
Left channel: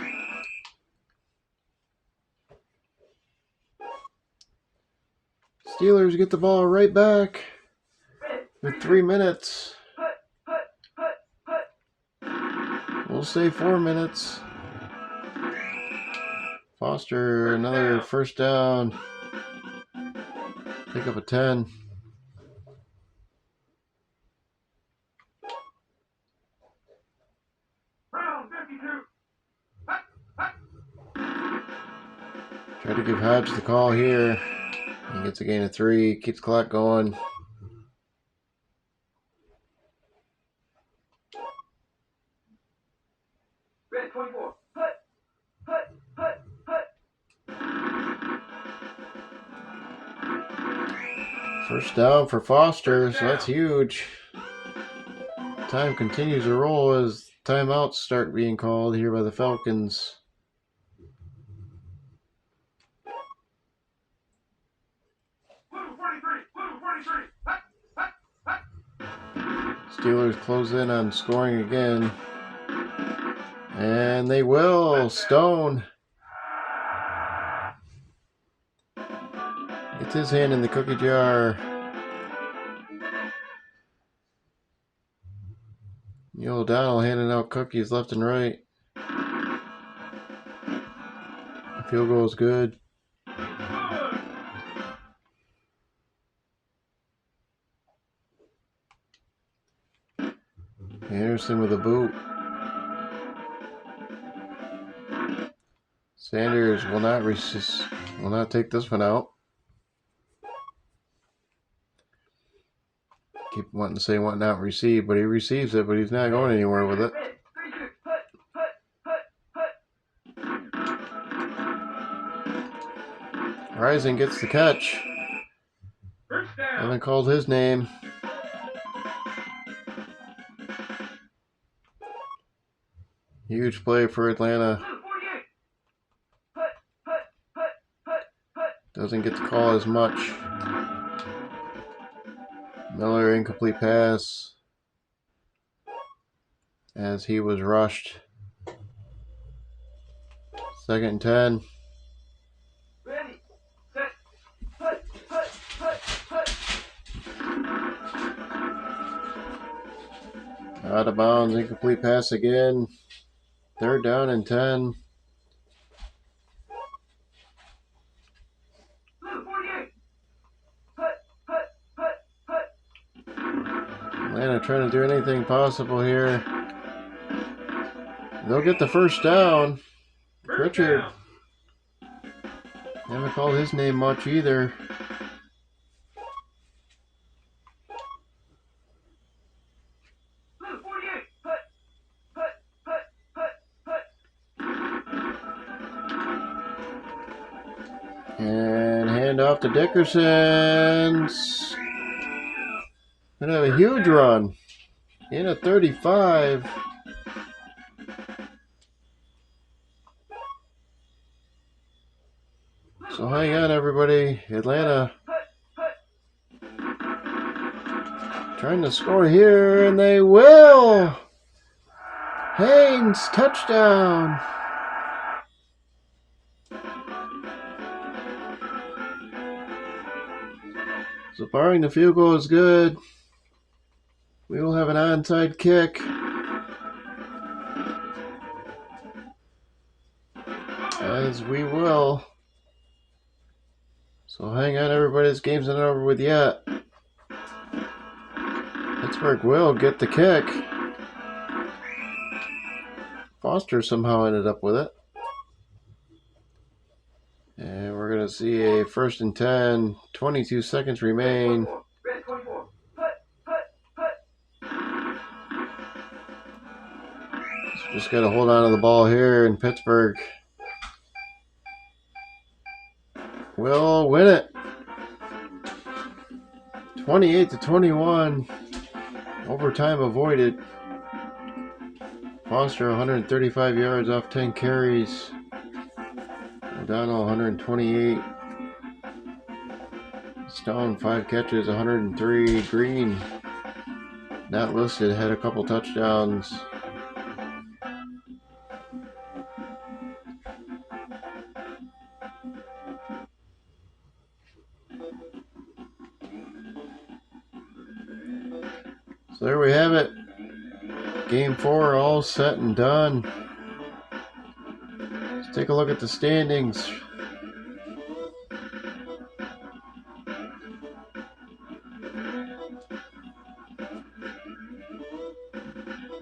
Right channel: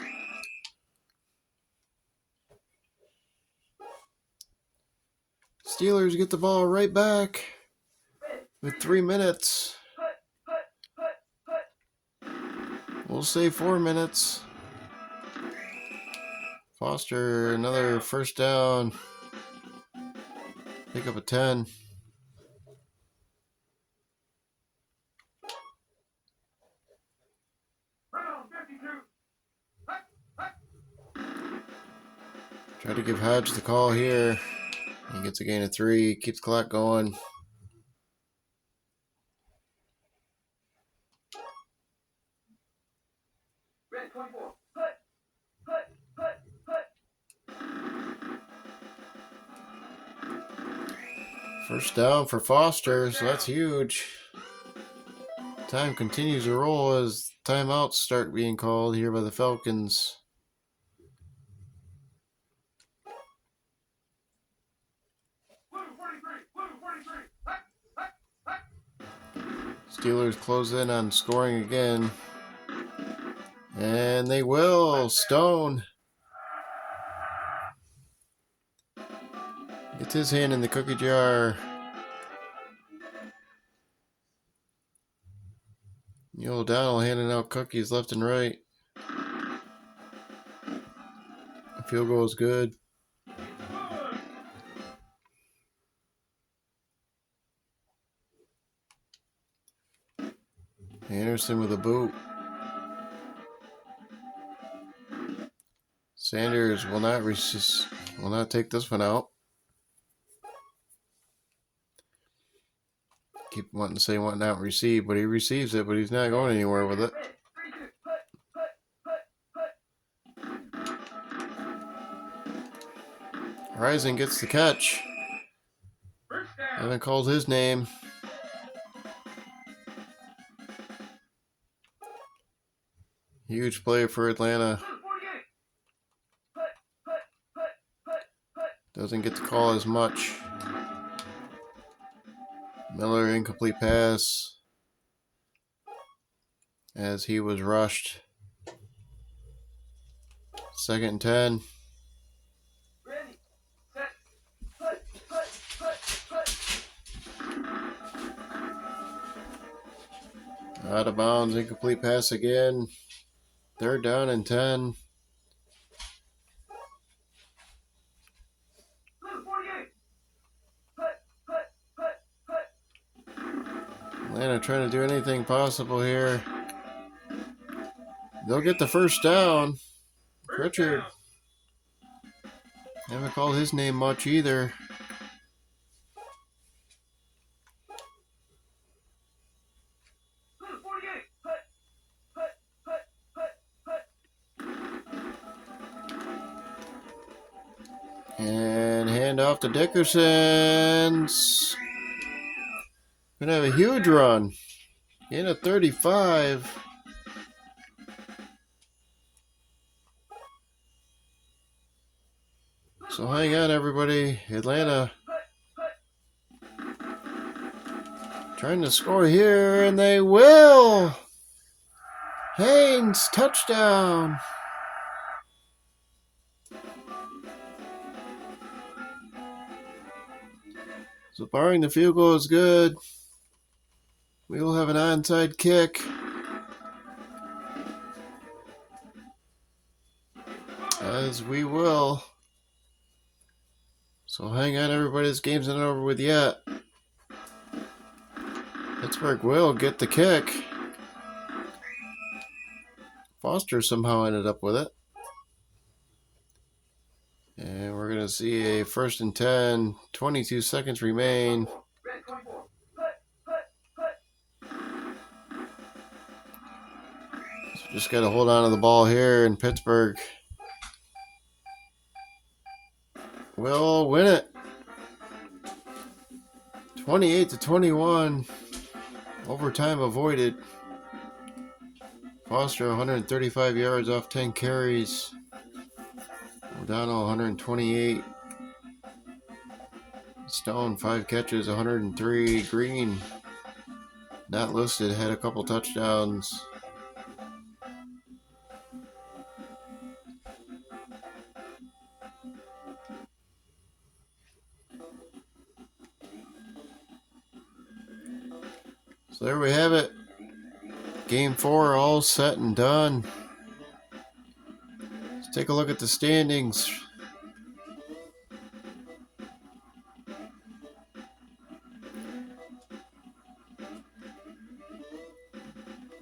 Steelers get the ball right back with 3 minutes. We'll say 4 minutes. Foster, another first down. Pick up a 10. Try to give Hodge the call here. He gets a gain of 3, keeps the clock going. First down for Foster, so that's huge. Time continues to roll as timeouts start being called here by the Falcons. Steelers close in on scoring again. And they will. Stone gets his hand in the cookie jar. Neil O'Donnell handing out cookies left and right. The field goal is good. Anderson with a boot. Sanders will not take this one out. Keep wanting to say want not receive, but he receives it, but he's not going anywhere with it. Rising gets the catch. Haven't called his name. Huge play for Atlanta. Doesn't get to call as much. Miller incomplete pass as he was rushed. 2nd and 10. Out of bounds, incomplete pass again. 3rd down and 10. Atlanta trying to do anything possible here. They'll get the first down. Richard. Haven't called his name much either. And hand off to Dickerson's. Gonna have a huge run. In at 35. So hang on, everybody. Atlanta trying to score here, and they will. Haynes, touchdown. So barring the field goal is good, we will have an onside kick. As we will. So hang on, everybody. This game's not over with yet. Pittsburgh will get the kick. Foster somehow ended up with it. And we're going to see a 1st and 10. 22 seconds remain. So just got to hold on to the ball here, and Pittsburgh will win it. 28-21. Overtime avoided. Foster 135 yards off 10 carries. O'Donnell 128. Stone 5 catches, 103. Green, not listed, had a couple touchdowns. So there we have it. Game 4 all set and done. Let's take a look at the standings.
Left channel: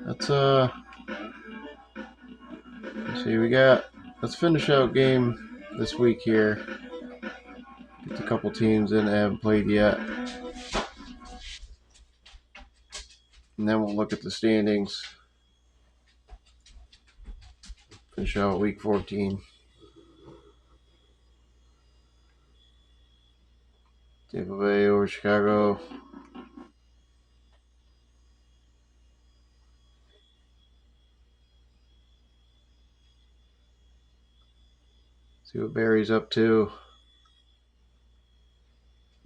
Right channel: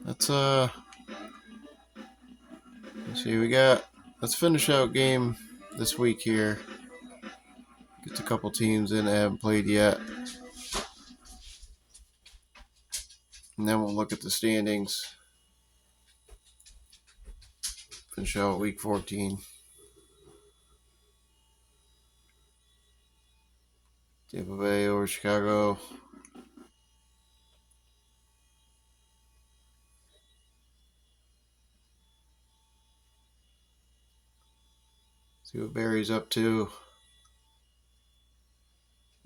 Let's see, let's finish out game this week here. Get a couple teams in that haven't played yet. And then we'll look at the standings. Finish out week 14. Tampa Bay over Chicago. See what Barry's up to.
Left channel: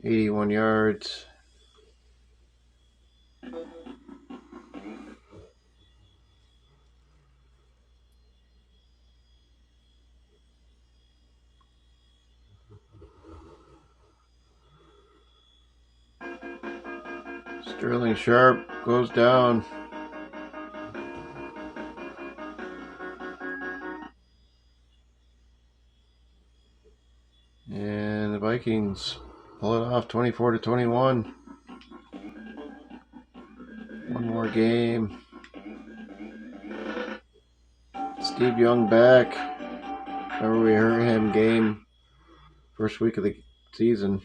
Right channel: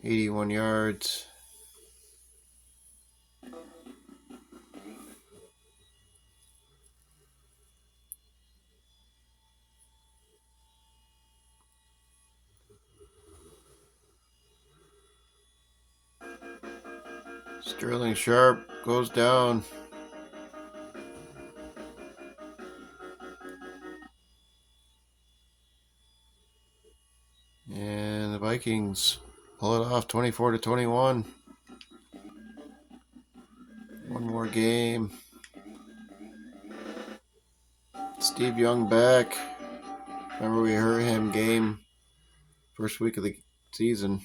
81 yards. Sterling Sharp goes down. And the Vikings pull it off 24-21. One more game. Steve Young back. Remember we heard him game first week of the season.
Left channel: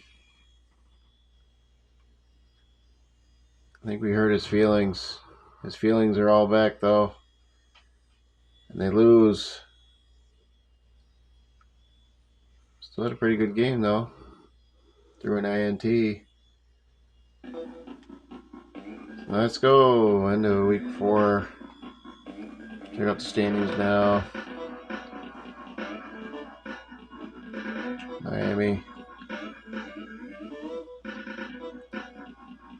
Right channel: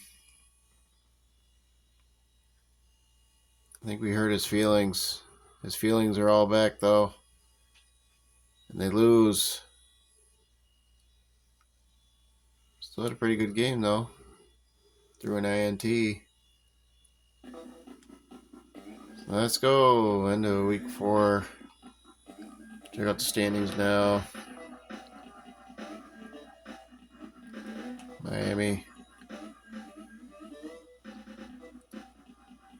I think we hurt his feelings. His feelings are all back though. And they lose. Still had a pretty good game though. Through an INT. Let's go into week 4. Check out the standings now. Miami.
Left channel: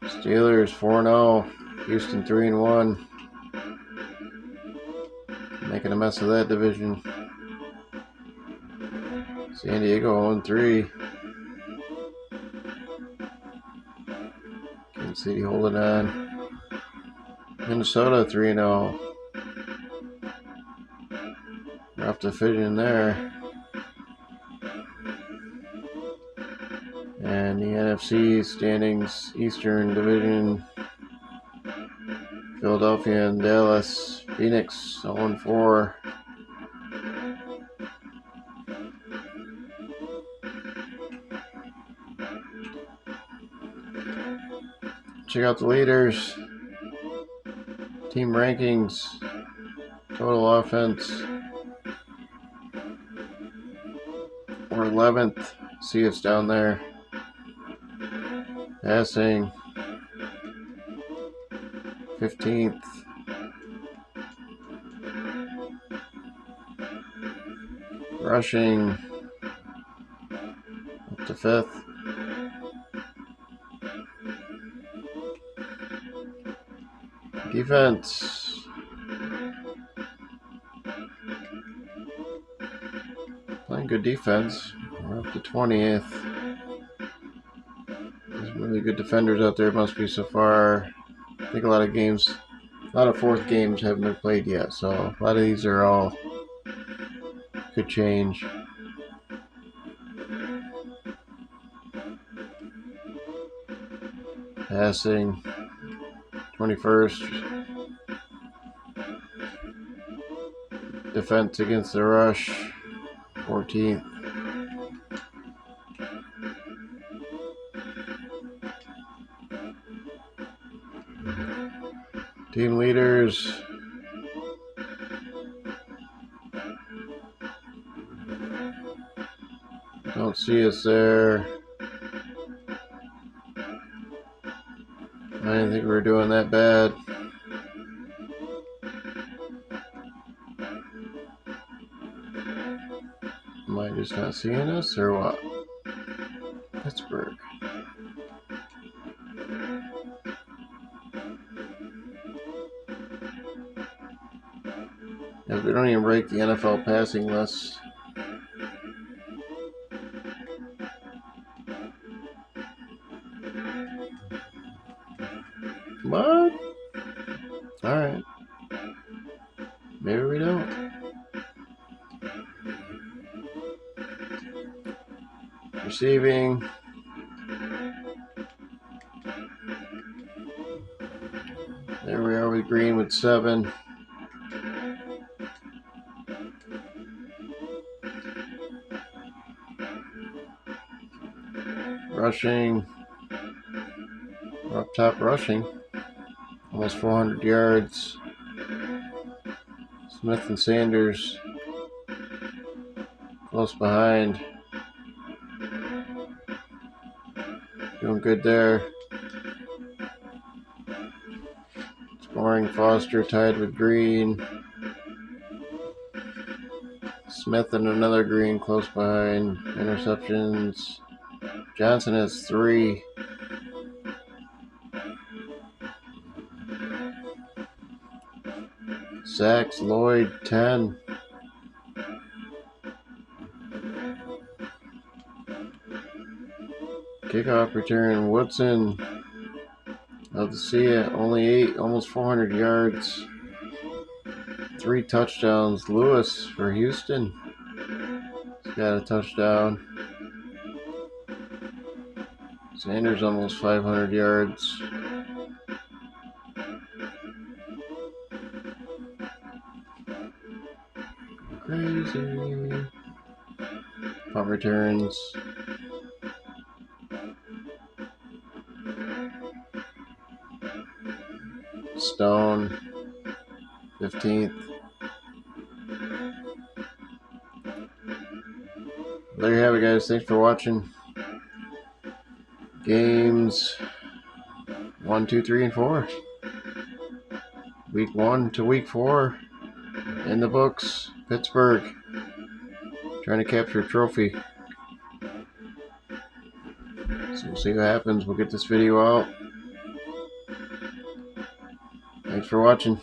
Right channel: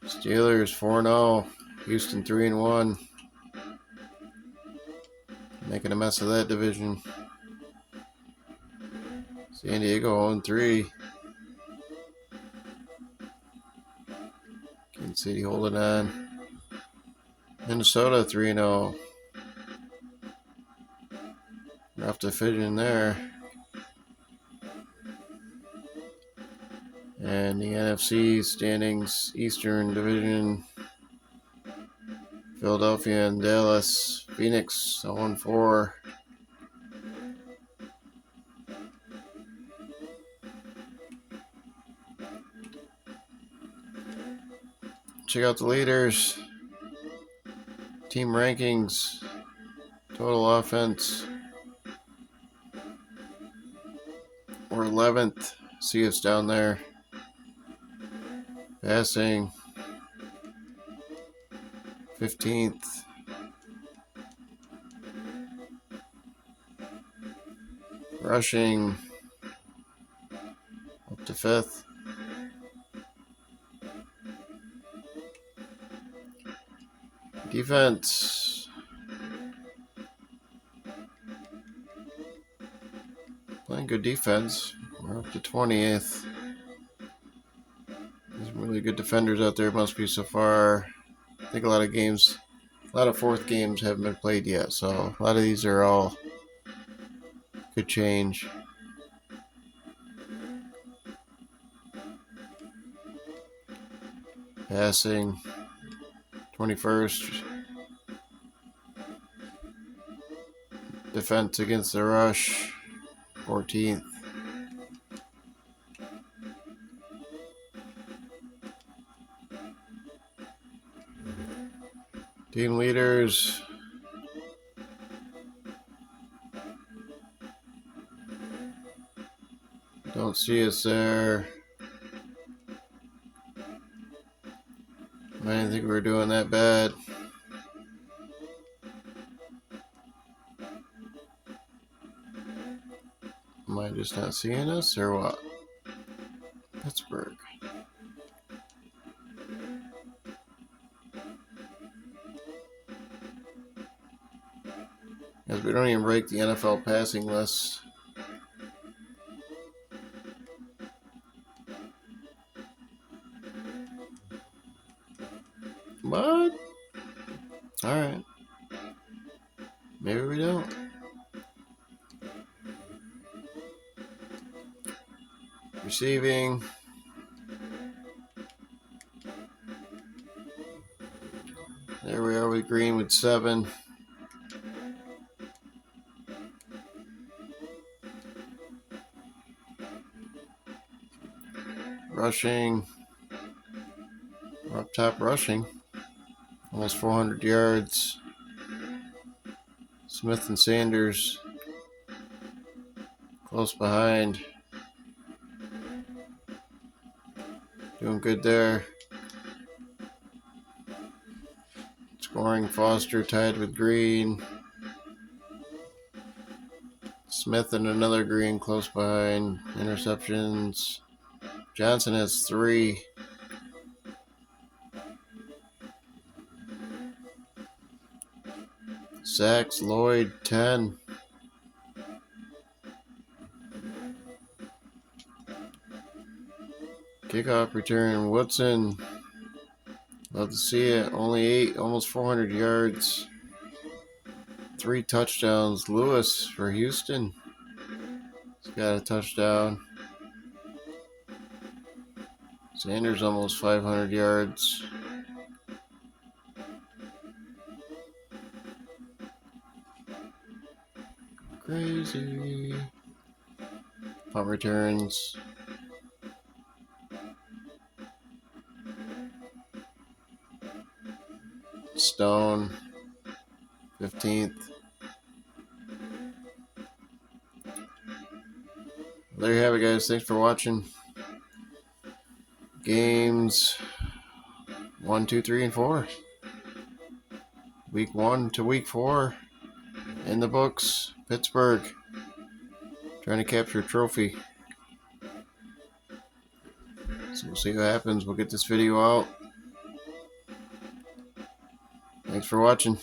Steelers 4-0. Houston 3-1. Making a mess of that division. San Diego 0-3. Kansas City holding on. Minnesota 3-0. Rough division there. And the NFC standings, Eastern Division, Philadelphia and Dallas, Phoenix 0-4. Check out the leaders, team rankings, total offense. We're 11th. See us down there. Passing 15th. Rushing up to 5th. Defense playing good defense. We're up to 20th. There's really good defenders out there, must be so far. I think a lot of fourth games haven't been played yet, so a lot of these are all could change. Passing 21st. Defense against the rush 14th. Team leaders. Don't see us there. I didn't think we were doing that bad. Am I just not seeing us or what? Pittsburgh. Yeah, we don't even break the NFL passing list. What? Alright. Maybe we don't. Receiving. There we are with Green with 7. Rushing. We're up top rushing. Almost 400 yards. Smith and Sanders close behind. Doing good there. Scoring, Foster tied with Green. Smith and another Green close behind. Interceptions. Johnson has 3. Sacks, Lloyd 10. Kickoff return, Woodson. Love to see it. Only 8, almost 400 yards. 3 touchdowns. Lewis for Houston. He's got a touchdown. Sanders almost 500 yards. Crazy. Punt returns. Stone, 15th. There you have it, guys. Thanks for watching. Games 1, 2, 3, and 4. Week 1 to week 4 in the books. Pittsburgh trying to capture a trophy. So we'll see what happens. We'll get this video out. Thanks for watching.